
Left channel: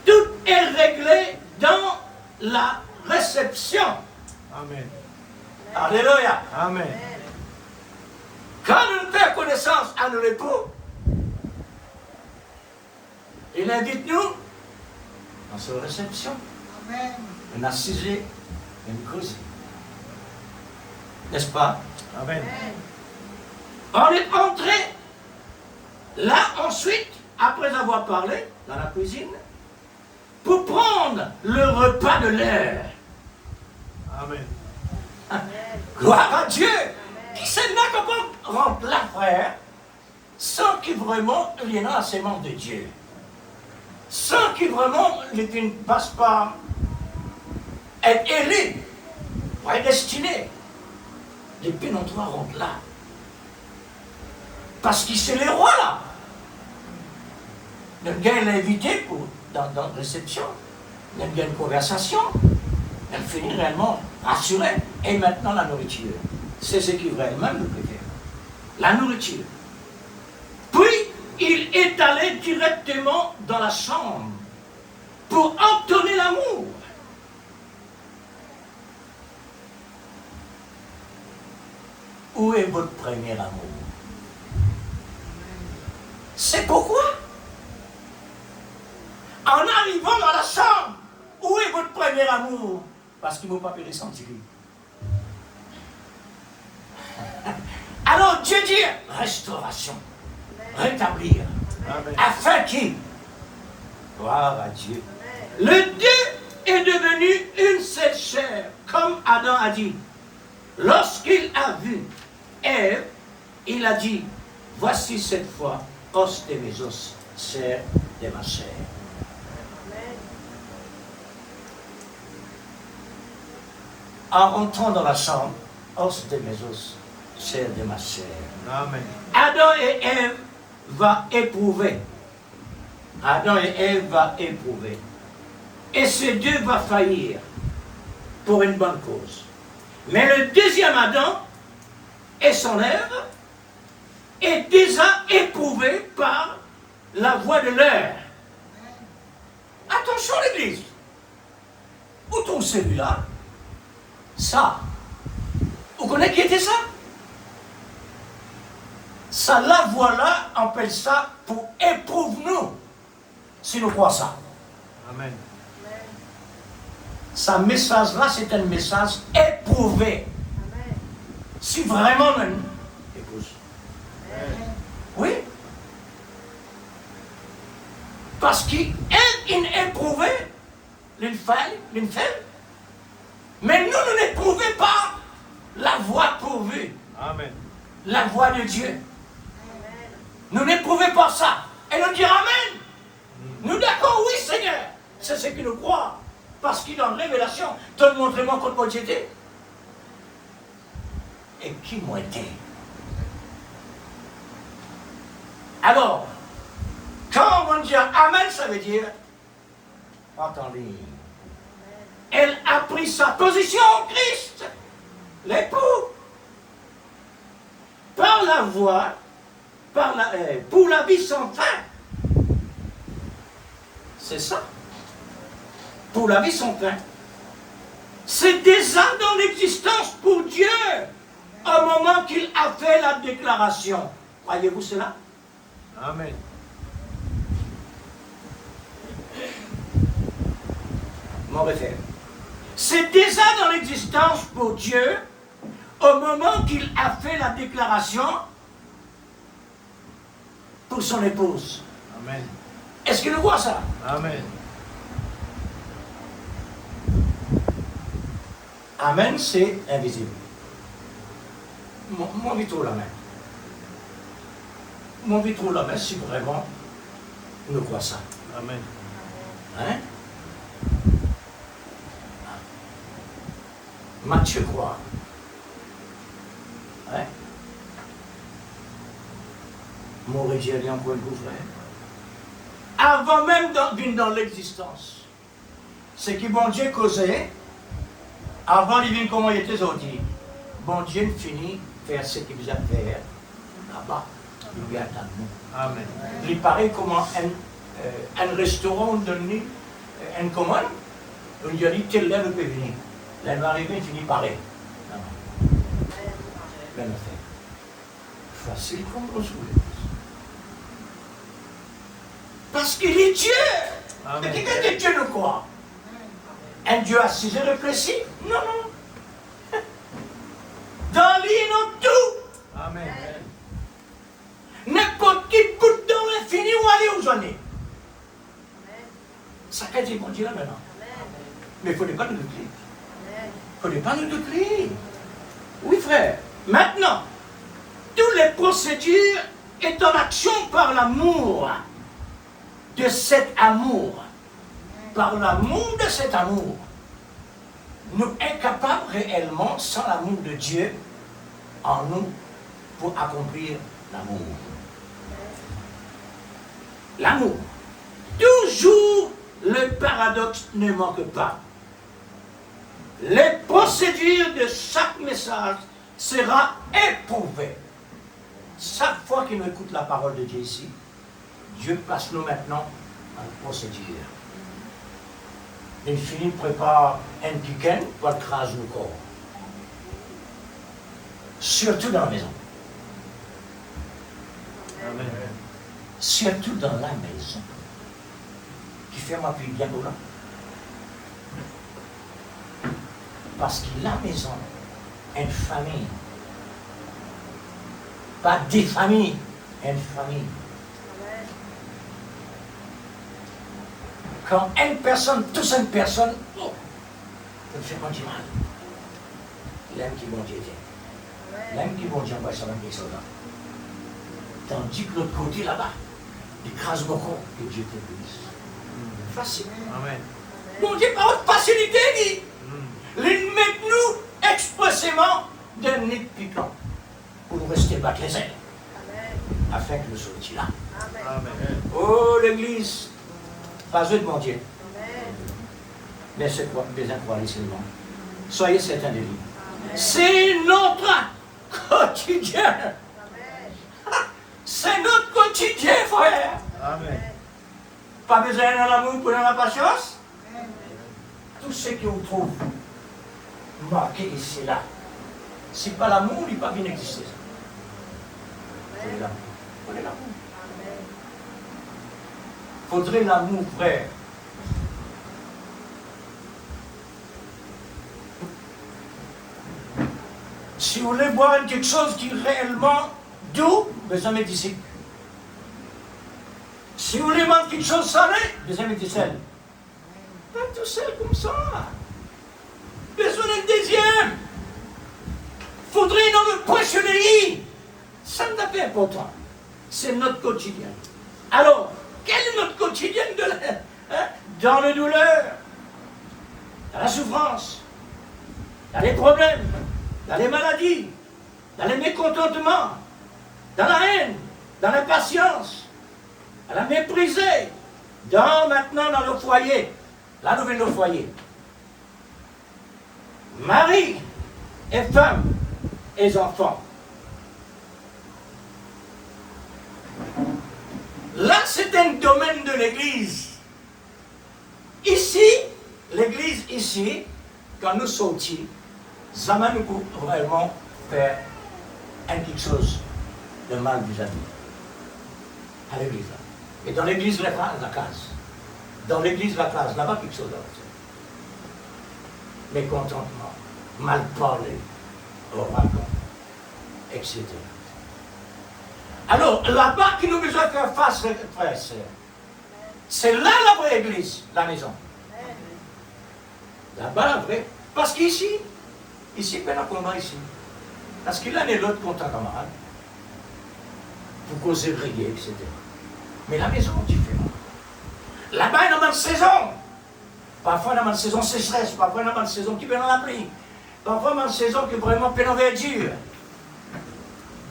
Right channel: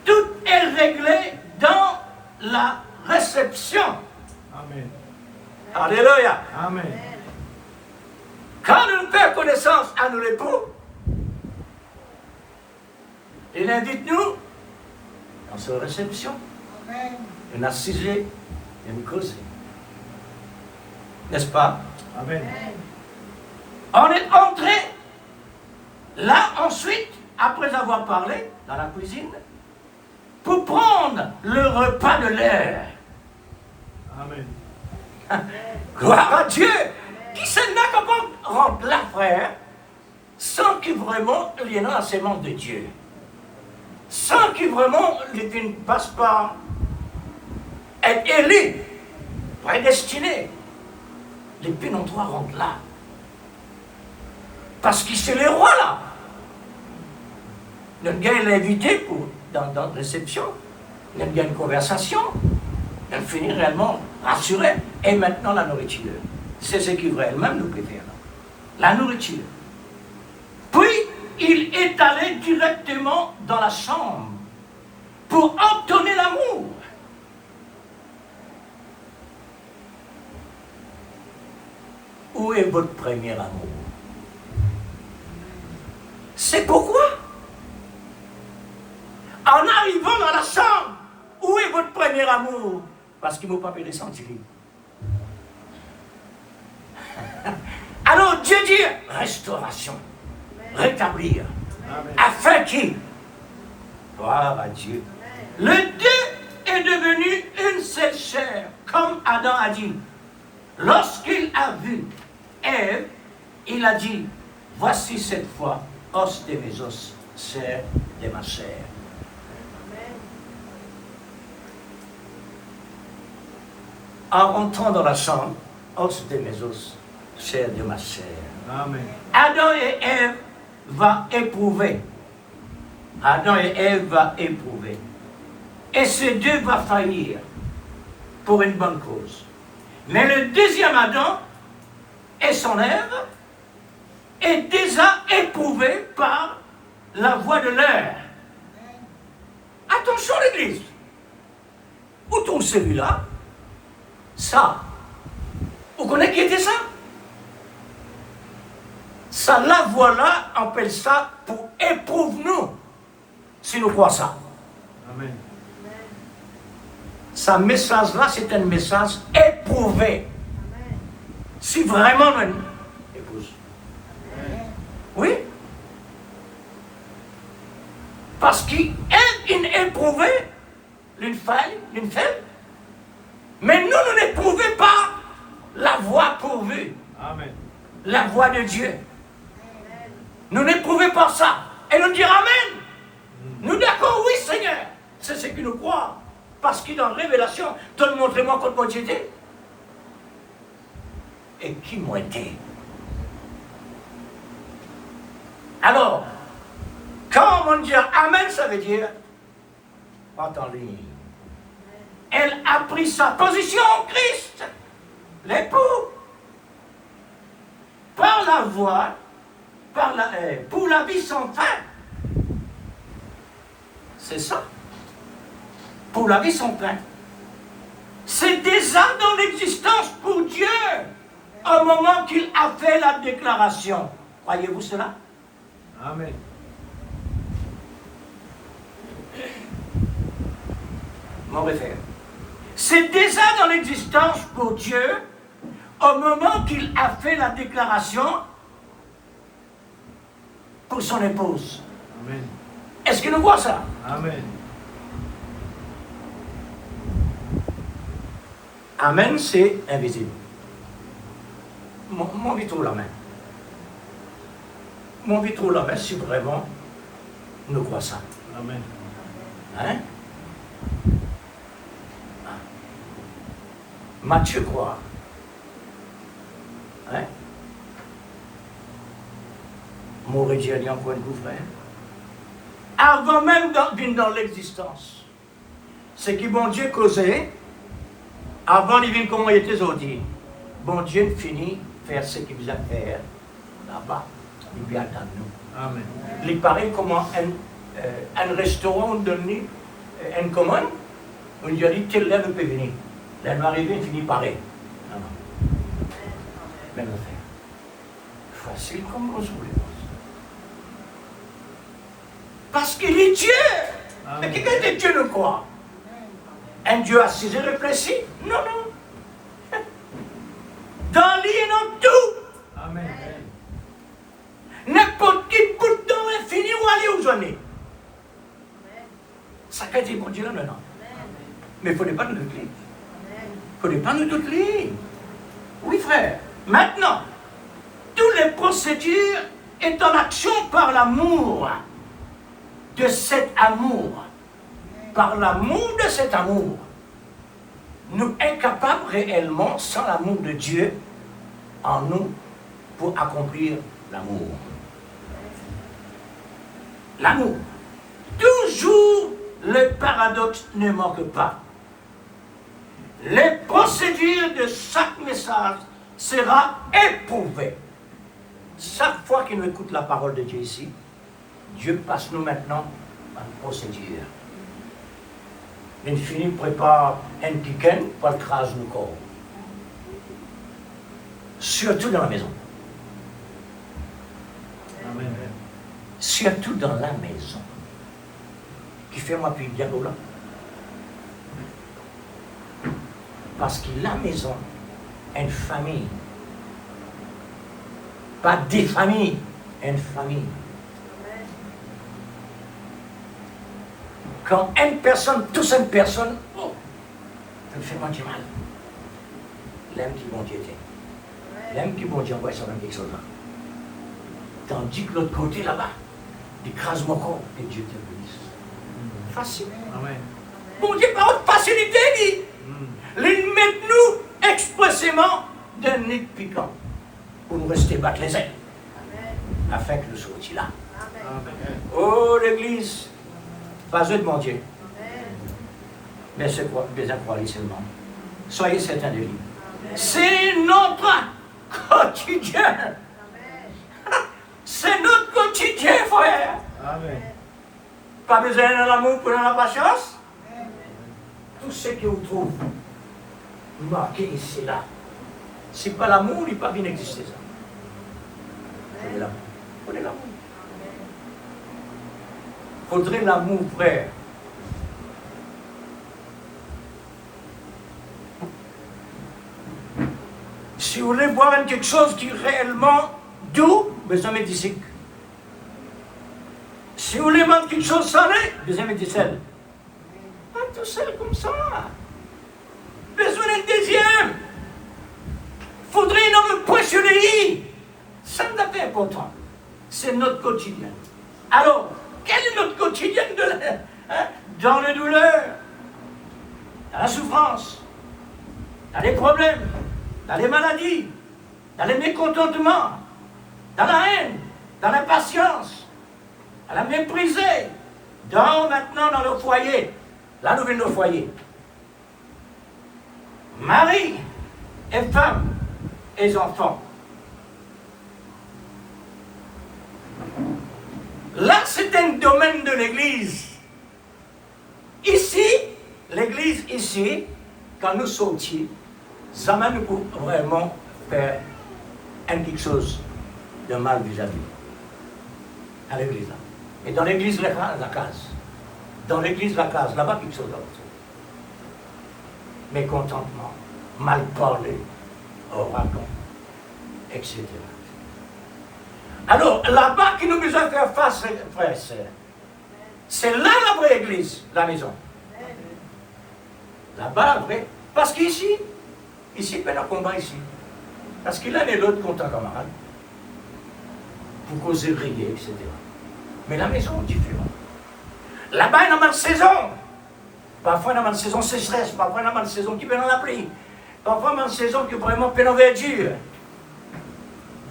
Tout est réglé dans la réception. Amen. Alléluia. Amen. Quand nous faisons connaissance à nous l'époux, il invite nous dans sa réception. Une assise et une cause. N'est-ce pas? Amen. On est entré là ensuite, après avoir parlé dans la cuisine, pour prendre le repas de l'air. Amen. Gloire à Dieu. Qui sait là comment rentre là, frère, sans qu'il vraiment il y ait la sémence de Dieu. Sans qu'il vraiment il ne passe pas être élu, prédestiné. Les pénontoirs rentrent là. Parce que c'est les rois là. Le gars est invité dans la réception. Il y a une conversation. Elle finit réellement rassurée. Et maintenant la nourriture. C'est ce qui vraiment nous préfère. La nourriture. Puis il est allé directement dans la chambre pour obtenir l'amour. Où est votre premier amour? C'est pourquoi, en arrivant dans la chambre, où est votre premier amour? Parce qu'il ne m'a pas pu ressentir. Alors Dieu dit restauration, rétablir, Amen. afin qu'il, gloire à Dieu, le deux est devenu une seule chair, comme Adam a dit. Lorsqu'il a vu Ève, il a dit, voici cette fois, os de mes os, chair de ma chair. En rentrant dans la chambre, os de mes os, chair de ma chair. Amen. Adam et Ève vont éprouver. Adam et Ève vont éprouver. Et ces deux vont faillir pour une bonne cause. Mais le deuxième Adam et son Ève est déjà éprouvé par la voix de l'air. Attention l'église. Où tombe celui-là? Ça. Vous connaissez qui était ça? Ça, la voix-là, on appelle ça pour éprouve-nous, si nous croyons ça. Amen. Ce message-là, c'est un message éprouvé. Si vraiment une épouse. Oui. Parce qu'il est une éprouvée, une femme, mais nous n'éprouvons pas la voix pourvue, Amen. la voix de Dieu. Nous n'éprouvons pas ça. Et nous dirons Amen. Nous d'accord, oui Seigneur. C'est ce que nous croyons. Parce qu'il est en révélation. Donne, montrez-moi contre moi j'étais. Et qui m'a été. Alors, quand on dit Amen, ça veut dire, entendez, elle a pris sa position en Christ, l'époux, par la voix, pour la vie sans fin. C'est ça. Pour la vie sans fin. C'est déjà dans l'existence pour Dieu au moment qu'il a fait la déclaration. Croyez-vous cela? Amen. Mon frère. C'est déjà dans l'existence pour Dieu au moment qu'il a fait la déclaration pour son épouse. Amen. Est-ce que nous voyons ça? Amen. Amen, c'est invisible. Mon vitre la main. Mon vitre la main, si vraiment nous croyons ça. Amen. Hein? Matthieu croit. Hein? Mauvais Dieu a encore une frère. Avant même dans l'existence. C'est que mon Dieu causait Avant, il vit comment il était sorti. Bon Dieu finit faire ce qu'il a fait là-bas. Il vient attendre nous. Amen. Il paraît comment un restaurant donné une commande. On lui a dit, quelle heure vous pouvez venir. Là, il va arriver, il finit par aller. Non. Ben, le fait. Facile comme on se parce qu'il est Dieu. Amen. Mais quelqu'un de Dieu le croit. Un Dieu assis et réfléchi. Non, non. Dans lui et dans tout. Amen. N'importe qui peut dans l'infini ou aller où j'en ai. Ça fait dire, mon Dieu, non, non. Mais il ne faudrait pas nous doutler. Il ne faudrait pas nous doutler. Oui, frère. Maintenant, toutes les procédures est en action par l'amour de cet amour. Par l'amour de cet amour. Nous incapables réellement, sans l'amour de Dieu en nous, pour accomplir l'amour. L'amour. Toujours le paradoxe ne manque pas. Les procédures de chaque message sera éprouvée. Chaque fois qu'il nous écoute la parole de Dieu ici, Dieu passe nous maintenant à une procédure. L'infini prépare un piquin pour écraser le corps. Surtout dans la maison. Amen. Surtout dans la maison. Qui fait ma fille bien là. Parce que la maison est une famille. Pas des familles, une famille. Quand une personne touche une personne, oh, ça me fait pas du mal. L'aime qui bon Dieu était. L'aime qui bon Dieu envoie sur quelque chose là. Tandis que l'autre côté là-bas, il écrase mon corps et Dieu te bénisse. Facile. Amen. Bon Dieu, par votre facilité, dit. Les mettre-nous expressément d'un nid piquant pour nous rester battre les ailes. Afin que nous soyons là. Amen. Oh, l'église, pas eux de mon Dieu. Mais ce quoi, les incroyables seulement. Soyez certains de lui. C'est notre quotidien. C'est notre quotidien, frère. Amen. Pas besoin de l'amour pour la patience. Tout ce qu'on trouve marqué ici là, si pas l'amour, il ne peut pas bien exister ça. Prenez l'amour. Prenez l'amour. Faudrait l'amour, frère. Si vous voulez voir quelque chose qui est réellement doux, besoin de d'ici. Si vous voulez voir quelque chose salé, besoin de sel. Pas tout seul comme ça. Besoin d'un deuxième. Faudrait dans le poissonnerie. Ça n'a pas important. C'est notre quotidien. Alors, quel est notre quotidien dans la douleur, dans la souffrance, dans les problèmes, dans les maladies, dans les mécontentements, dans la haine, dans l'impatience, dans la méprisée, maintenant dans le foyer. Là, nous venons au foyer. Mari et femme et enfants. Là, c'est un domaine de l'Église. Ici, l'Église ici, quand nous sortis, ça m'a nous vraiment faire quelque chose de mal vis-à-vis à l'Église. Et dans l'Église, la case. Dans l'Église, la case, là-bas, quelque chose d'autre. Mécontentement, mal parler, au rapport, etc. Alors, là-bas qui nous besoin de faire face, frères et sœurs, c'est là la vraie église, la maison. Là-bas, la vraie. Parce qu'ici, ici, ben, on combat ici. Parce qu'il a et l'autre contre un camarade. Pour causer briller, etc. Mais la maison est différente. Là-bas, il y a une saison. Parfois, il y a une saison sécheresse. Parfois, il y a une saison qui peut dans la pluie. Parfois, il y a une saison qui est vraiment pleine en verdure.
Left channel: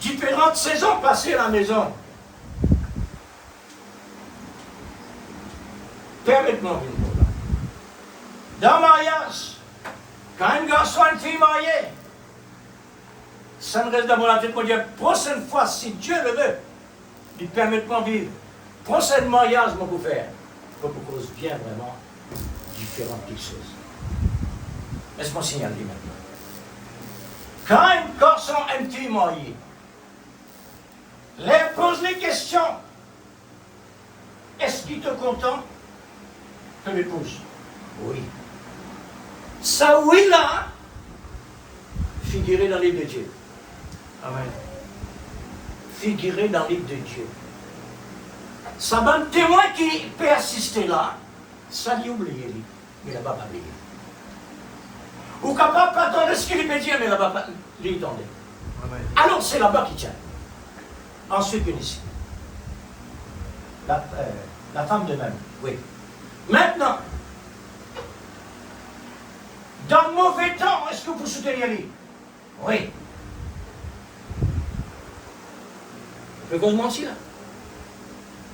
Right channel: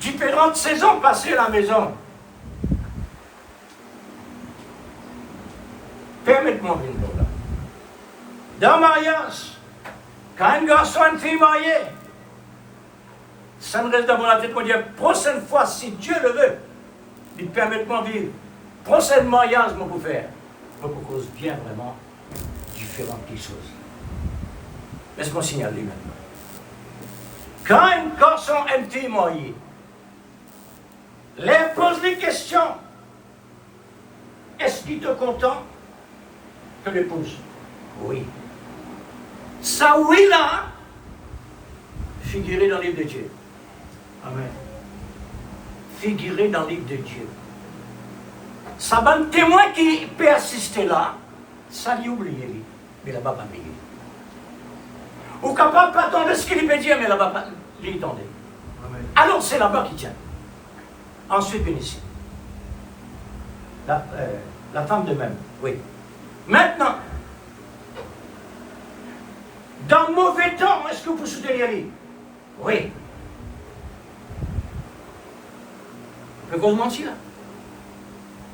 Différentes saisons passées à la maison. Permettez-moi de dire là. Dans le mariage, Quand un garçon et une fille mariés, ça me reste dans la tête pour dire, prochaine fois, si Dieu le veut, il permet de m'en vivre. Prochain mariage, je peux faire. Je peux cause bien vraiment différentes choses. Mais c'est mon signal lui-même. Quand un garçon et une fille mariés, leur pose les questions. Est-ce qu'il te content que l'épouse? Oui. Ça oui là, figuré dans le livre de Dieu. Amen. Figuré dans le livre de Dieu. Ça va un témoin qui peut assister là, ça lui oublie, mais là-bas pas payer. Ou capable pas attendre ce qu'il veut dire, mais là-bas pas lui attendre. Alors c'est là-bas qui tient. Ensuite, bien ici. La femme de même, oui. Maintenant, dans le mauvais temps, est-ce que vous soutenez lui? Oui. Vous pouvez mentir là.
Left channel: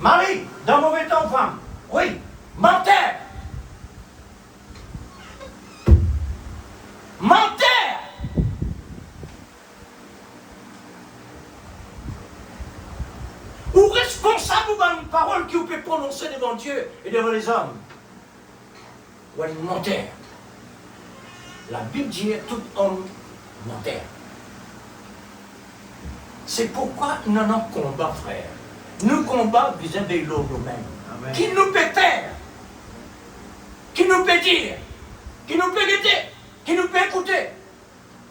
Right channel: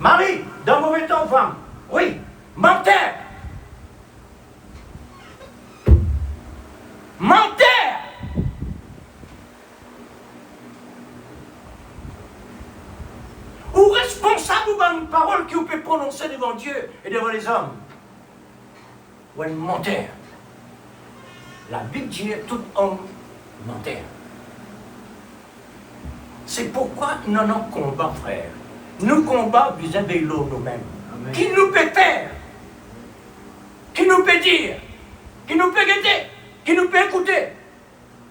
Marie, dans le mauvais temps, femme. Oui. Menteur. Menteur. Ou responsable d'une parole que vous pouvez prononcer devant Dieu et devant les hommes. Ou un menteur. La Bible dit tout homme menteur. C'est pourquoi nous avons combat, frère. Nous combattons vis-à-vis de nous-mêmes. Qui nous peut faire? Qui nous peut dire? Qui nous peut guetter? Qui nous peut écouter?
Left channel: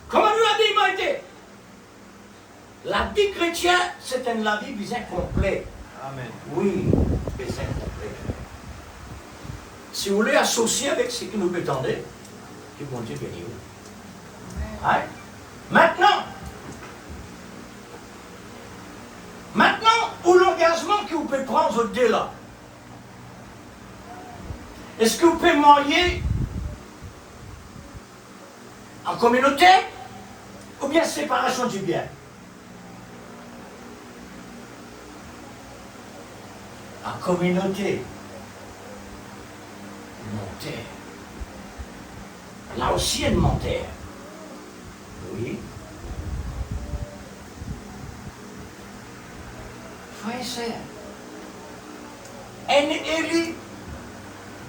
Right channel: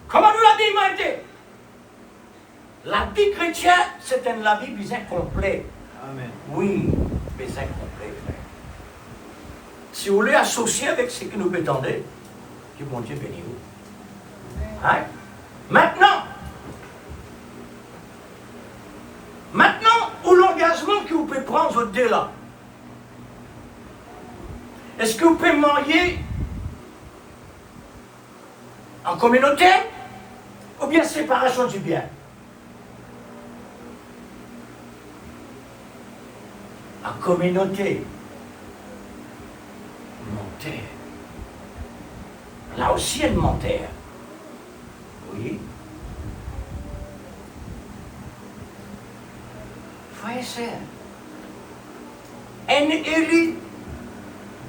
Comment nous l'habillement été? La vie chrétienne, c'est la vie des incomplets. Amen. Oui, des incomplets, frère. Si vous voulez associer avec ce que nous prétendons, que mon Dieu bénisse vous. Hein? Maintenant, pour l'engagement que vous pouvez prendre dès là, est-ce que vous pouvez marier en communauté ou bien séparation du bien? En communauté. Menteur. Là aussi, elle menteur. Oui. Frère et sœur, un élu,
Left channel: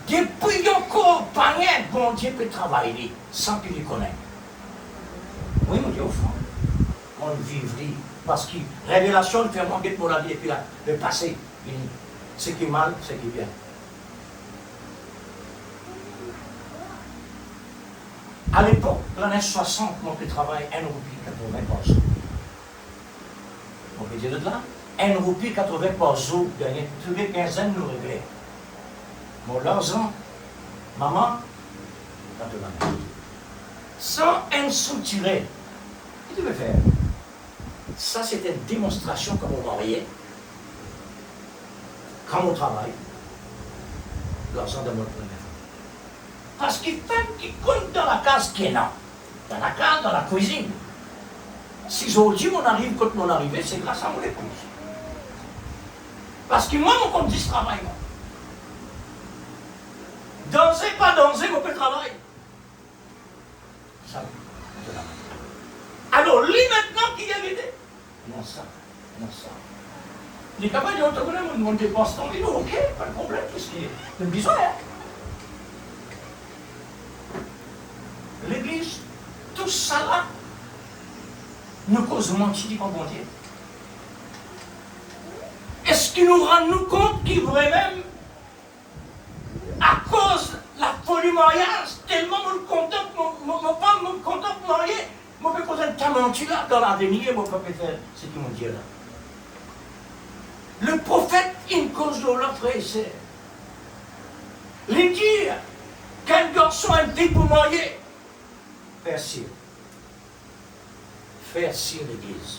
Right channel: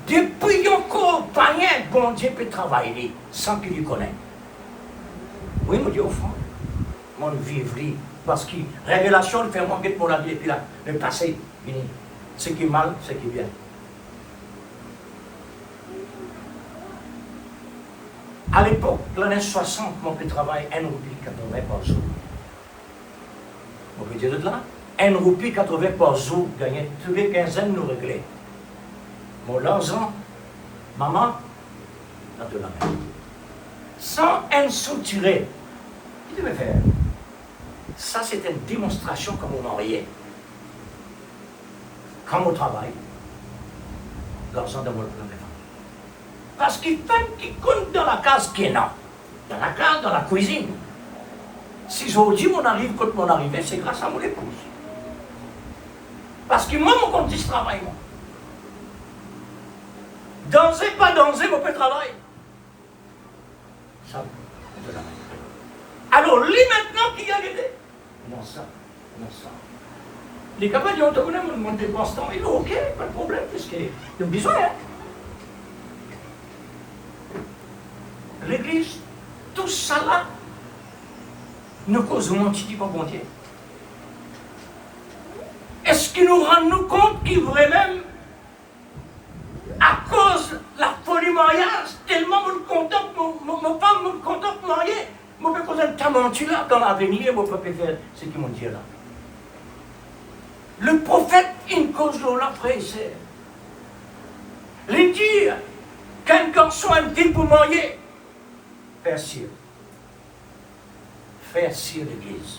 depuis encore, pas rien, bon Dieu peut travailler sans qu'il le connaisse. Oui, mon Dieu, au fond, mon vivre, parce que révélation fait manquer pour la vie et puis là, le passé, ce qui est mal, ce qui est bien. À l'époque, l'année 60, mon petit travail, 1,80 € par jour. On peut dire de là, 1,80 € par jour, gagné tous les 15 ans, nous réglons. Mon l'argent, maman, maintenant. Sans un sou tiré, qu'est-ce que tu veux faire? Ça, c'est une démonstration comme on mariait, comme au travail, l'argent dans mon téléphone. Parce qu'il fait qu'il compte dans la case qui est là. Dans la case, dans la cuisine. Si aujourd'hui on arrive quand mon arrivée, c'est grâce à mon épouse. Parce que moi, mon compte dit ce travail. Danser, pas danser, mon peu de travail. Ça, alors, lui maintenant qui a aidé. Comment ça? Les capables de dire, on dépense tant. Il dit, ok, pas de problème, qu'est-ce qu'il y a? De besoin, hein? L'église, tout ça là, nous cause mentir par bon Dieu. Est-ce qu'il nous rend nous compte qu'il vraiment, à cause de la folie mariage, tellement nous contemple, mon femme nous contemple marié, moi je peux content de mentir là, dans l'avenir, moi je peux faire ce qu'ils m'ont dit là. Le prophète, une cause de l'autre frère et sœur. Les dire qu'un garçon a dit pour marier, faire cire l'église.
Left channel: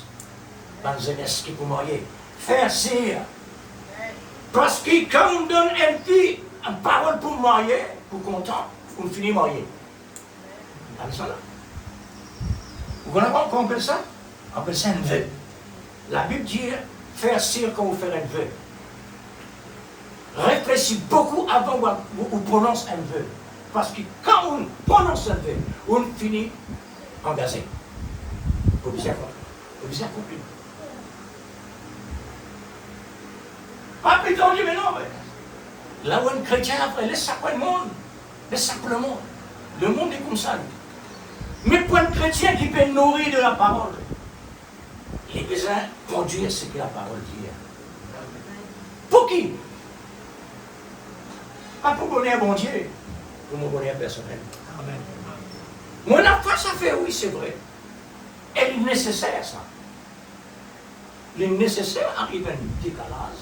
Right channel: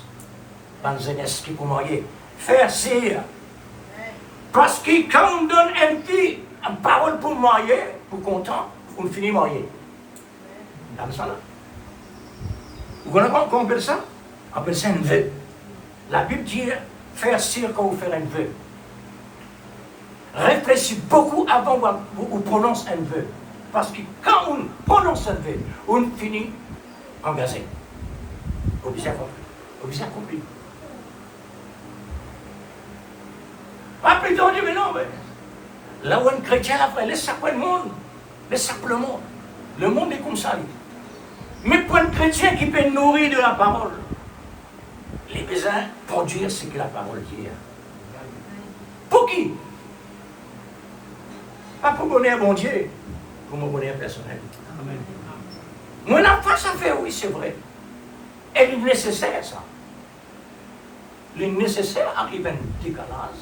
Dans un esprit pour marier. Faire cire. Parce que quand on donne une fille une parole pour marier, pour content, on finit marier. Dans ça là. Vous connaissez pas comment on appelle ça? On appelle ça un vœu. La Bible dit faire cire quand vous faites un vœu. Réfléchissez beaucoup avant que vous prononcez un vœu. Parce que quand on prononce un vœu, on finit engagé. Vous avez compris. Pas plus tard, on dit, mais non, mais là où un chrétien, après, laisse ça pour le monde. Laisse ça pour le monde. Le monde est comme ça, lui. Mais pour un chrétien qui peut nourrir de la parole, les besoins produire ce que la parole dit. Pour qui? Pas pour bonheur bon Dieu, pour mon bonheur personnel. Amen. Nous n'avons pas ça à faire, oui, c'est vrai. Et il est nécessaire, ça. Le nécessaire arrive à un décalage.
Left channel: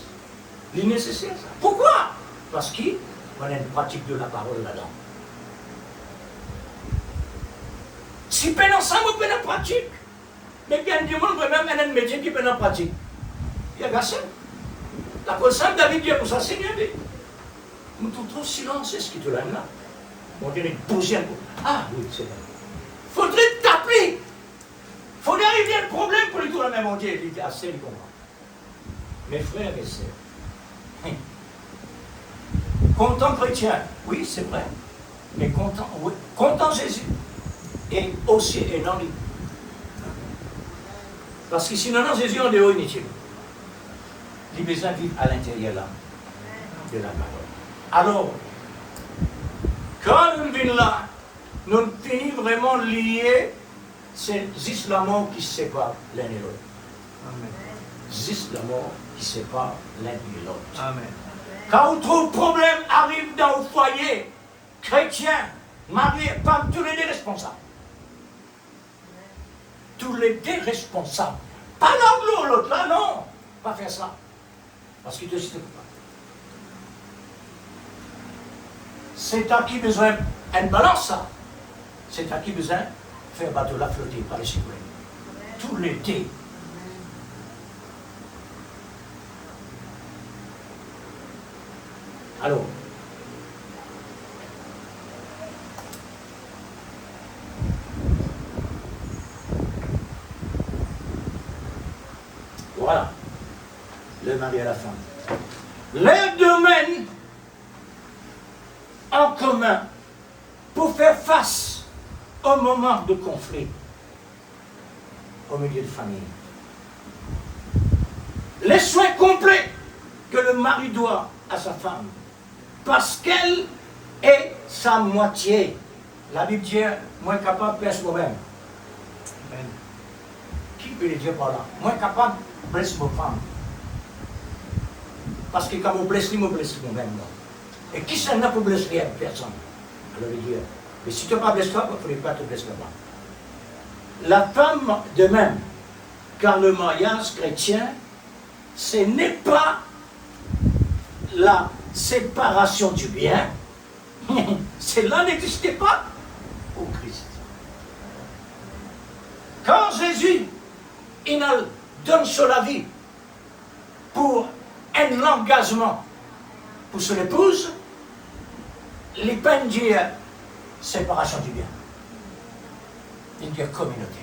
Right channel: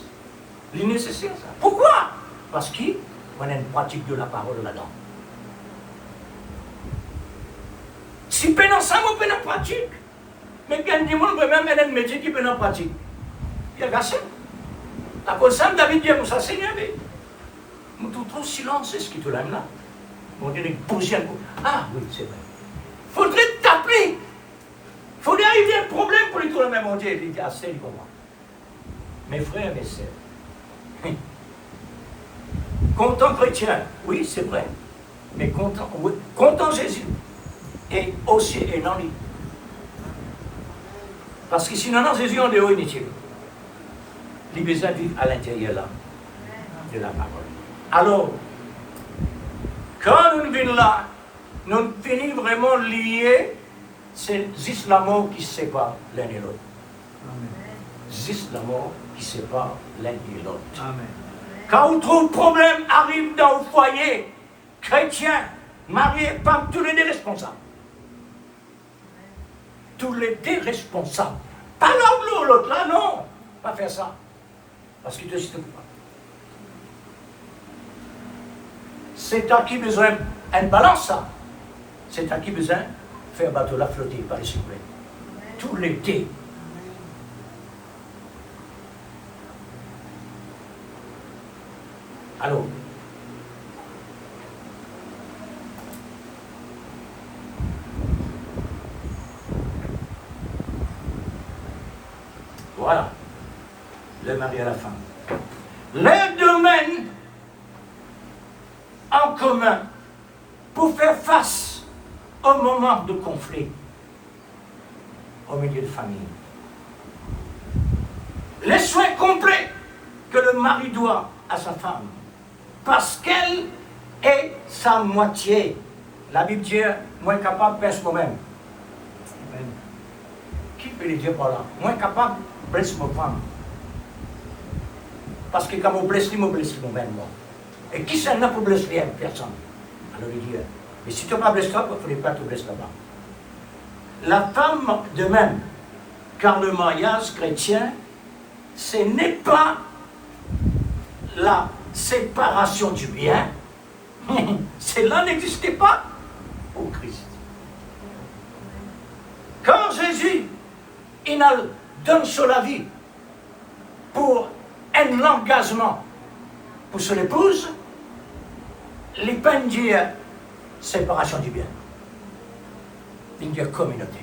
Il est nécessaire, ça. Pourquoi? Parce qu'on a une pratique de la parole là-dedans. Si on a ça, on peut en pratique. Mais quand du monde peut même un métier qui peut en pratique. Il y a personne. La cause simple, David dit, ça c'est bien. Nous tout trop silence, c'est ce qui te l'a là. On dirait une poussière. Ah oui, c'est vrai. Faudrait t'appeler. Faudrait arriver à un problème pour lui tout la même on dit, il dit assez pour moi. Mes frères, mes sœurs. Content chrétien, oui, c'est vrai. Mais content, oui, content Jésus. Et aussi énorme. Parce que sinon, Jésus en dehors inutile. Les besoins vivent à l'intérieur là, de la parole. Alors, quand nous venons là, nous finissons vraiment liés, c'est juste la mort qui se sépare l'un et l'autre. Juste la mort qui sépare l'un et l'autre. Amen. Quand on trouve problème arrive dans le foyer, chrétien, marié, femme, tous les deux responsables. Tous les deux responsables. Pas l'un ou l'autre, là, non. Pas faire ça. Parce qu'il te cite pas. C'est à qui besoin une balance, ça. C'est à qui besoin faire bateau la flotter par le suprême. Tous les deux. Alors, voilà, le mari à la fin. Les domaines en commun pour faire face au moment de conflit au milieu de famille. Les soins complets que le mari doit à sa femme. Parce qu'elle est sa moitié. La Bible dit, moins capable de blesser moi-même. Qui peut le dire par là? Moins capable de blesser ma femme. Parce que quand je blesse, je blesse moi-même. Et qui s'en a pour blesser personne? Alors il dit, mais si tu n'as pas blessé toi, il ne faudrait pas te blesser là-bas. La femme de même, car le mariage chrétien, ce n'est pas la séparation du bien, cela n'existait pas au Christ. Quand Jésus il donne sur la vie pour un engagement pour son épouse, les peines dire séparation du bien. Il dit communauté.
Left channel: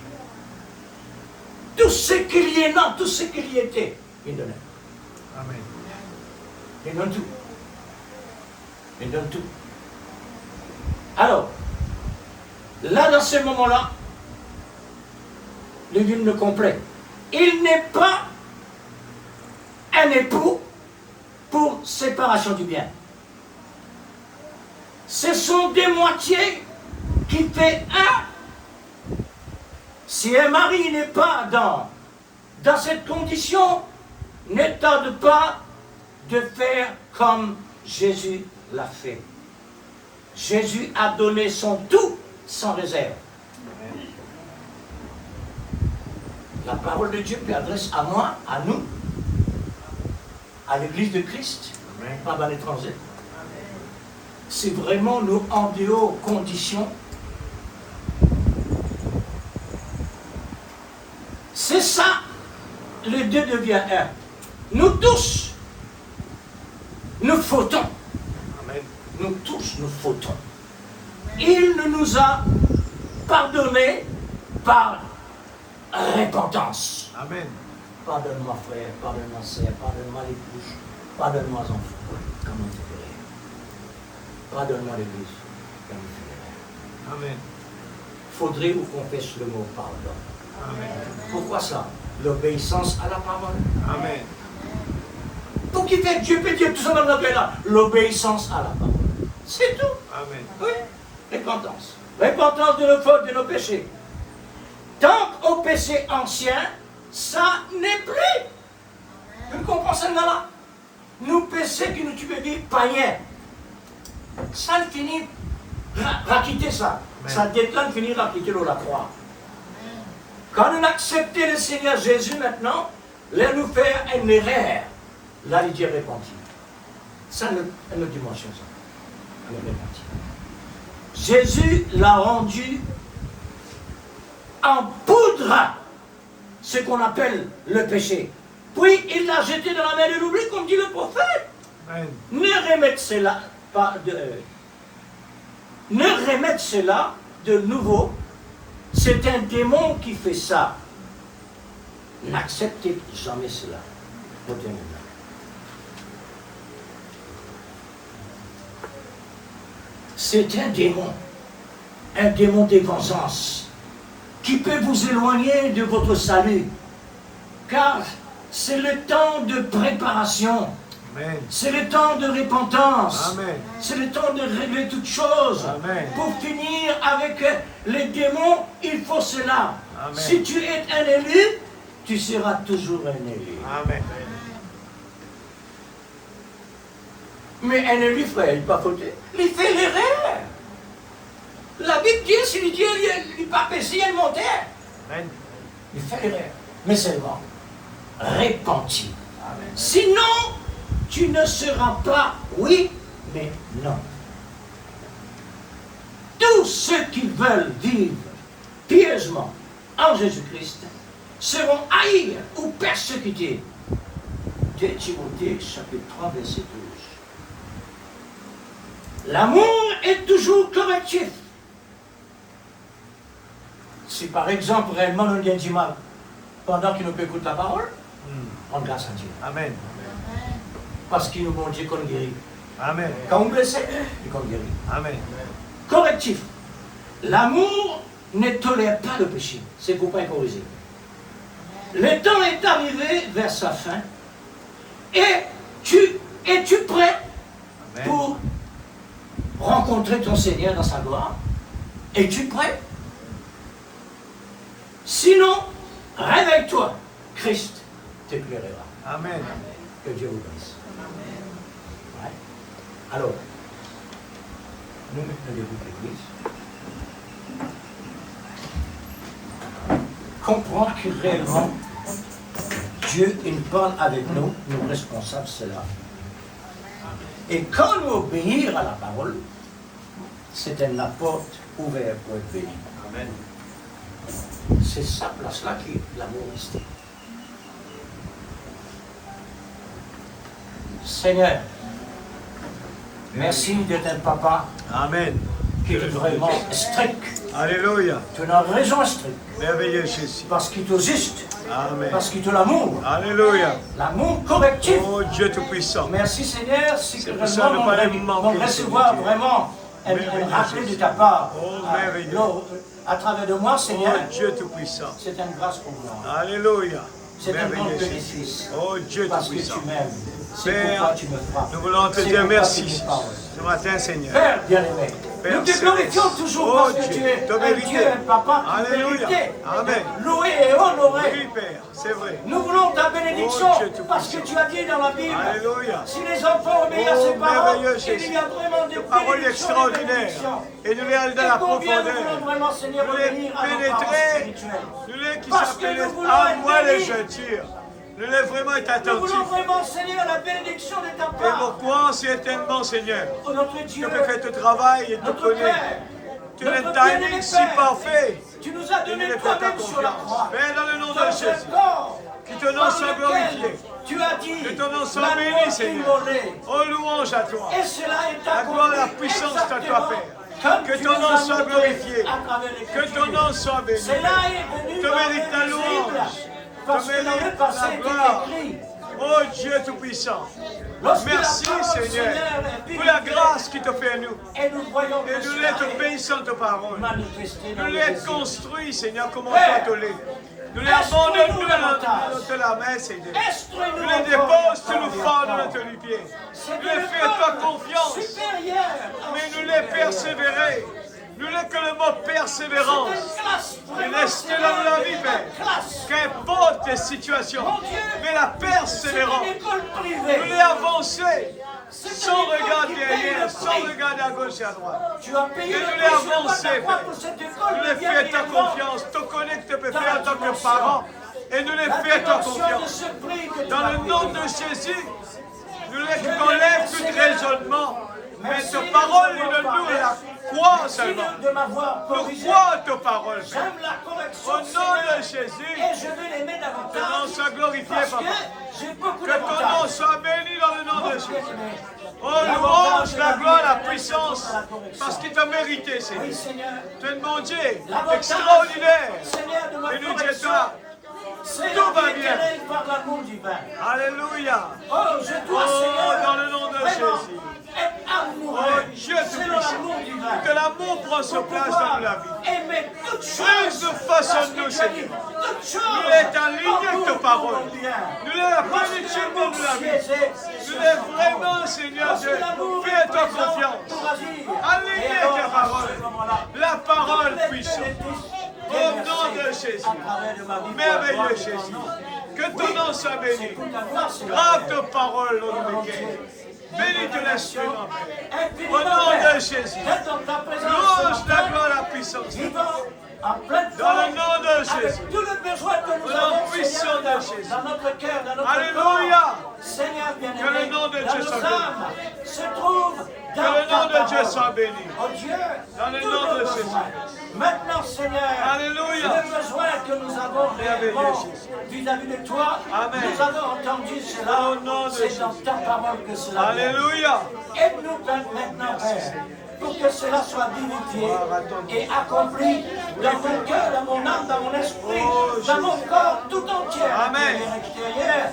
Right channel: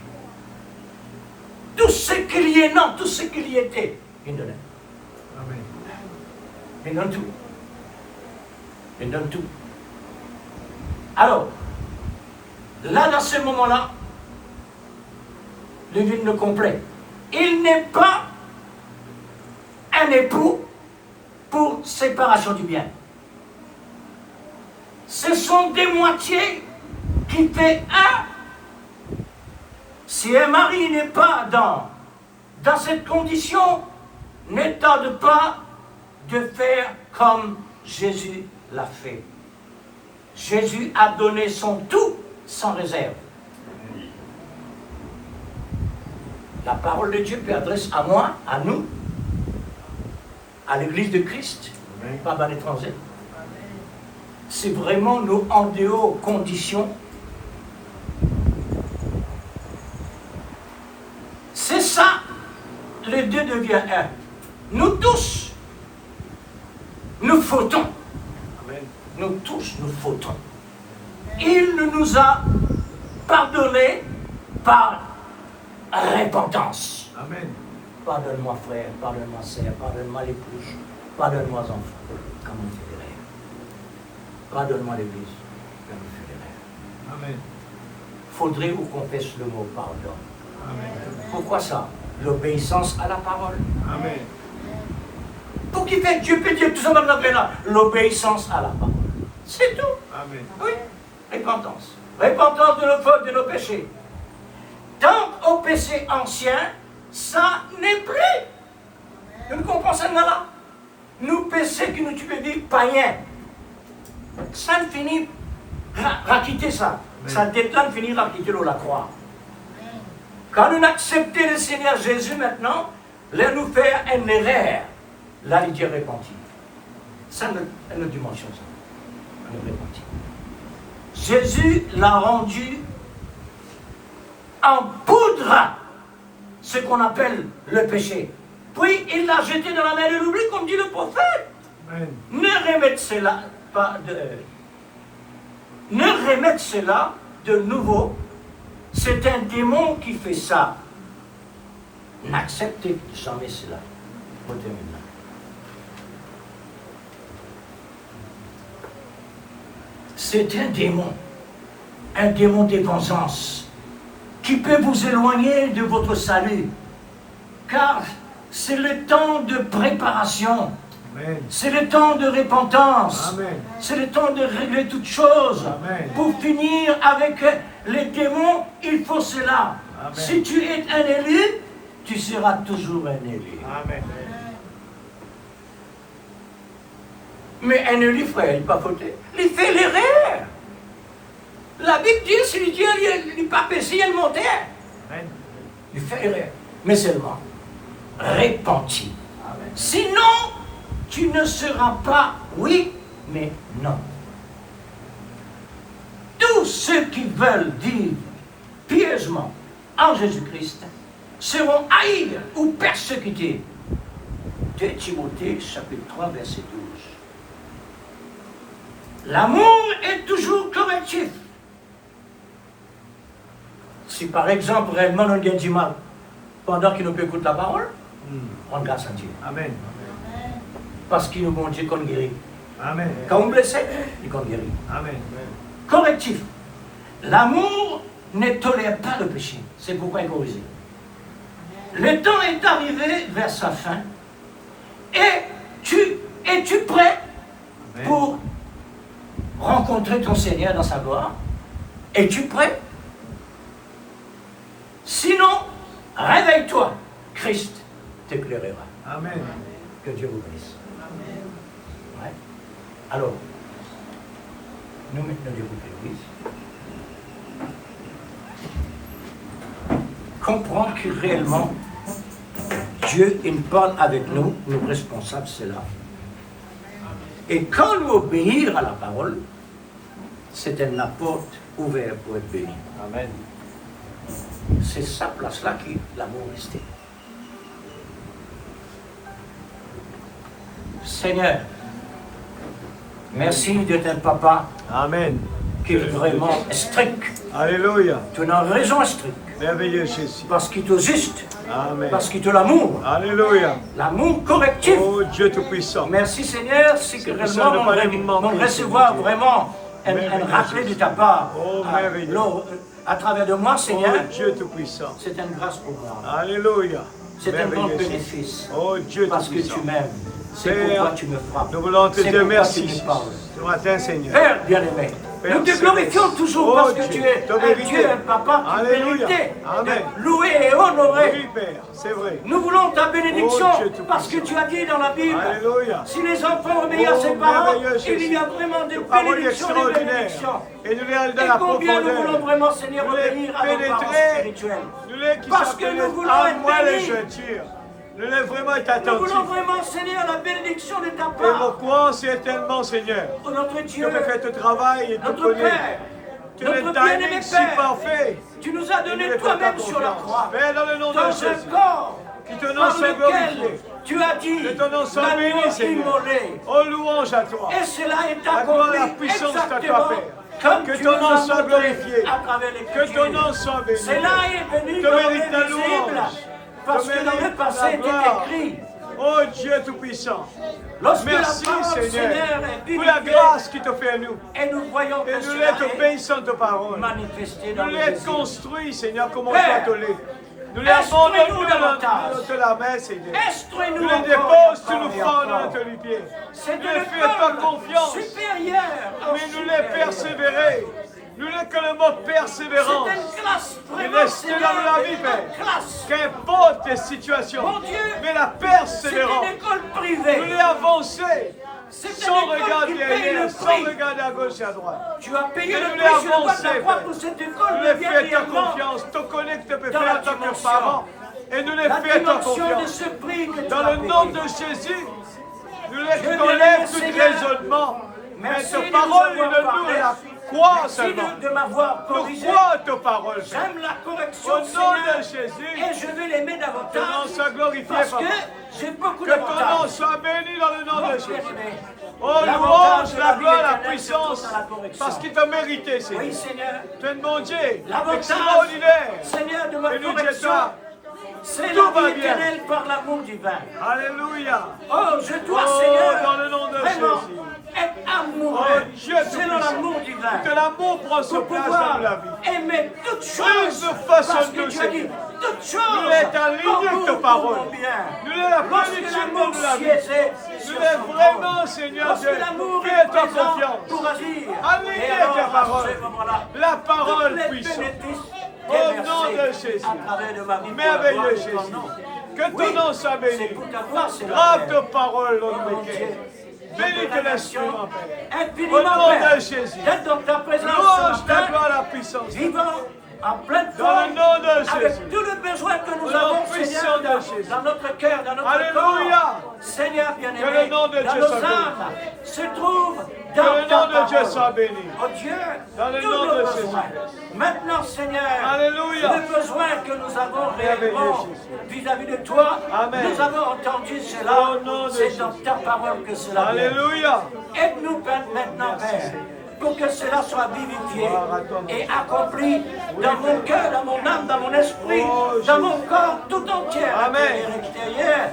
Tout ce qu'il y est, non, tout ce qu'il y était, il donne. Amen. Il donne tout. Il donne tout. Alors, là, dans ce moment-là, le hymne complet. Il n'est pas un époux pour séparation du bien. Ce sont des moitiés qui fait un. Si un mari n'est pas dans cette condition, ne tarde pas de faire comme Jésus l'a fait. Jésus a donné son tout sans réserve. La parole de Dieu s'adresse à moi, à nous, à l'Église de Christ, pas dans l'étranger. C'est vraiment nos en dehors conditions. C'est ça, les deux deviennent un. Nous tous, nous fautons. Nous tous, nous fautons. Il nous a pardonné par repentance. Amen. Pardonne-moi frère, pardonne-moi sœur, pardonne-moi l'épouse, pardonne-moi enfant. Pardonne-moi l'église. Amen. Faudrait vous confesser le mot pardon. Amen. Pourquoi ça? L'obéissance à la parole. Amen. Pour qui fait Dieu peut dire tout ça maintenant là? L'obéissance à la parole. C'est tout. Amen. Oui. Repentance. Repentance de nos fautes, de nos péchés. Tant au péché ancien, ça n'est plus. Vous comprenez ça là? Nous péchés qui nous tuent des païens. Ça ne finit à quitter ça. Ça détend finir à quitter la croix. Quand nous acceptons le Seigneur Jésus maintenant, là nous faire une erreur. Là il dit repentir. Ça une dimension ça. Le repentir. Jésus l'a rendu en poudre, ce qu'on appelle le péché. Puis il l'a jeté dans la mer de l'oubli, comme dit le prophète. Amen. Ne remettre cela de nouveau. C'est un démon qui fait ça. N'acceptez jamais cela. C'est un démon de vengeance, qui peut vous éloigner de votre salut. Car c'est le temps de préparation. Amen. C'est le temps de repentance. Amen. C'est le temps de régler toutes choses. Amen. Pour finir avec les démons, il faut cela. Amen. Si tu es un élu, tu seras toujours un élu. Amen. Mais un élu, frère, il n'est pas fauté. Il fait l'erreur. La Bible dit, si Dieu n'est pas péché, il montait. Amen. Il fait l'erreur. Mais seulement, repentir. Sinon, tu ne seras pas oui, mais non. Tous ceux qui veulent vivre pieusement en Jésus-Christ seront haïs ou persécutés. 2 Timothée, chapitre 3, verset 12. L'amour est toujours correctif. Si par exemple, réellement, on vient du mal, pendant qu'il nous peut écouter la parole, on grâce à Dieu. Amen. Parce qu'il nous montre Dieu qu'on guérit. Amen. Quand on blesse, il qu'on guérit. Amen. Correctif. L'amour ne tolère pas le péché. C'est pourquoi il corrige. Le temps est arrivé vers sa fin. Es-tu prêt Amen. pour rencontrer ton Seigneur dans sa gloire? Es-tu prêt? Sinon, réveille-toi. Christ t'éclairera. Amen. Que Dieu vous bénisse. Ouais. Alors, nous mettons debout l'église. Comprends que réellement, Dieu, il parle avec nous, nous responsables, c'est là. Et quand nous obéir à la parole, c'est une porte ouverte pour être béni. Amen. C'est sa place-là qui l'amour resté. Seigneur, merci d'être un papa Amen. qui est vraiment strict. Alléluia. Tu as raison strict. Merveilleux Jésus. Parce qu'il te juste. Amen. Parce qu'il te l'amour. Alléluia. L'amour correctif. Oh Dieu Tout-Puissant. Merci Seigneur. Si C'est que pour ça, ne vraiment pas les manquer, on recevoir Seigneur Dieu. vraiment un Merveilleux rappel de Jésus. ta part. Oh, merveilleux. À travers de moi, Oh Seigneur, Dieu Tout-Puissant. c'est une grâce pour moi. Alléluia. C'est un bon Merveilleux Jésus. bénéfice. Oh Dieu Parce que Tout-Puissant. tu m'aimes. C'est Père, pourquoi tu me frappes. Nous voulons te C'est dire pourquoi merci tu me parles. ce matin, Seigneur. Père bien-aimé, Père nous te glorifions céleste. toujours Oh parce que Dieu, tu es tu as un mérité. Dieu, un papa qui Alléluia. mérite Amen. d'être loué et honoré. Oui, Père, c'est vrai. Nous voulons ta bénédiction Oh Dieu Tout-Puissant. parce que tu as dit dans la Bible, Alléluia. si les enfants obéissent à Oh, ses parents, merveilleux il Jésus. y a vraiment des Une parole bénédictions, des extraordinaire. bénédictions. Et nous les allons dans Et la combien nous voulons profondeur. vraiment, Seigneur, Nous les obéir à nos parents pénétrer. spirituels. Nous les qui Parce que s'appellent nous voulons à être moi les bénis. jettures. Nous les vraiment être Nous attentifs. voulons vraiment, Seigneur, la bénédiction de ta Et mon part. croix certainement, Seigneur. Oh, notre Dieu, Tu peux faire ton travail et te notre connaître. Père, Tu as le notre timing bien-aimé si Père, parfait. tu nous as Et nous donné les faisons ta toi-même sur la confiance. croix. Père, dans le nom de Dans Jésus. ce corps, Que ton nom soit parmi glorifié. lequel tu as dit, Que ton nom soit l'agneau béni, Seigneur. immolé. Oh, louange à toi. Et cela est La gloire et la puissance à toi, Père. Que ton nom soit glorifié. Que ton nom soit béni. Cela est béni Tu dans mérites la les louange. Écritures. Parce Tu que dans le mérites passé la était gloire. écrit, Oh Dieu Tout-Puissant. Lorsque Merci la parole, Seigneur est pour la vérité, grâce qui te fait à nous. et nous voyons Et que nous cela l'être est obéissante parole. manifesté dans Nous nos l'être désirs. construit, Seigneur, comme toi Père, te l'es. Nous les instruis-nous abandonnons davantage. dans ta main, Seigneur. Instruis-nous Nous les encore déposes sous encore le et fond de encore. notre pied. C'est Nous les une fais ta œuvre confiance. supérieure au Mais nous les supérieur. persévérer. Nous les que le mot persévérance. C'est une classe Et vraiment, rester Seigneur, dans la vie, une Père. classe. Qu'importe les situations. Mon Dieu, Mais la persévérance. c'est une école privée. Nous les avancer. C'est Sans une école regarder qui paye derrière, le sans prix. regarder à gauche et à droite. Tu as payé Mais le nous prix les sur le bois avancer, de la croix Père. pour cette école Nous de les fais ta guerrièrement. confiance. Te connais que tu peux Dans faire la en tant que dimension. parent. Et nous les La fais ta dimension de confiance. ce prix que tu Dans as le payé. nom de Jésus, nous les Je t'enlève vais tout Seigneur. raisonnement. Mais Merci ta de parole, nous il avoir nous parlé. la croit Merci seulement. de m'avoir Nous corrigé. crois ta parole, Père. J'aime la correction, Au nom Seigneur, de Jésus, et je vais l'aimer que ton nom davantage. soit glorifié, Parce Papa. que j'ai beaucoup Que ton nom d'avantages. soit béni dans le nom de Jésus. Bien-aimé. Oh, louange, la gloire, la puissance, parce qu'il t'a mérité, Oui, Seigneur. Seigneur. Tu es mon Dieu, L'avantage, extraordinaire. Seigneur, de la Et nous correction, disons, c'est tout va la vie bien. éternelle par l'amour divin. Alléluia. Oh, je dois, Oh, Seigneur, dans le nom de vraiment Jésus. être amoureux. Oh, Dieu C'est dans Tout-Puissant. l'amour divin. Que l'amour prend sa Pour place pouvoir dans la vie. aimer toutes choses. Plus nous façons Parce que nous, tu as dit, Seigneur. toutes choses Nous l'êtes en ligne pour avec nous, ta pour parole. mon bien. Nous l'est la Lorsque plénitude l'amour de la vie. siégeait Nous sur l'est son vraiment, trône. Seigneur Lorsque Dieu. l'amour est Fais-toi présent confiance. pour agir. Aligné Et avec ta alors, parole. à ce moment-là, La parole tous les puissante. bénéfices Au déversés nom de Jésus. à travers de ma vie, Merveilleux pour la gloire de Jésus. ton nom. Que ton nom soit C'est béni. pour ta gloire, Seigneur. Grave ta parole, l'homme de cœur. Bénis ton l'instrument, Père. Infiniment, Au nom Père. de Jésus. D'être dans ta présence Louange ce ta matin, gloire, la puissance. vivant en pleine Dans le forme, nom de avec Jésus. tout le besoin que nous Au nom avons, puissant Seigneur, de Jésus. dans notre cœur, dans notre Alléluia. corps. Seigneur bien-aimé, Que le nom de dans Dieu nos soit béni. âmes se trouve Que dans le ta nom de Dieu parole. soit béni. Oh Dieu, Dans le tous nom nos de besoins. Jésus-Christ. Maintenant, Seigneur, Alléluia. le besoin que nous avons Merveilleux réellement Jésus. vis-à-vis de toi, Amen. nous avons entendu cela. Au nom de C'est dans Jésus. ta parole que cela vient. Alléluia. Aide-nous maintenant, Père, pour que cela soit vivifié Gloire à ton nom. et accompli dans mon cœur, dans mon âme, dans mon esprit, Oh, dans Jésus. mon corps tout entier, Amen. intérieur et extérieur.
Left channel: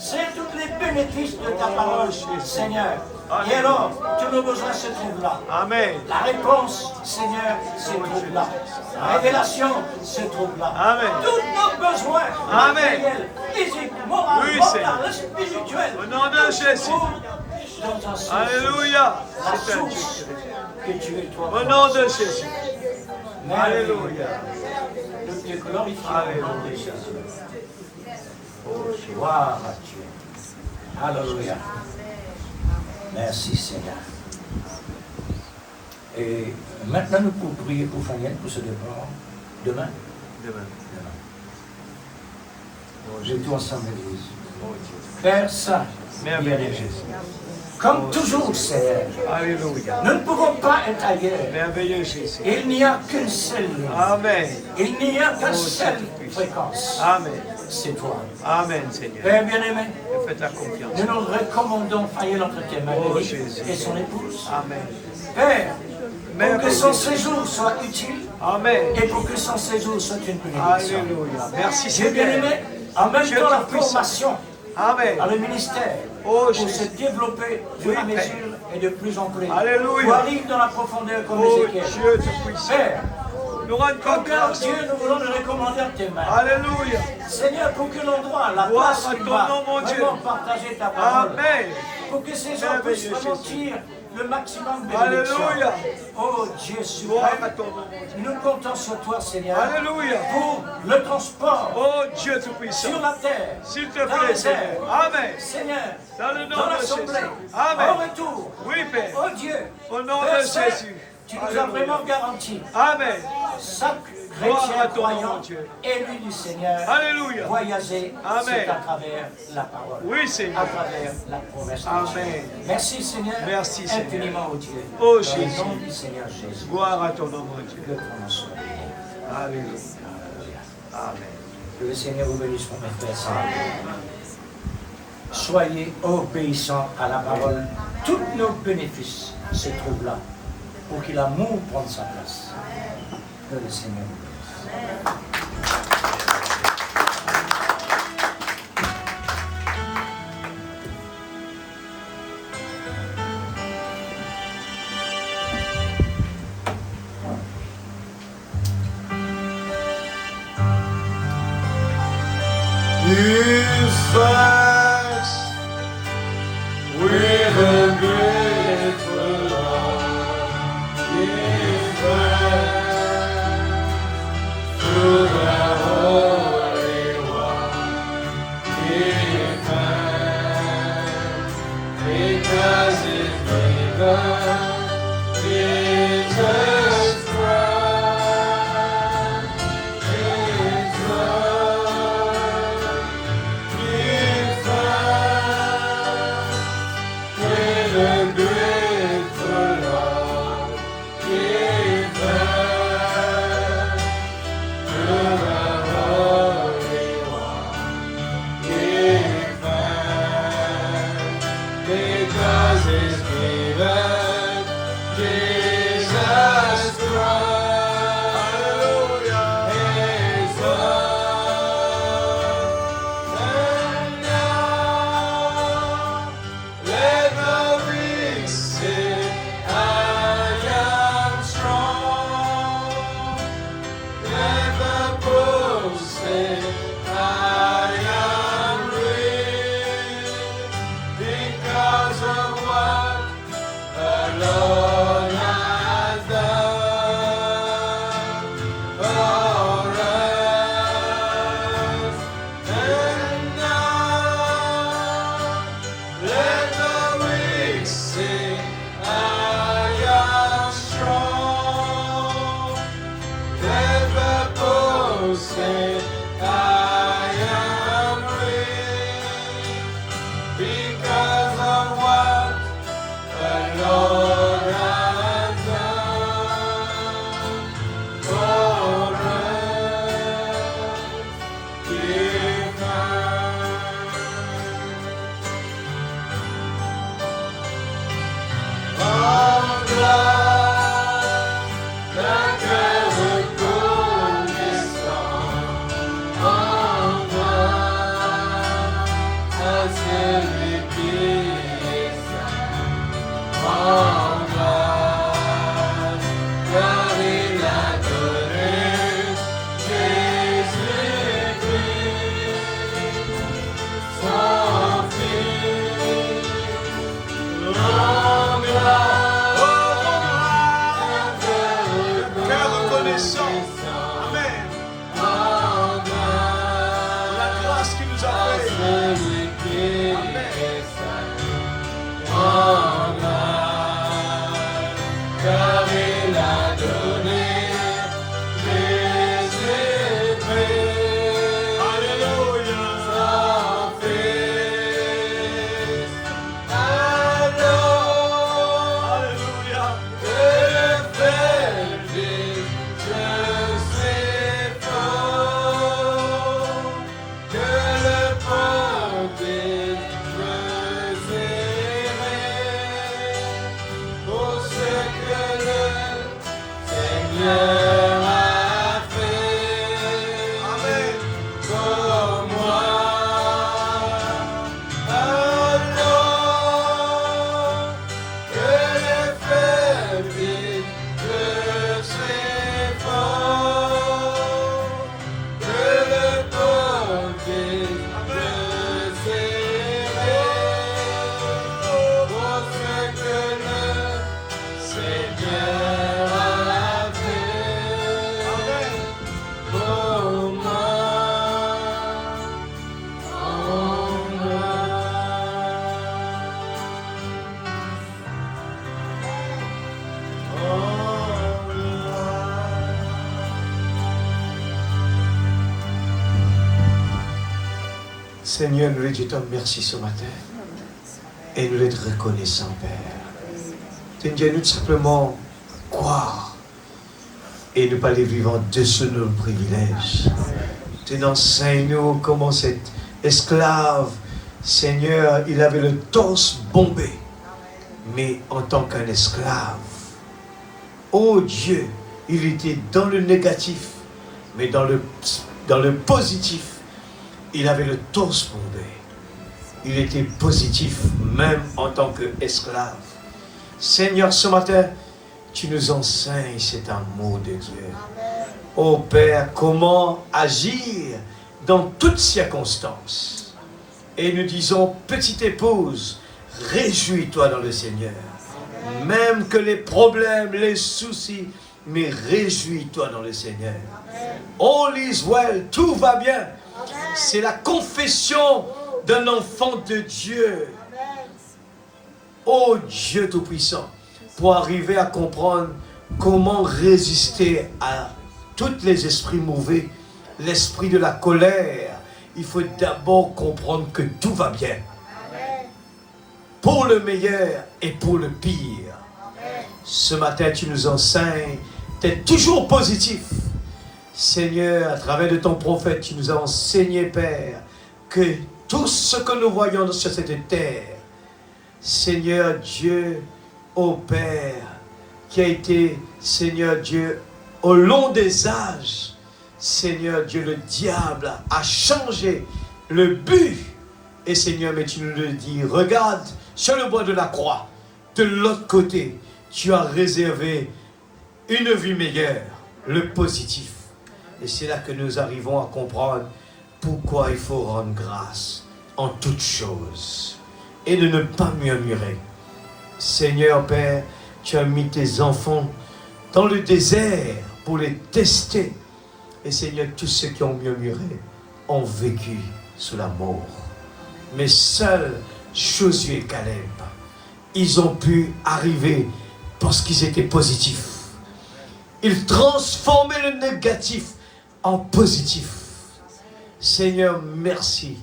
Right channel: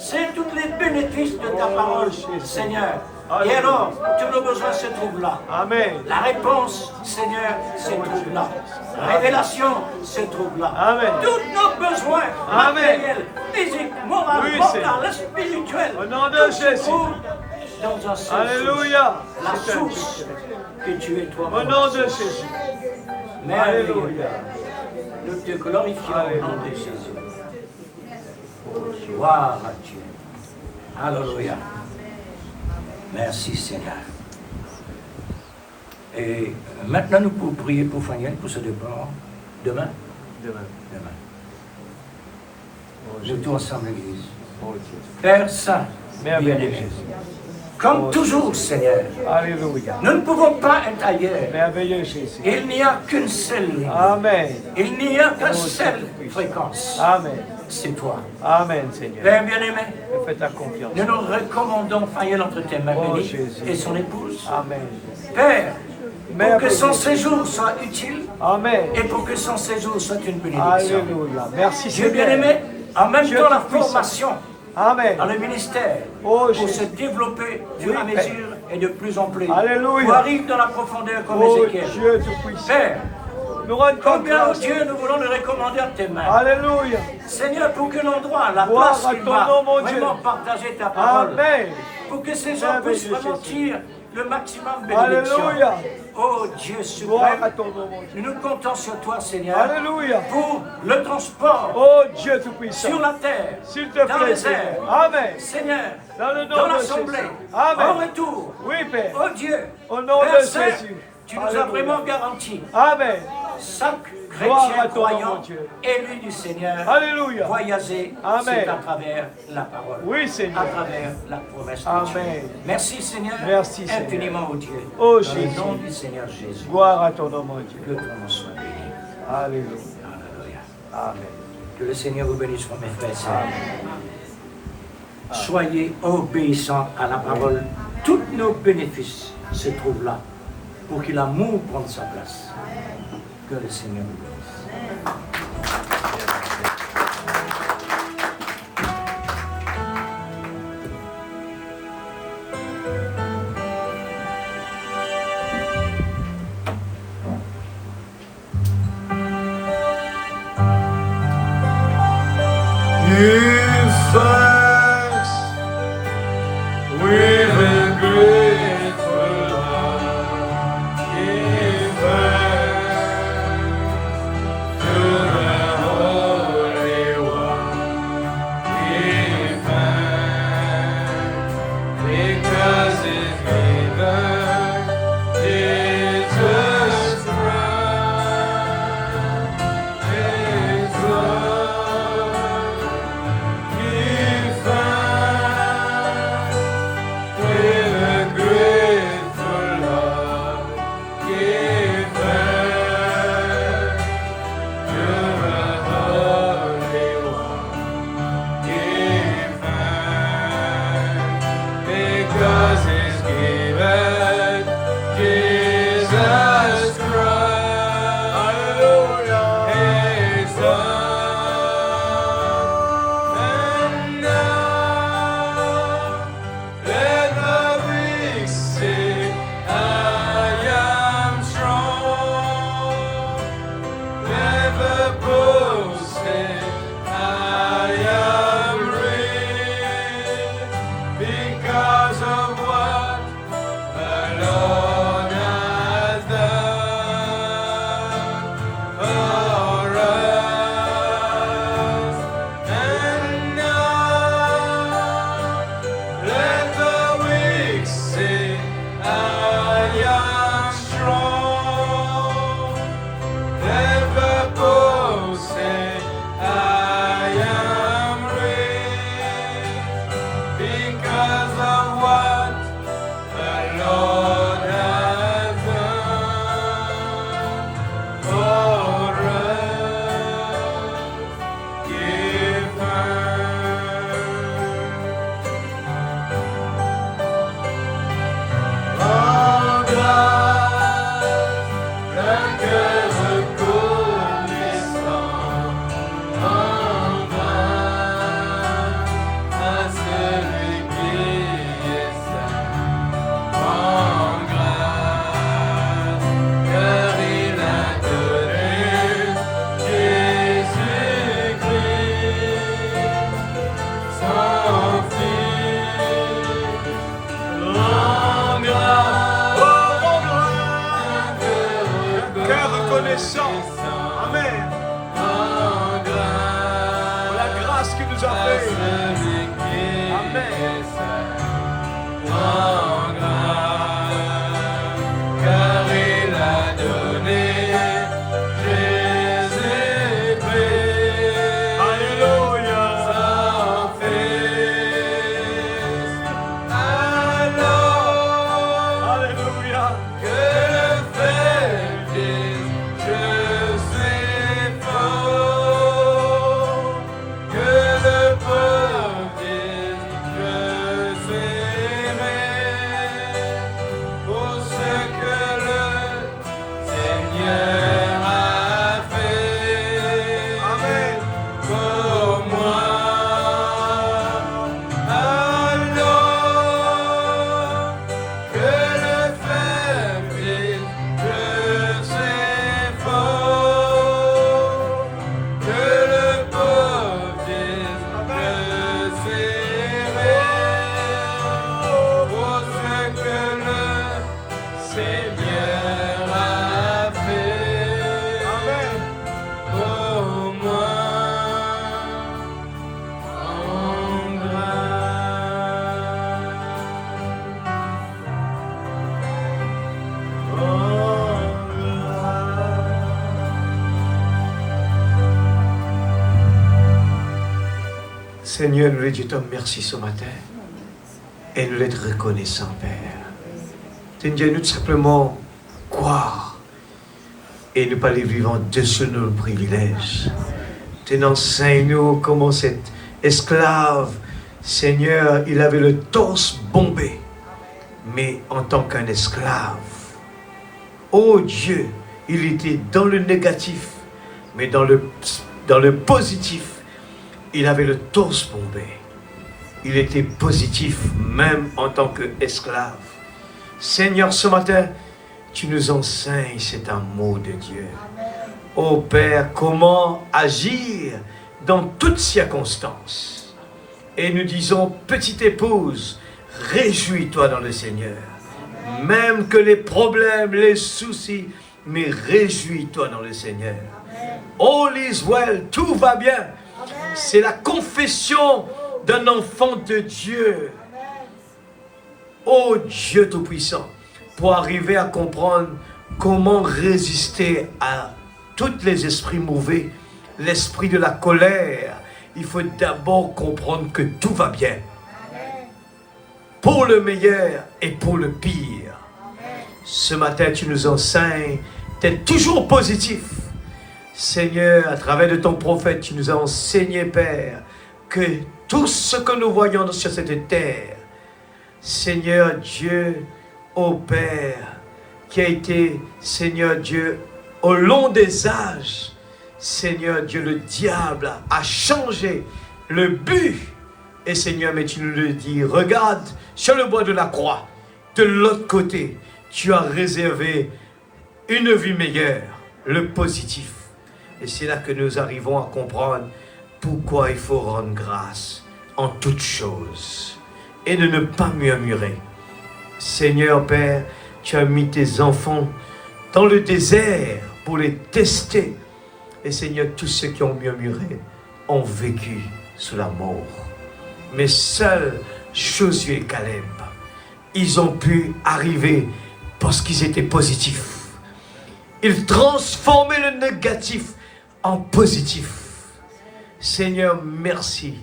C'est tous les bénéfices de ta Oh, parole, Jésus. Seigneur. Alléluia. Et alors, tous nos besoins se trouvent là. Amen. La réponse, Seigneur, se Oh, trouve Jésus. là. La révélation se trouve là. Amen. Tous nos besoins Amen. matériels, physiques, moraux, Oui, Seigneur. mentaux, spirituels, Au nom de tout se Jésus. trouve dans un seul Alléluia. source. C'est La un Dieu source qui répond. que tu es toi. Au nom de Jésus. Merveilleux. Alléluia. Nous te glorifions au nom de Alléluia. Jésus. Gloire à Dieu. Alléluia. Merci Seigneur. Et maintenant nous pouvons prier pour Faniel pour ce départ. Demain. Demain. Oh, Nous Jésus. tous ensemble l'église. Oh, Dieu. Père Saint, Merveilleux bien-aimé, Jésus. comme Oh, toujours Seigneur, Alléluia. nous ne pouvons pas être ailleurs. Merveilleux Jésus. Il n'y a qu'une seule ligne. Amen. Il n'y a qu'une Oh, seule Dieu. fréquence. Amen. C'est toi. Amen, Seigneur. Père bien-aimé, Je fais ta confiance. nous nous recommandons Faniel entre tes mains Oh, bénies Jésus. et son épouse. Amen. Père, pour que Merveilleux. son séjour soit utile Amen. et pour que son séjour soit une bénédiction. Alléluia. Merci, Dieu Seigneur. bien-aimé, en même Dieu temps la Tout-Puissant. formation Amen. dans le ministère Oh, pour Jésus. se développer au Oui, fur et à Père. mesure et de plus en plus. Alléluia. Pour arriver dans la profondeur comme Oh, Ézéchiel. Dieu Tout-Puissant. Père, Nous rendons combien grâce. Dieu nous voulons le recommander en tes mains. Alléluia. Seigneur, pour que l'endroit, la Gloire place à qu'il ton va nom, mon Dieu. vraiment partager ta parole. Amen. Pour que ces hommes Merveilleux puissent vraiment Jésus. tirer le maximum de bénédiction. Alléluia. Oh Dieu Gloire à suprême, ton nom, mon Dieu. nous comptons sur toi, Seigneur, Alléluia. pour le transport Oh, Dieu Tout-Puissant. sur la terre, S'il te dans plaît, les Seigneur. airs. Amen. Seigneur, Dans le nom dans de l'assemblée, Jésus. Amen. au retour. Oui, Père. Oh Dieu, Au nom Père de Saint, Jésus. tu nous as Alléluia. vraiment garanti Amen. chaque Gloire chrétien à ton nom, croyant, mon Dieu. élu du Seigneur, Alléluia. voyager, Amen. c'est à travers la parole. Oui, À Seigneur. travers la promesse de Amen. Dieu. Merci Seigneur. Merci, Seigneur. Infiniment, oh Dieu. Oh, Dans Jésus. le nom du Seigneur Jésus. Gloire à ton nom, mon Dieu. Le prononçons. Alléluia. Amen. Que le Seigneur vous bénisse, mes frères. et sœurs. Amen. Soyez obéissants à la parole. Tous nos bénéfices se trouvent là pour que l'amour prenne sa place. Que le Seigneur nous bénisse. Give thanks with a grateful heart. Give thanks to the Holy One. Give thanks because His given Jesus Christ. His love. Give thanks with a grateful heart. Give thanks to the Holy One. Give thanks because He's given Jesus Christ. Hallelujah. His love. And now let the weak say, I am strong. Let the poor say, I am rich because of what the Lord has done for us. And now let the weak say, I am strong. Let the poor say, I am rich because of what the Lord has done for us. Give thanks. En grâce, la cœur reconnaissant, envoie à celui qui est saint. En grâce, car il a donné Jésus-Christ, son Fils. En grâce, Cœur reconnaissant. Amen. La grâce qui nous a fait. car il a donné Jésus-Christ, Alléluia. son Fils. Alors Alléluia. que le Père dit, je suis fort. Que le peuple dit, je suis riche. Pour ce que le Seigneur a fait pour moi. Alors que le faible dit, je suis fort. Que le pauvre dit, je suis riche. Pour ce que le Seigneur a fait pour moi. Seigneur, nous lui disons merci ce matin. Et nous l'être reconnaissants, Père. Seigneur, nous tout simplement croire et ne pas les vivre en dessous de nos privilèges. Tu enseigne-nous comment cet esclave, Seigneur, il avait le torse bombé, mais en tant qu'un esclave. Oh Dieu, il était dans le négatif, mais dans le positif, il avait le torse bombé. Il était positif, même en tant qu'esclave. Seigneur, ce matin, tu nous enseignes cet amour de Dieu. Oh Père, comment agir dans toutes circonstances. Et nous disons, petite épouse, réjouis-toi dans le Seigneur. Même que les problèmes, les soucis, mais réjouis-toi dans le Seigneur. All is well, tout va bien. C'est la confession d'un enfant de Dieu. Oh Dieu Tout-Puissant, pour arriver à comprendre comment résister à tous les esprits mauvais, l'esprit de la colère, il faut d'abord comprendre que tout va bien. Pour le meilleur et pour le pire. Ce matin, tu nous enseignes d'être toujours positif. Seigneur, à travers de ton prophète, tu nous as enseigné, Père, que tout ce que nous voyons sur cette terre, Seigneur Dieu, ô Père, qui a été, Seigneur Dieu, au long des âges, Seigneur Dieu, le diable a changé le but. Et Seigneur, mais tu nous le dis, regarde sur le bois de la croix, de l'autre côté, tu as réservé une vie meilleure, le positif. Et c'est là que nous arrivons à comprendre pourquoi il faut rendre grâce en toutes choses et de ne pas murmurer. Seigneur Père, tu as mis tes enfants dans le désert pour les tester. Et Seigneur, tous ceux qui ont murmuré ont vécu sous la mort. Mais seuls Josué et Caleb, ils ont pu arriver parce qu'ils étaient positifs. Ils transformaient le négatif en positif. Seigneur, merci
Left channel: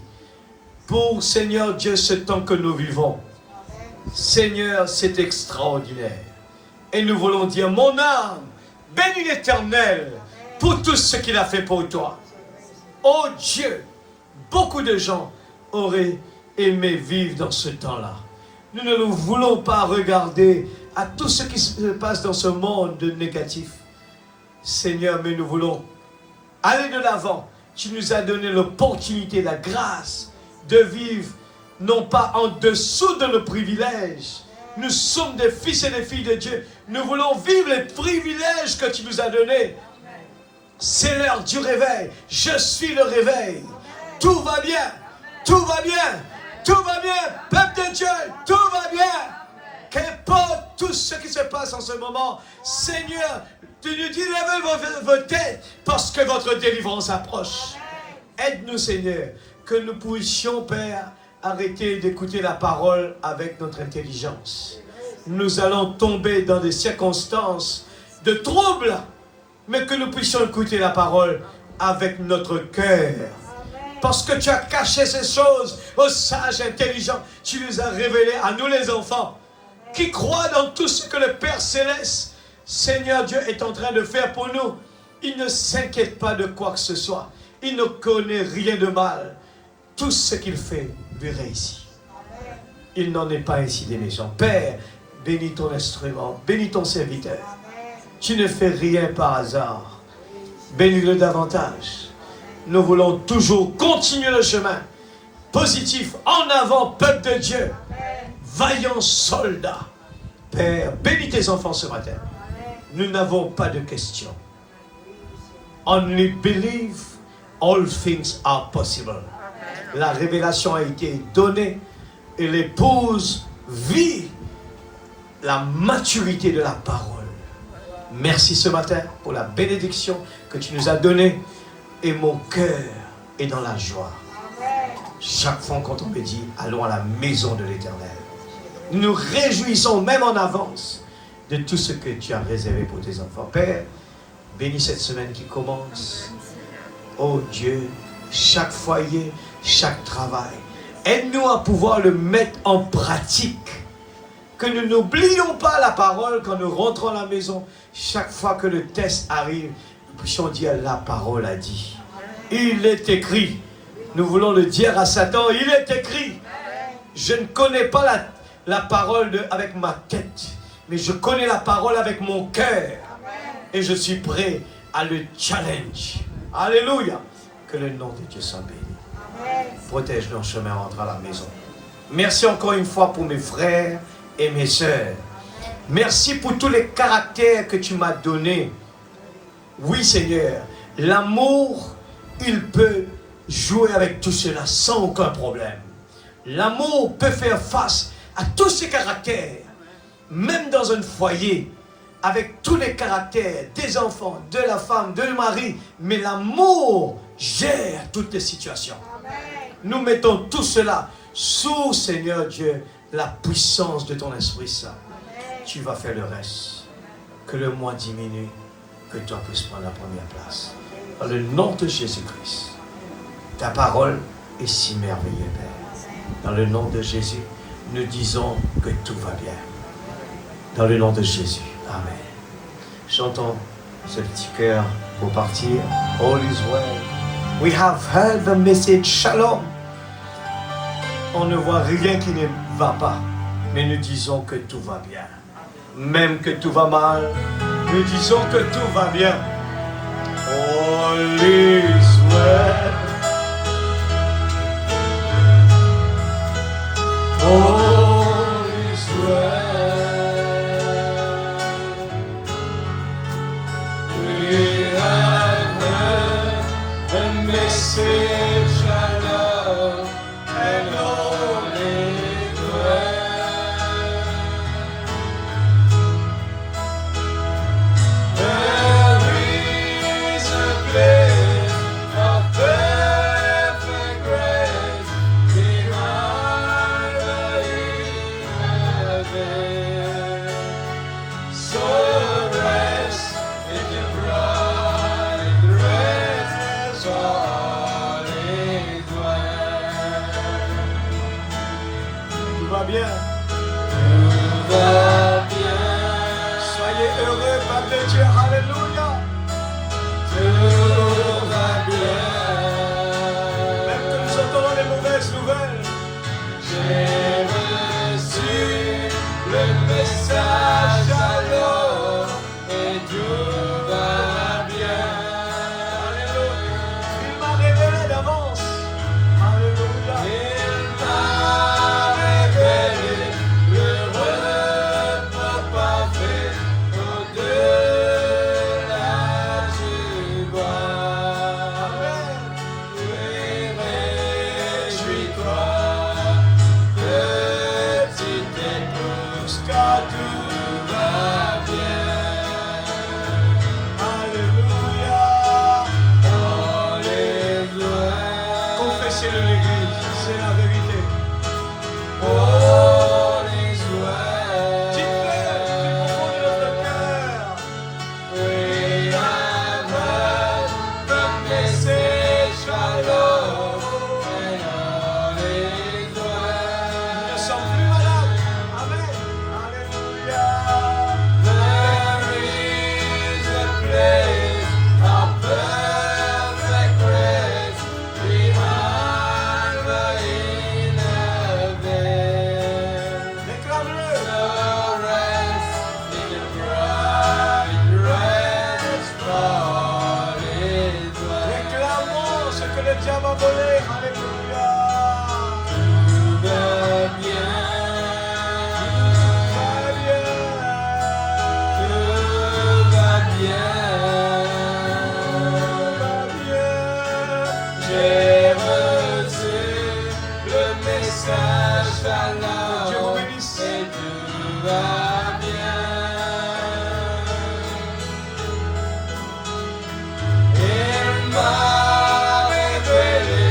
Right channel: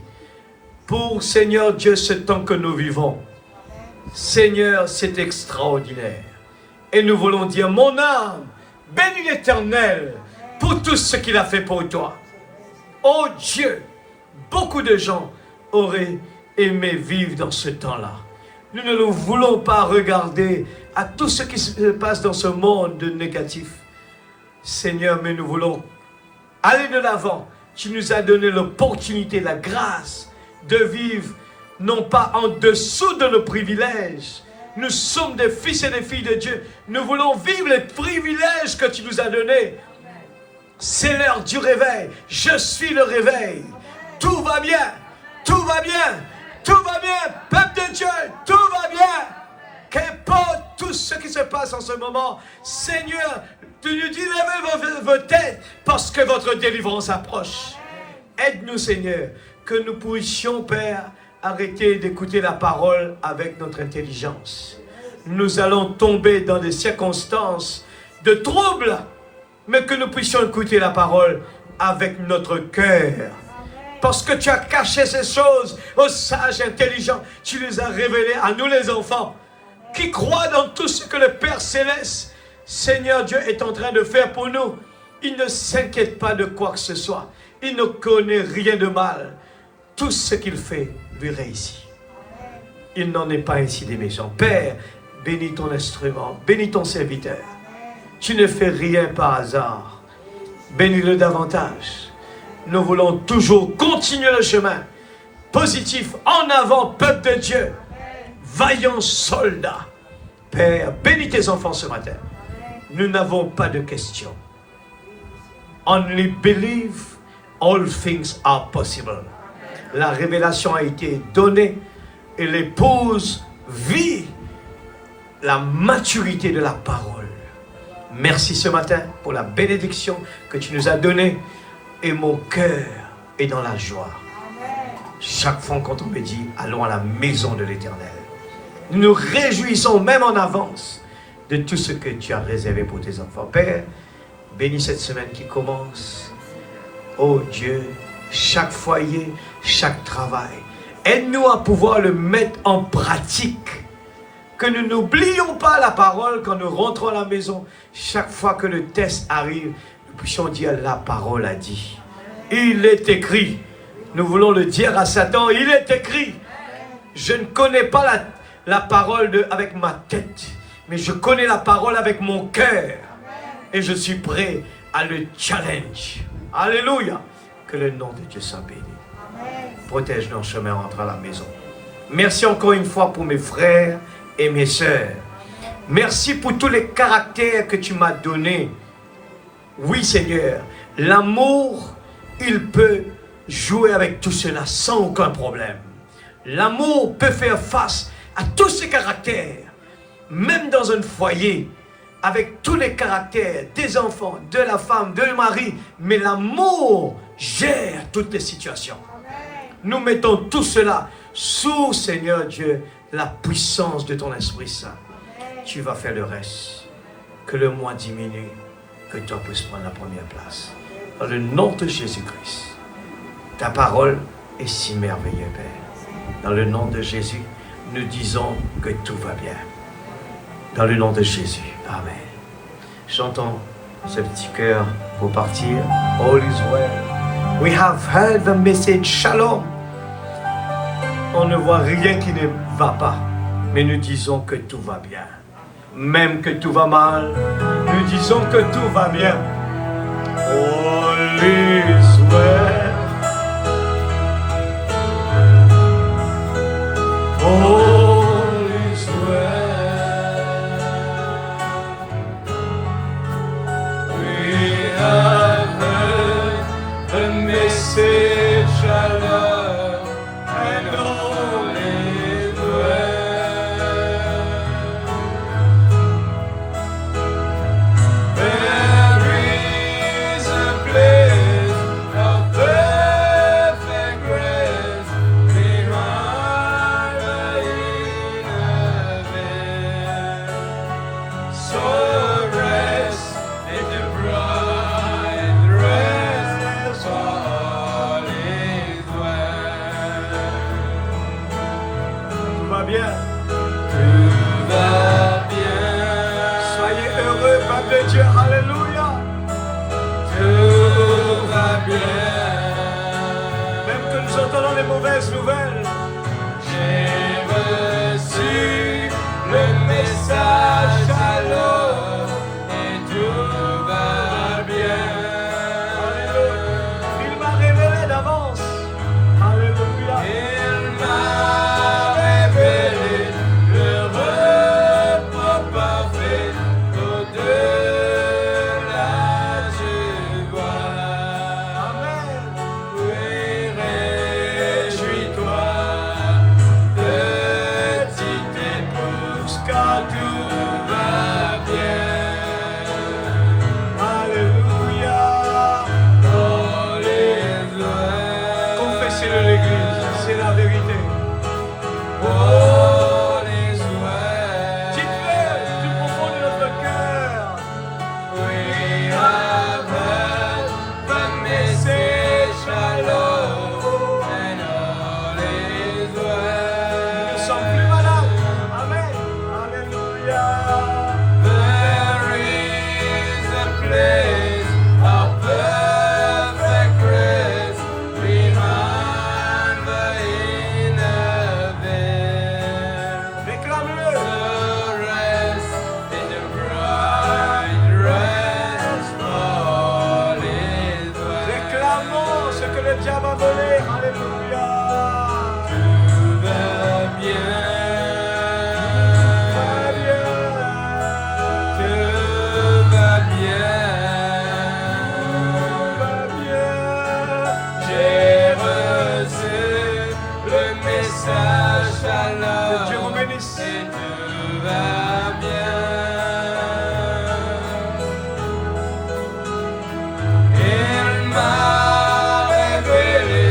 pour, Seigneur Dieu, ce temps que nous vivons. Seigneur, c'est extraordinaire. Et nous voulons dire, mon âme, bénis l'Éternel pour tout ce qu'il a fait pour toi. Oh Dieu, beaucoup de gens auraient aimé vivre dans ce temps-là. Nous ne voulons pas regarder à tout ce qui se passe dans ce monde négatif. Seigneur, mais nous voulons aller de l'avant. Tu nous as donné l'opportunité, la grâce de vivre, non pas en dessous de nos privilèges. Nous sommes des fils et des filles de Dieu. Nous voulons vivre les privilèges que tu nous as donnés. C'est l'heure du réveil. Je suis le réveil. Tout va bien. Tout va bien. Tout va bien. Peuple de Dieu, tout va bien. Qu'importe tout ce qui se passe en ce moment, Seigneur, tu nous dis, levez vos têtes parce que votre délivrance approche. Aide-nous, Seigneur, que nous puissions, Père, arrêter d'écouter la parole avec notre intelligence. Nous allons tomber dans des circonstances de trouble, mais que nous puissions écouter la parole avec notre cœur. Parce que tu as caché ces choses aux sages intelligents. Tu les as révélées à nous les enfants, qui croient dans tout ce que le Père Céleste, Seigneur Dieu, est en train de faire pour nous. Il ne s'inquiète pas de quoi que ce soit. Il ne connaît rien de mal. Tout ce qu'il fait lui réussit. Il n'en est pas ainsi des méchants. Père, bénis ton instrument, bénis ton serviteur. Tu ne fais rien par hasard. Bénis-le davantage. Nous voulons toujours continuer le chemin positif, en avant, peuple de Dieu, vaillants soldats. Père, bénis tes enfants ce matin. Nous n'avons pas de questions. Only believe, all things are possible. La révélation a été donnée et l'épouse vit la maturité de la parole. Merci ce matin pour la bénédiction que tu nous as donnée et mon cœur est dans la joie. Chaque fois quand on me dit allons à la maison de l'Éternel, nous nous réjouissons même en avance de tout ce que tu as réservé pour tes enfants. Père, bénis cette semaine qui commence. Oh Dieu, chaque foyer, chaque travail, aide-nous à pouvoir le mettre en pratique. Que nous n'oublions pas la parole quand nous rentrons à la maison. Chaque fois que le test arrive, nous puissions dire la parole a dit. Il est écrit. Nous voulons le dire à Satan, il est écrit. Je ne connais pas la parole avec ma tête, mais je connais la parole avec mon cœur. Et je suis prêt à le challenge. Alléluia. Que le nom de Dieu soit béni. Protège nos chemins, rentre à la maison. Merci encore une fois pour mes frères et mes sœurs. Merci pour tous les caractères que tu m'as donnés. Oui Seigneur, l'amour, il peut jouer avec tout cela sans aucun problème. L'amour peut faire face à tous ces caractères, même dans un foyer, avec tous les caractères des enfants, de la femme, de mari, mais l'amour gère toutes les situations. Nous mettons tout cela sous, Seigneur Dieu, la puissance de ton Esprit Saint. Tu vas faire le reste. Que le moi diminue, que toi puisses prendre la première place. Dans le nom de Jésus-Christ, ta parole est si merveilleuse, Père. Dans le nom de Jésus, nous disons que tout va bien. Dans le nom de Jésus. Amen. Chantons ce petit cœur pour partir. All is well. We have heard the message. Shalom. On ne voit rien qui ne va pas, mais nous disons que tout va bien. Même que tout va mal, nous disons que tout va bien. All is well. All is well. We have heard the message of love, and all is well. There is a place of perfect rest behind the inner veil. So rest in the bright rest, so all is well. Tout va bien. Tout va bien. Soyez heureux, peuple de Dieu. Alléluia. Tout va bien. Même que nous entendons les mauvaises nouvelles. J'ai reçu le message alors et tout va bien. Il m'a révélé d'avance. Alléluia. Il m'a révélé le repos parfait au-delà je vois. Amen. Oui, réjouis-toi, petite épouse, car tout va bien. Alléluia. All is well. Confessez-le l'Église, c'est la vérité. All is well. Dites-le du fond de notre cœur. We have heard the message alors, and all is well. Nous ne sommes plus malades. Amen. Alléluia. There is a place of perfect rest behind the inner veil. Déclame-le. The rest in the bright rest, all is well. Déclamons ce que le diable a volé. Alléluia. Tout va bien. Tout va bien. J'ai reçu le message alors et tout va bien. Il m'a révélé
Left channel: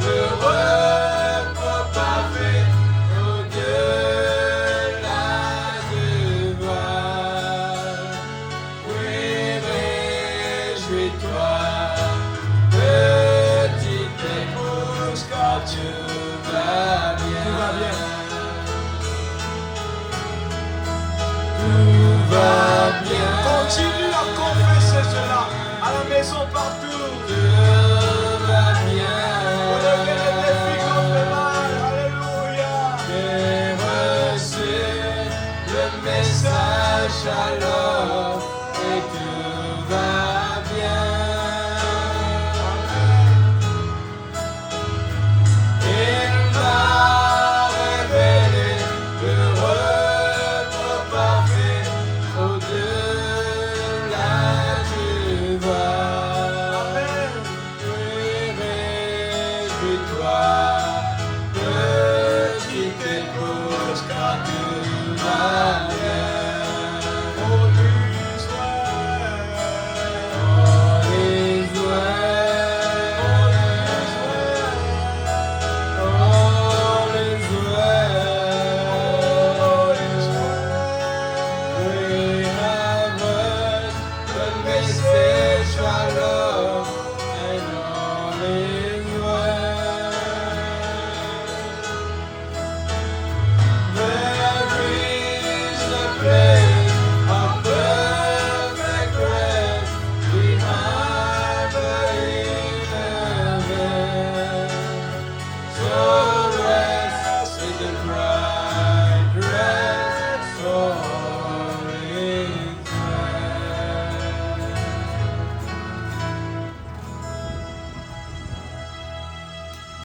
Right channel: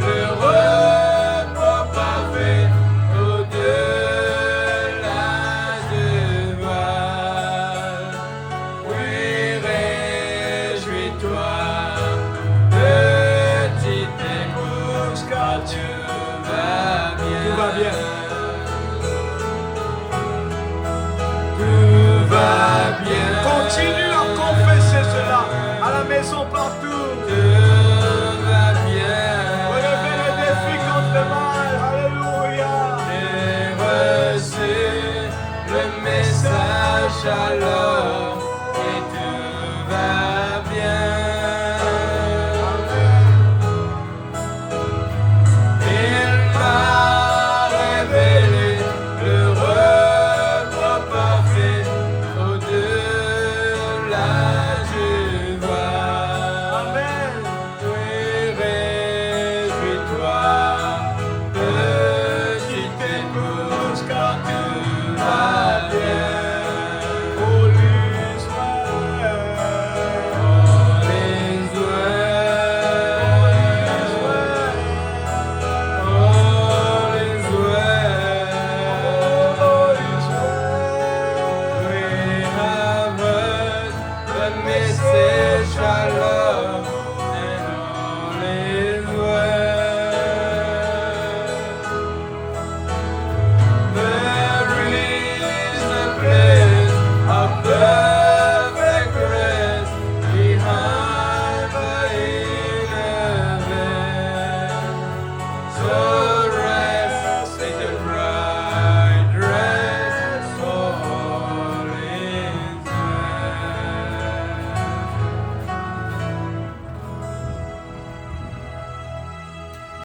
le repos parfait au-delà de voir. Oui, réjouis-toi, petite épouse, car tout va bien. Tout va bien.